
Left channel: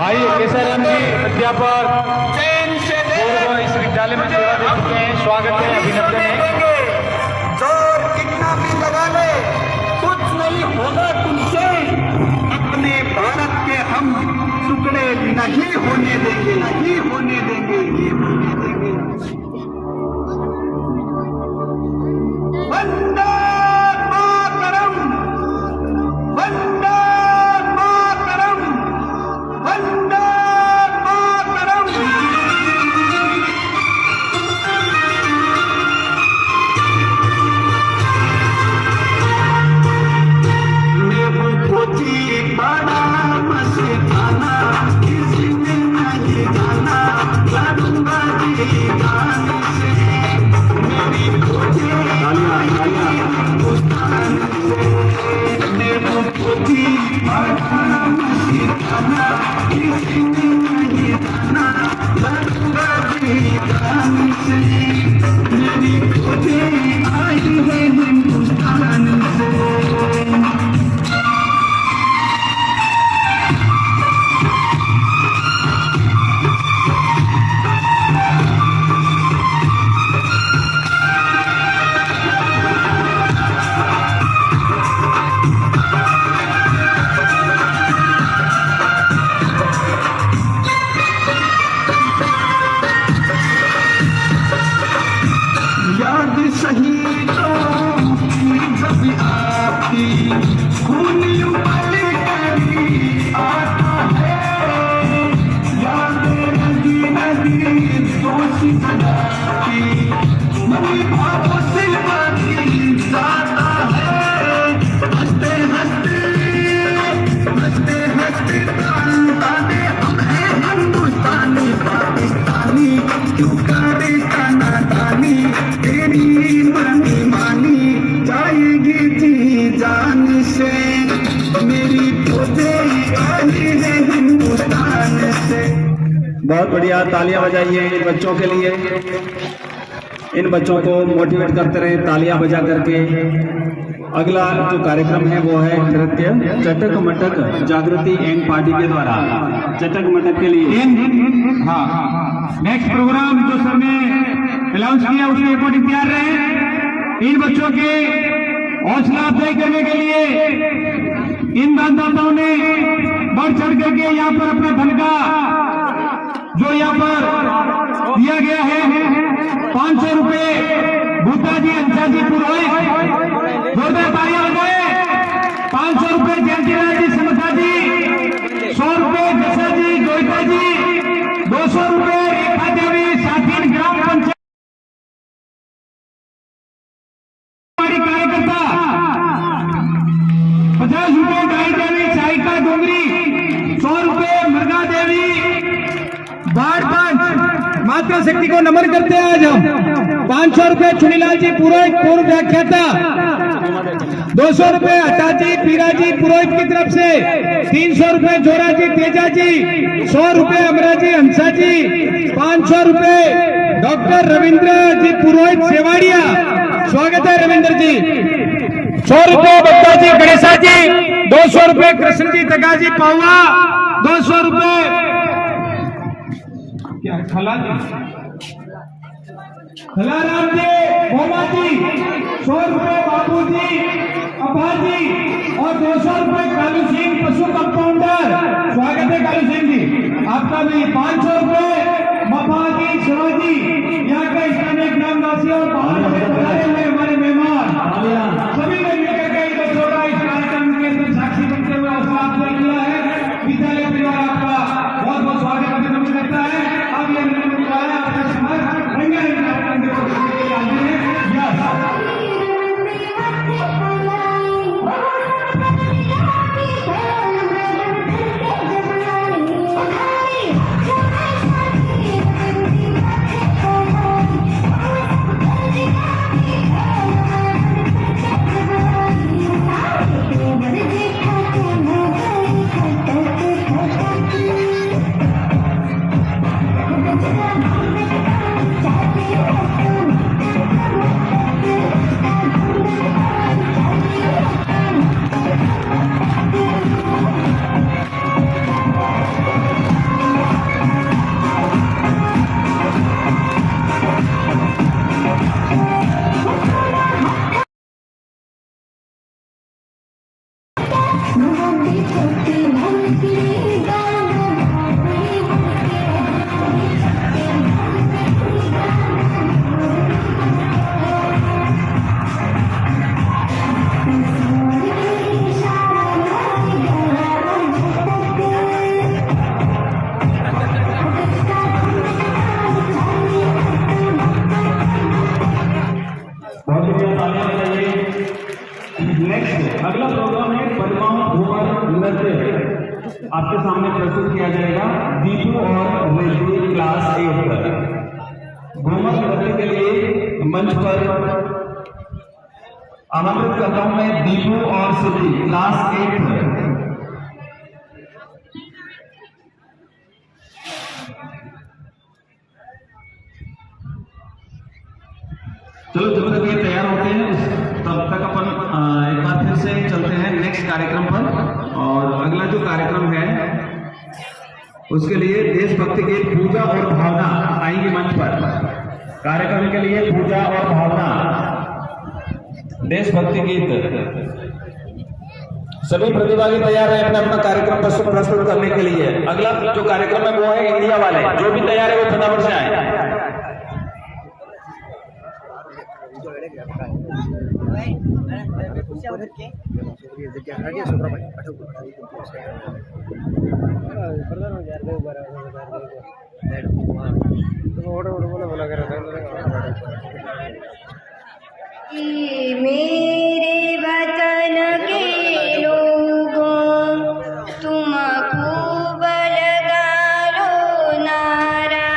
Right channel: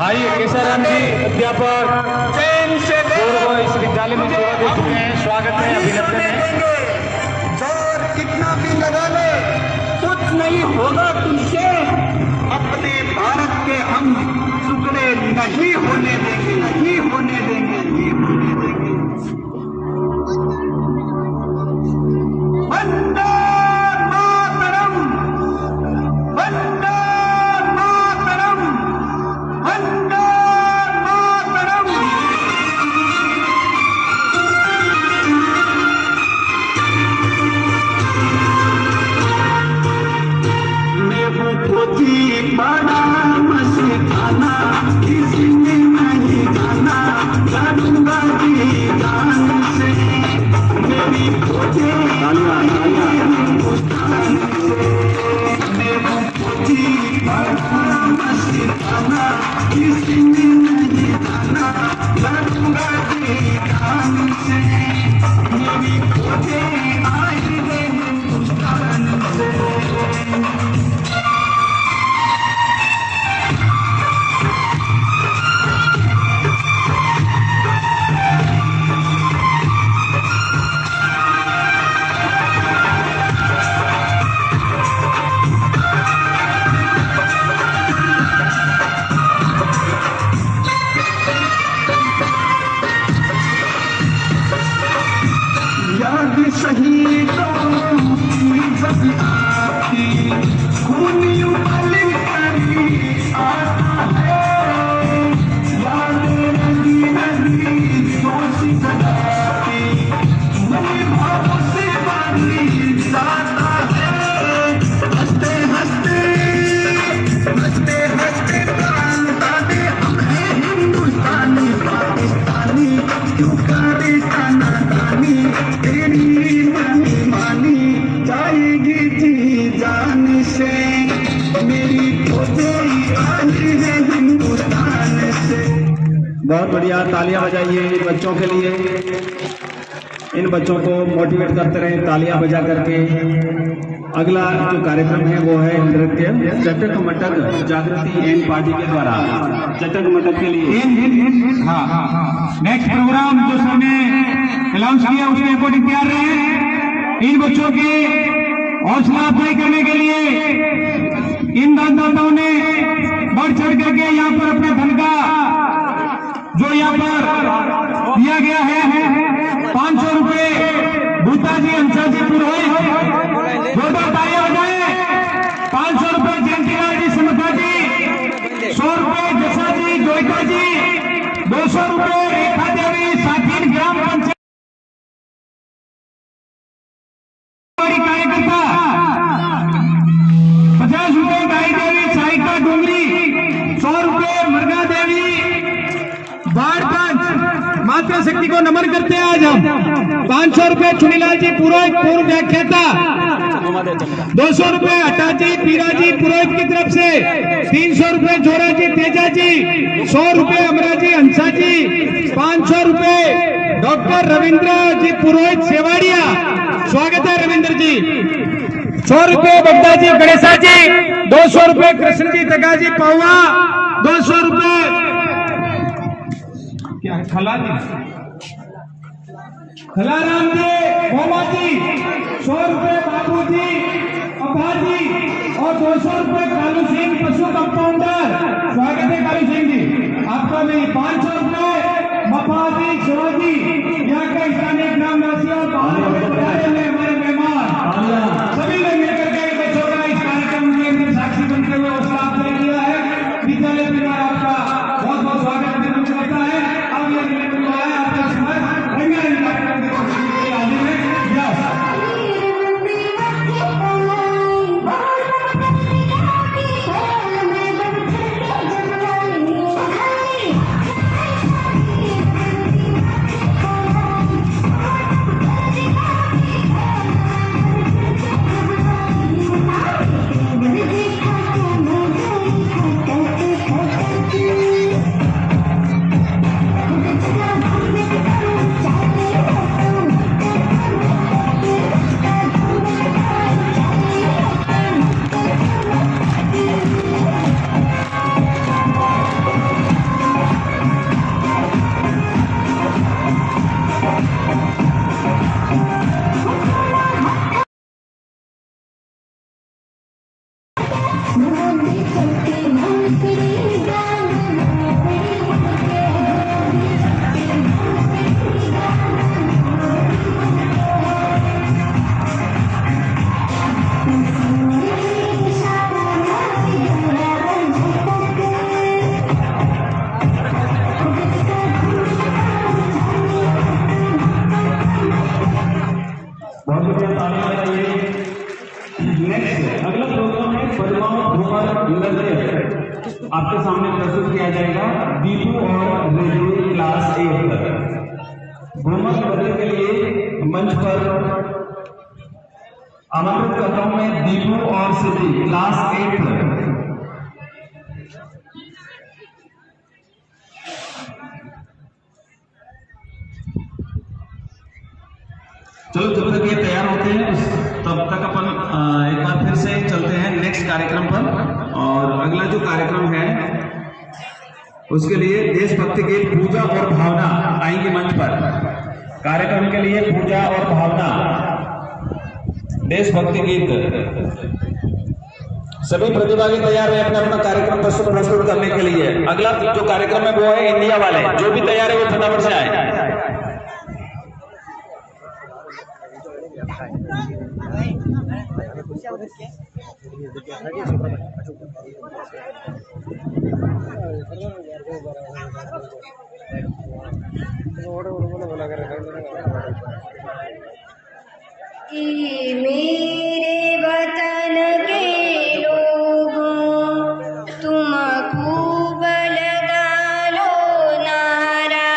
आइए केसर जी अध्यापक पूर्व इस विद्यालय में सेवा दे चुके हैं, स्वागत है, अभिनंदन है। जोर कितना भी लगा लो, कुछ नहीं होगा तुमसे, अपने भारत के हम टुकड़े नहीं होने देंगे, नहीं होने देंगे, नहीं होने देंगे। वंदे मातरम, वंदे मातरम, वंदे मातरम। बड़ा मस्ताना इसने नहीं गाना, गाना से मेरी खोजे हिंदुस्तान से, मेरी खोजी बड़ा मस्ताना इसने नहीं गाना, गाना से मेरी खोजे आई है हिंदुस्तान से। बहुत बढ़िया, तालियां बजाइए इन बच्चों के लिए। इन बच्चों को मोटिवेट करते रहे तालियां बजा करके। अगला जो कार्यक्रम है वो है नृत्य चटक मटक जागृति एन पार्टी के द्वारा चटक मटक के लिए। हाँ, नेक्स्ट प्रोग्राम जो सर ने अनाउंस किया उसके अकॉर्डिंग तैयार रहे। इन बच्चों के हौसला अफजाई करने के लिए इन दानदाताओं ने बढ़ चढ़ करके यहाँ पर अपने धन का जो यहाँ पर दिया गया है 500 रुपए भूताजी हंसाजी पुरोहित, जोरदार तालियां बजाएं। 500 रुपए जयंतीलाल जी सुनफा जी, 100 रुपए जसा जी गोयटा जी, 200 रुपए रेखा देवी साथी ग्राम पंचायत कार्यकर्ता, 50 रुपए गाय देवी साइका डोंगरी, 100 रुपए मरगा देवी बाढ़ पंच मातृ शक्ति को नमन करते हैं आज हम। 500 रुपए चुनीलाल जी पुरोहित पूर्व व्याख्याता, 200 रुपए अटाजी पीराजी पुरोहित की तरफ से, 300 रुपए जोरा जी तेजा जी, 100 रुपए अमराजी हंसा जी, 500 रुपए डॉक्टर रविंद्र जी पुरोहित सेवाड़िया, स्वागत है रविंद्र जी। 100 रुपए बद्दा जी गणेशा जी, 200 रुपए कृष्ण जी तगा जी पौवा, 200 रुपए क्या खलाराम जी मोमा जी, 100 रुपए बाबू जी अब्बा जी और 200 रुपए कालू सिंह पशु कंपाउंडर, स्वागत है कालू सिंह जी आपका भी। 500 रुपए मफा जी शिवाजी, यहाँ का स्थानीय ग्रामवासी और बाहर हमारे मेहमान सभी ने मिलकर के बच्चों का इस कार्यक्रम के अंदर साक्षी बनते हुए हौसला अफजाई किया है। विद्यालय परिवार आपका बहुत बहुत स्वागत करता है। अब ये आपका समय रंगारंग कार्यक्रम की प्रस्तुति के लिए हाजिर है। आपके सामने प्रस्तुत किया जाएगा दीपू और रेजी क्लास 8 पर। घूमर करने के लिए मंच पर आमंत्रित करता हूं मैं दीपू और सिद्धि क्लास 8 पर। चलो जब तक ये तैयार होते हैं तब तक अपन एक बार फिर से चलते हैं नेक्स्ट कार्यक्रम पर। और अगला जो कार्यक्रम है उसके लिए देशभक्ति गीत पूजा और भावना आएंगे मंच पर। कार्यक्रम के लिए पूजा और भावना देशभक्ति गीत। सभी प्रतिभागी तैयार रहे अपना अपना कार्यक्रम प्रस्तुत करने के लिए। अगला जो कार्यक्रम है वो है इंडिया वाले। जो भी तैयार है वो फटाफट से आए। मेरे वतन के लोगों तुम खूब लगा लो नारा,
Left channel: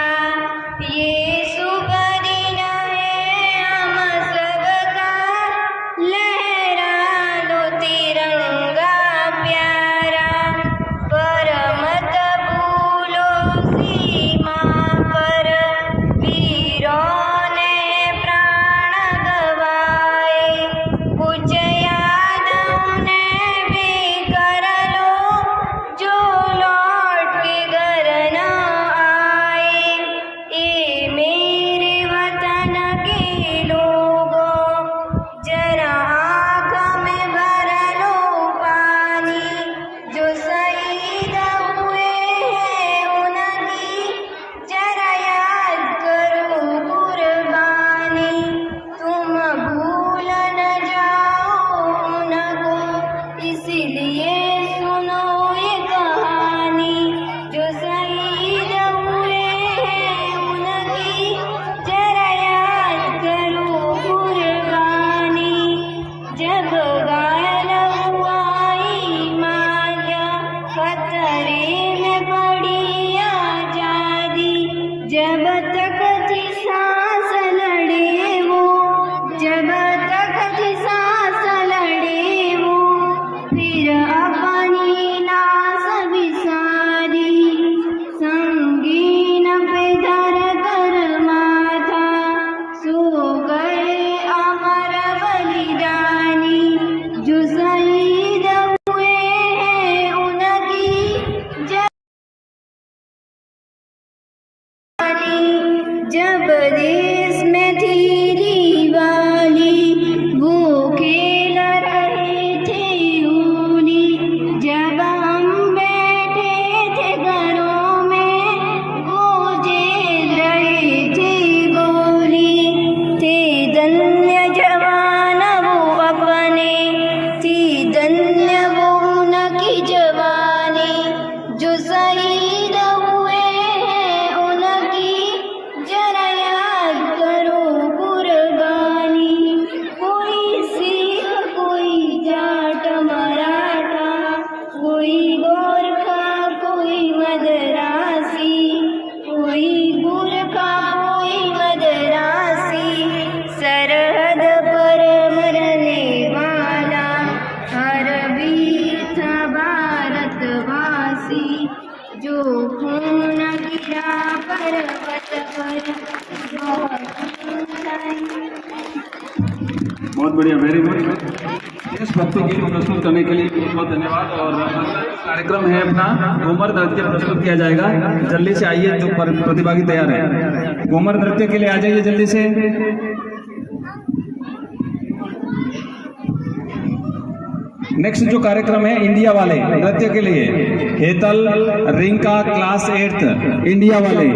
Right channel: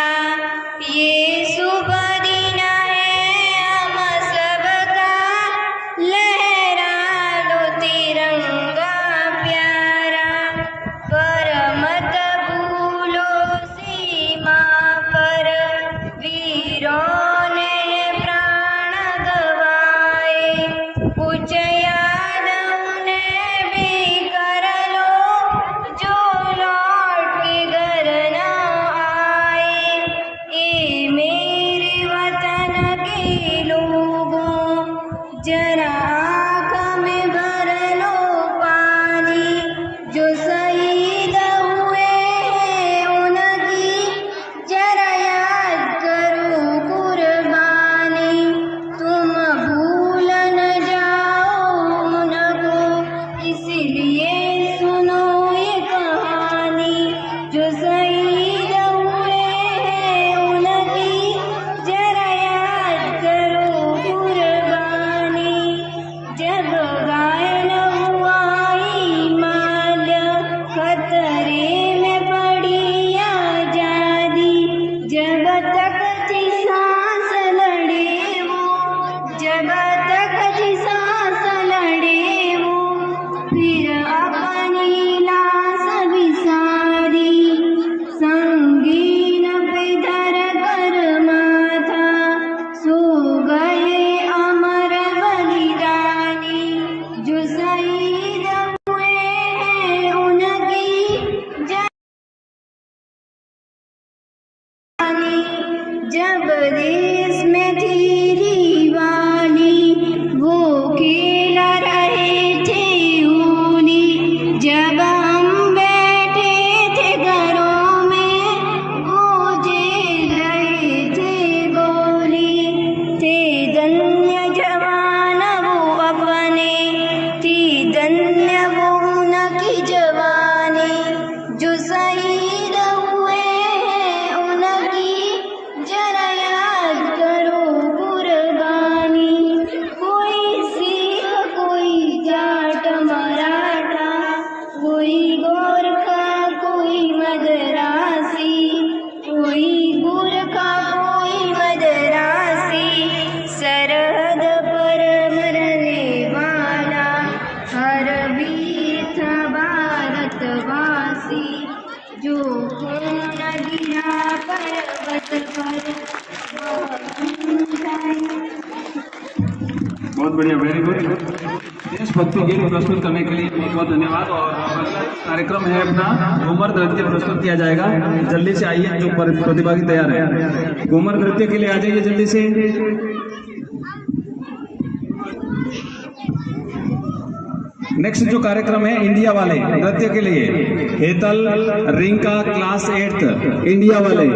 ये सुबह दिन है हम सबका, लहरा लो तिरंगा प्यारा, पर मत भूलो सीमा देश में थी दीवानी, वो खेला रहे थे होली। जब हम बैठे थे घरों में, वो झेल रहे थे गोली। थे धन्य जवान वो अपने, थी धन्य वो उनकी जवानी। जो शहीद हुए हैं उनकी जरा याद करो कुर्बानी। कोई सिख कोई जाट मराठा, कोई गोरखा कोई मदरासी, कोई गोरखा कोई मदरासी। सरहद पर मरने वाला हर वीर था भारतवासी। जो खून गिरा पर्वत पर, बहुत बढ़िया, वेरी गुड। देशभक्ति गीत प्रस्तुत करने के लिए बहुत बहुत धन्यवाद। और अगला कार्यक्रम है अपना घूमर नृत्य प्रस्तुत किया जाएगा। जल्दी से आइए जो प्रतिभागी तैयार है, घूमर नृत्य के लिए आ जाइए जल्दी से। नेक्स्ट जो कार्यक्रम है इंडिया वाले नृत्य के लिए, हेतल रिंका क्लास 8 इंडिया वाले।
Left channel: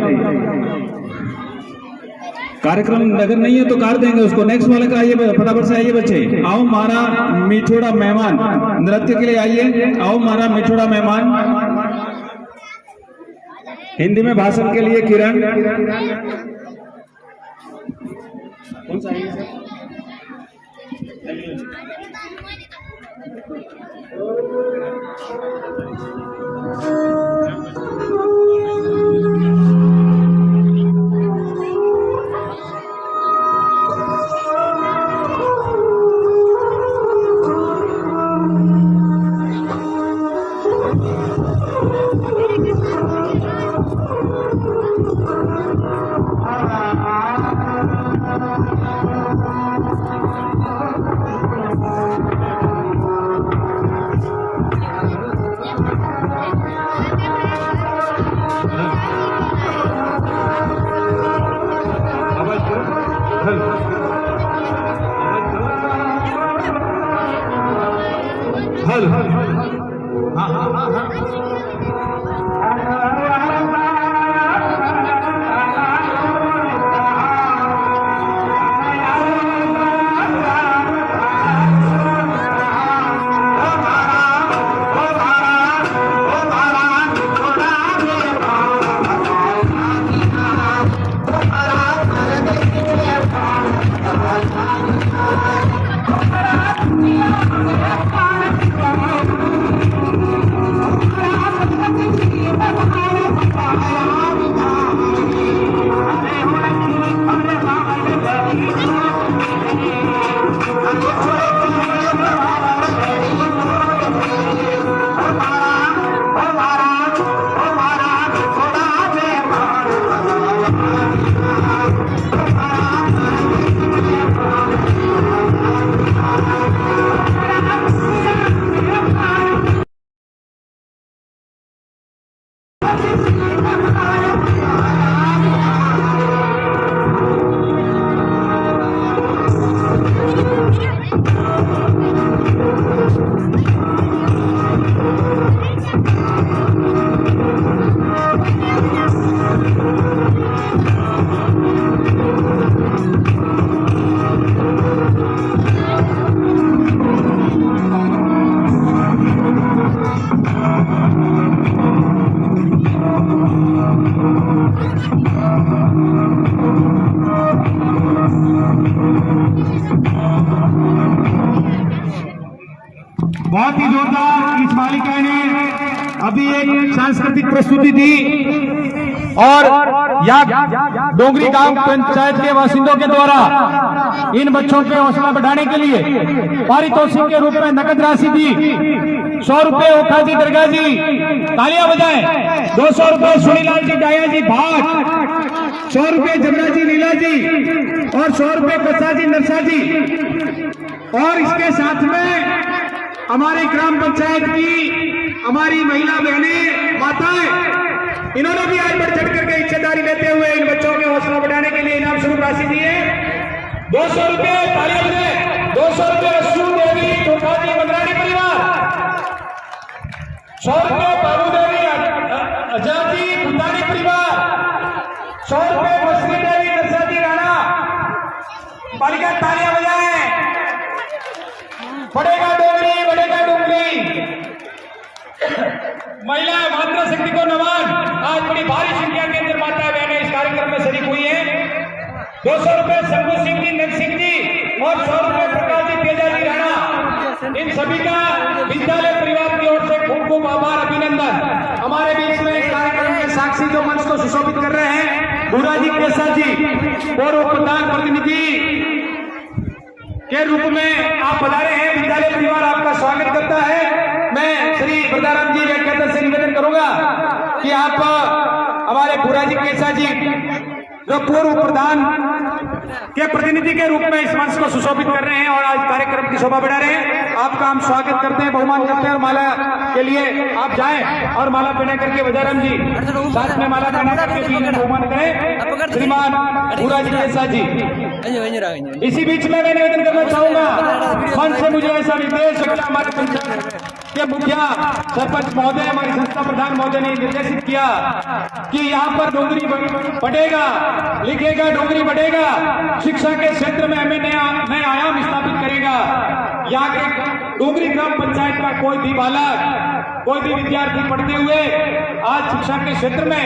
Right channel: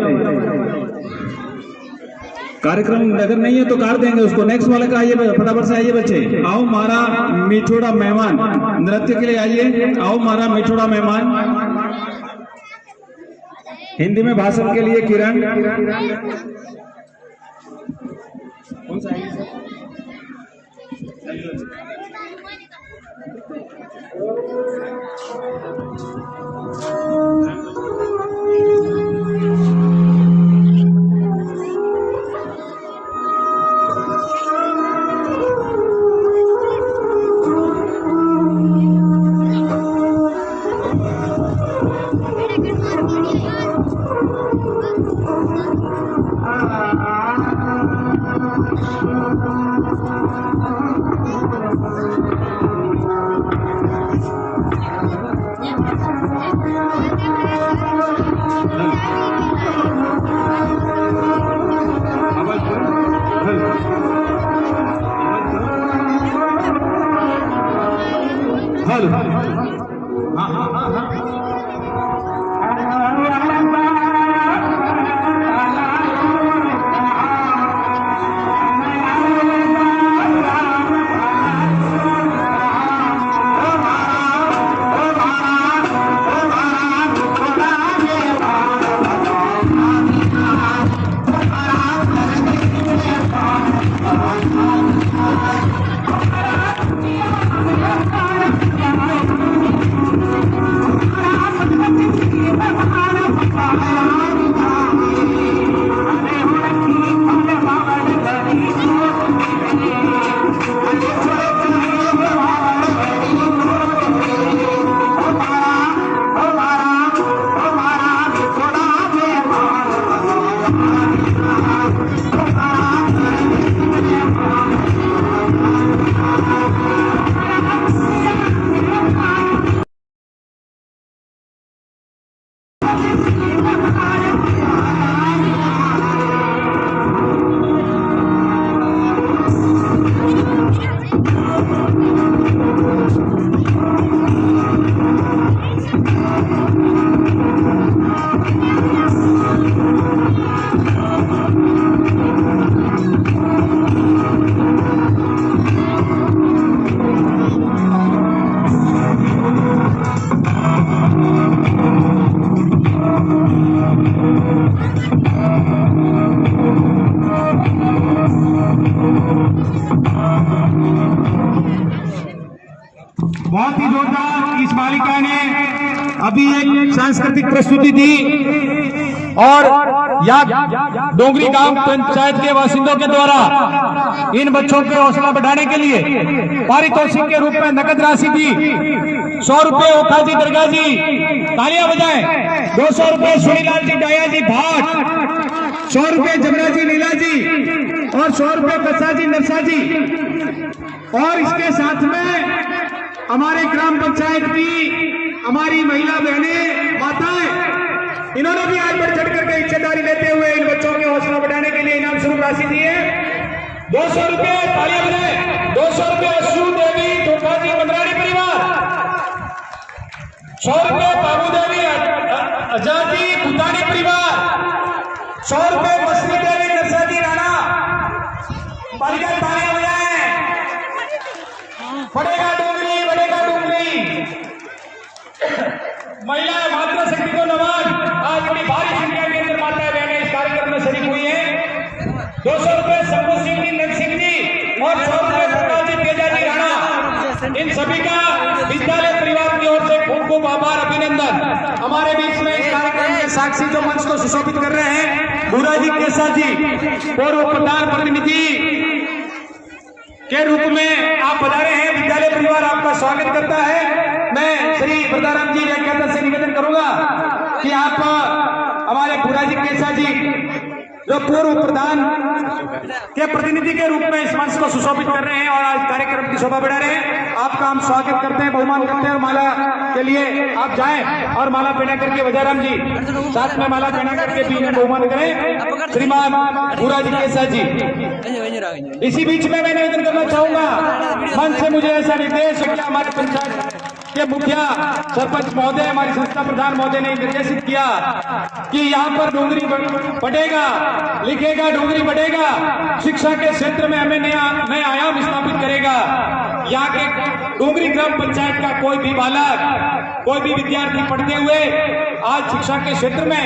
कार्यक्रम अगर नहीं है तो काट देंगे उसको। नेक्स्ट वाले का आइए, फटाफट से आइए बच्चे। आओ मारा मिठोड़ा मेहमान, नृत्य के लिए आइए। आओ मारा मिठोड़ा मेहमान। हिंदी में भाषण के लिए किरण। कौन सा आइए सर? बहुत ही जोरदार इस बालिका ने अभी एक सांस्कृतिक प्रस्तुति दी और यहाँ डोंगरी गांव पंचायत के बासिंदों के द्वारा इन बच्चों के हौसला बढ़ाने के लिए पारितोषिक के रूप में नकद राशि दी। 100 रुपए ओखा जी दरगाह जी, तालियां बजाएं। 200 रुपए सुनीलाल जी डाया जी भाट, 100 रुपए जमुना जी नीला जी और 100 रुपए कच्चा जी नरसा जी। और इसके साथ में हमारे ग्राम पंचायत की हमारी महिला बहनें माताएं इन्होंने भी आज बढ़ चढ़ करके हिस्सेदारी लेते हुए इन बच्चों के हौसला बढ़ाने के लिए इनाम स्वरूप राशि दी है 200 रुपये। तालियां बजाएं। 200 रुपये अश्रू देवी तुर्काजी मंदरारी परिवार, 100 रुपये बाबू देवी आजादी भूतानी परिवार, 100 रुपये मछली देवी नरसाजी राणा। बालिका तालियां बजाएं। बढ़ेगा डोंगरी, बढ़ेगा डोंगरी। महिलाएं मातृ शक्ति को नमन। आज बड़ी भारी संख्या के अंदर माताएं बहनें इस कार्यक्रम में शरीक हुई है। 200 रुपये शंभू सिंह जी, नग सिंह जी और 100 रुपये प्रकाश जी तेजाजी राणा। इन सभी का विद्यालय परिवार की ओर से खूब खूब आभार, अभिनंदन। हमारे बीच में इस कार्यक्रम के साक्षी जो मंच को सुशोभित कर रहे हैं भूराजी केसर जी, पूर्व प्रधान प्रतिनिधि के रूप में आप पधारे हैं। विद्यालय परिवार आपका स्वागत करता है। मैं श्री प्रदाराम जी व्याख्याता से निवेदन करूंगा कि आप हमारे भूराजी केसर जी जो पूर्व प्रधान के प्रतिनिधि के रूप में इस मंच को सुशोभित कर रहे हैं और आज कार्यक्रम की शोभा बढ़ा रहे हैं, आपका हम स्वागत करते हैं, बहुमान करते हैं। और माला के लिए आप जाएं और माला पहना करके वजाराम जी साथ में माला पहना करके भी इन्हें बहुमान करें श्रीमान भूराजी केसर जी। इसी बीच में मैं निवेदन करना चाहूंगा, मंच से मुझे ऐसा निर्देश है कि हमारे पंचायत के मुखिया सरपंच महोदय, हमारी संस्था प्रधान महोदय ने निर्देशित किया कि यहाँ पर डोंगरी बढ़ेगा, लिखेगा डोंगरी बढ़ेगा, शिक्षा के क्षेत्र में हमें नया आयाम स्थापित करेगा। यहाँ के डोंगरी ग्राम पंचायत का कोई भी बालक, कोई भी विद्यार्थी पढ़ते हुए आज शिक्षा के क्षेत्र में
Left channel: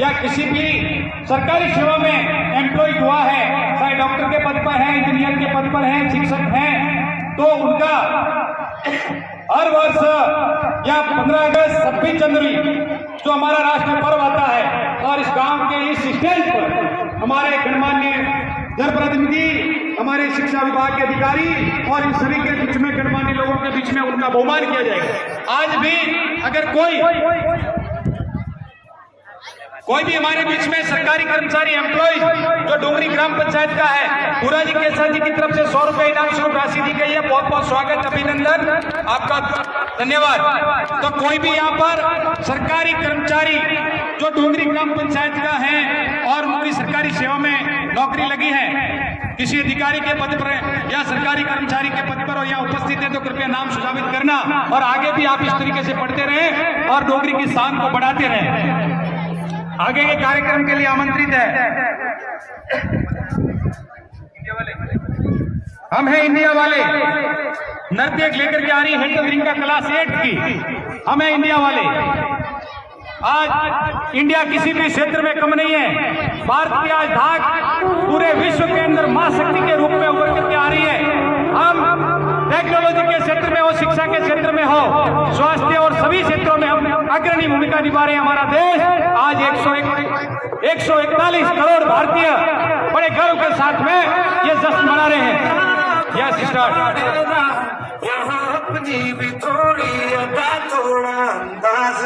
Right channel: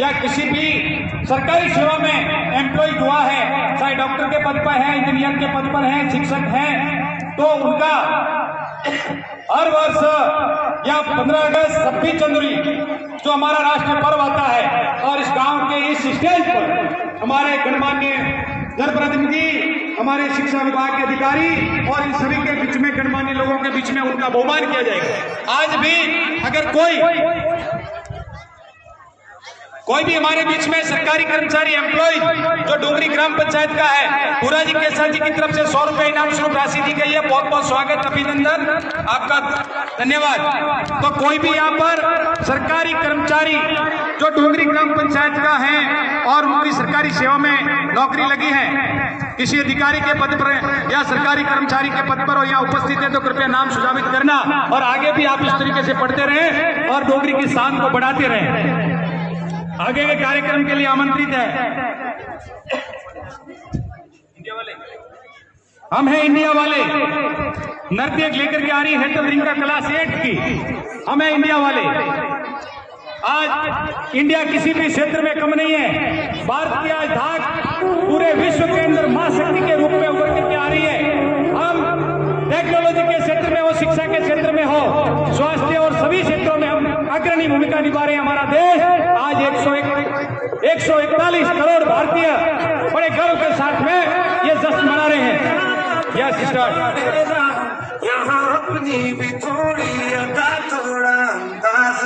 या किसी भी सरकारी सेवा में एम्प्लॉय हुआ है, चाहे डॉक्टर के पद पर है, इंजीनियर के पद पर है, शिक्षक है, तो उनका हर वर्ष या 15 अगस्त 26 जनवरी जो हमारा राष्ट्रीय पर्व आता है और इस गांव के इस स्टेज पर हमारे गणमान्य जनप्रतिनिधि, हमारे शिक्षा विभाग के अधिकारी और इन सभी के बीच में गणमान्य लोगों के बीच में उनका बहुमान किया जाएगा। आज भी अगर कोई भी हमारे बीच में सरकारी कर्मचारी एम्प्लॉय जो डोंगरी ग्राम पंचायत का है, भूराजी केसर जी की तरफ से 100 रुपये इनाम स्वरूप राशि दी गई है। बहुत बहुत स्वागत, अभिनंदन, आपका धन्यवाद। तो कोई भी यहाँ पर सरकारी कर्मचारी जो डोंगरी ग्राम पंचायत का है और उनकी सरकारी सेवा में नौकरी लगी है, किसी अधिकारी के पद पर या सरकारी कर्मचारी के पद पर हो या उपस्थित है, तो कृपया नाम सुझावित करना और आगे भी आप इस तरीके से पढ़ते रहें और डोंगरी की शान को बढ़ाते रहें। आगे के कार्यक्रम के लिए आमंत्रित है हम हैं इंडिया वाले, नृत्य लेकर के आ रही है तो वृंदा क्लास 8 की, हम हैं इंडिया वाले। आज इंडिया किसी भी क्षेत्र में कम नहीं है। भारत की आज धाक पूरे विश्व के अंदर महाशक्ति के रूप में उभर करके आ रही है। हम टेक्नोलॉजी के क्षेत्र में हो, शिक्षा के क्षेत्र में हो, स्वास्थ्य और सभी क्षेत्रों में हम अग्रणी भूमिका निभा रहे हैं। हमारा देश आज 141 करोड़ भारतीय बड़े गर्व के साथ में ये जश्न मना रहे हैं। यस सिस्टर, यहाँ अपनी भी थोड़ी अदा थोड़ा अंदाज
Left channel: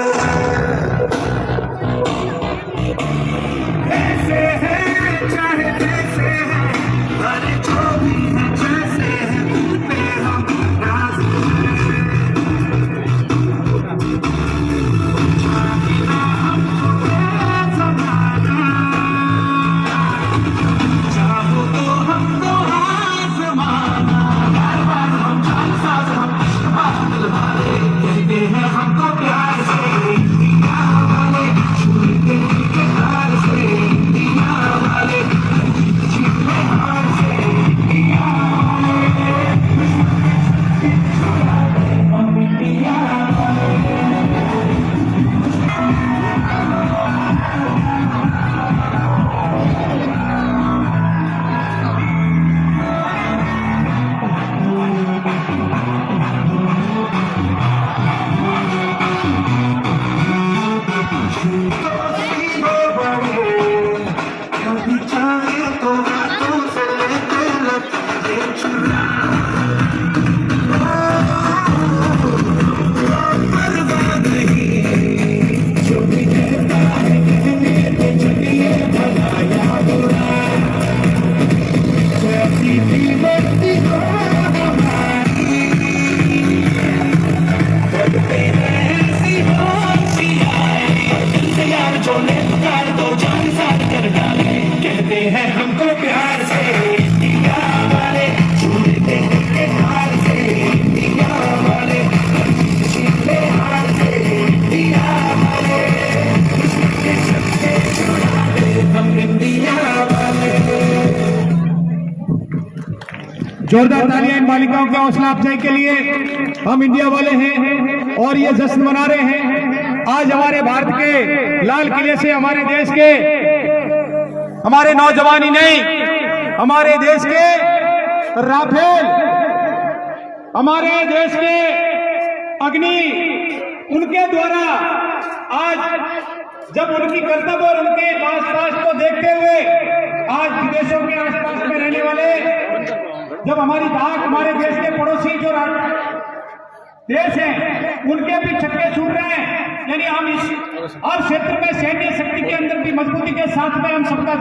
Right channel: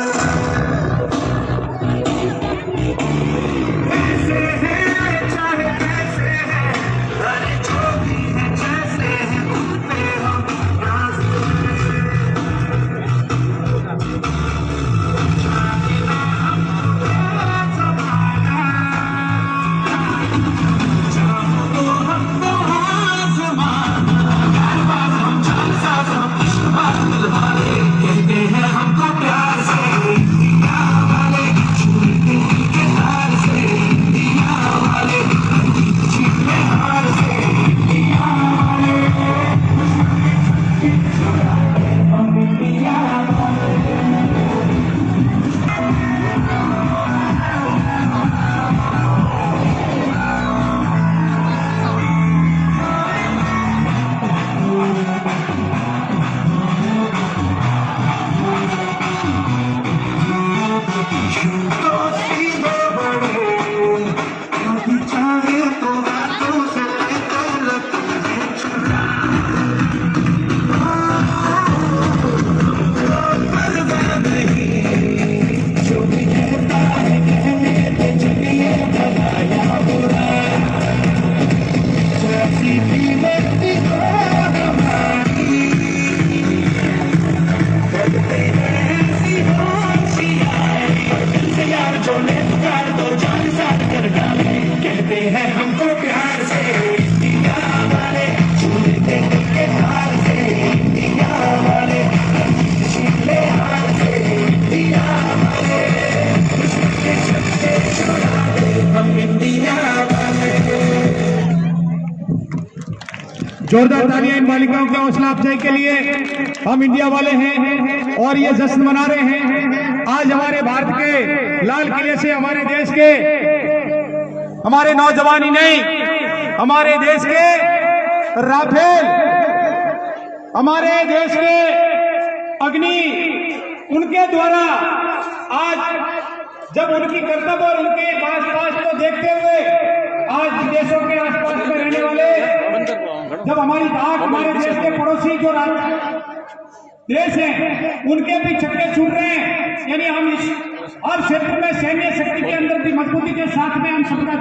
कैसे है, चाहे कैसे है, अरे जो भी है जैसे है, तुम पे हम नाज कहते हैं हमको प्यार से जोरदार तालियां इन बालिकाओं के हौसला अफजाई के लिए। हम इंडिया वाले हैं और ये जश्न मना रहे हैं। आज हमारे भारत के लाल किले से हमारे देश के हमारे नौजवान ही नहीं, हमारे देश के राफेल, हमारे देश के अग्नि, उनके द्वारा आज जब उनकी कर्तव्य और उनके आसपास को देखते हुए आज विदेशों के आसपास में रहने वाले, जब हमारी धाक हमारे देश के पड़ोसी जो देश हैं उनके भी छक्के छूट रहे हैं, यानी हम इस हर क्षेत्र में सैन्य शक्ति के अंदर भी मजबूती के साथ में हम सबका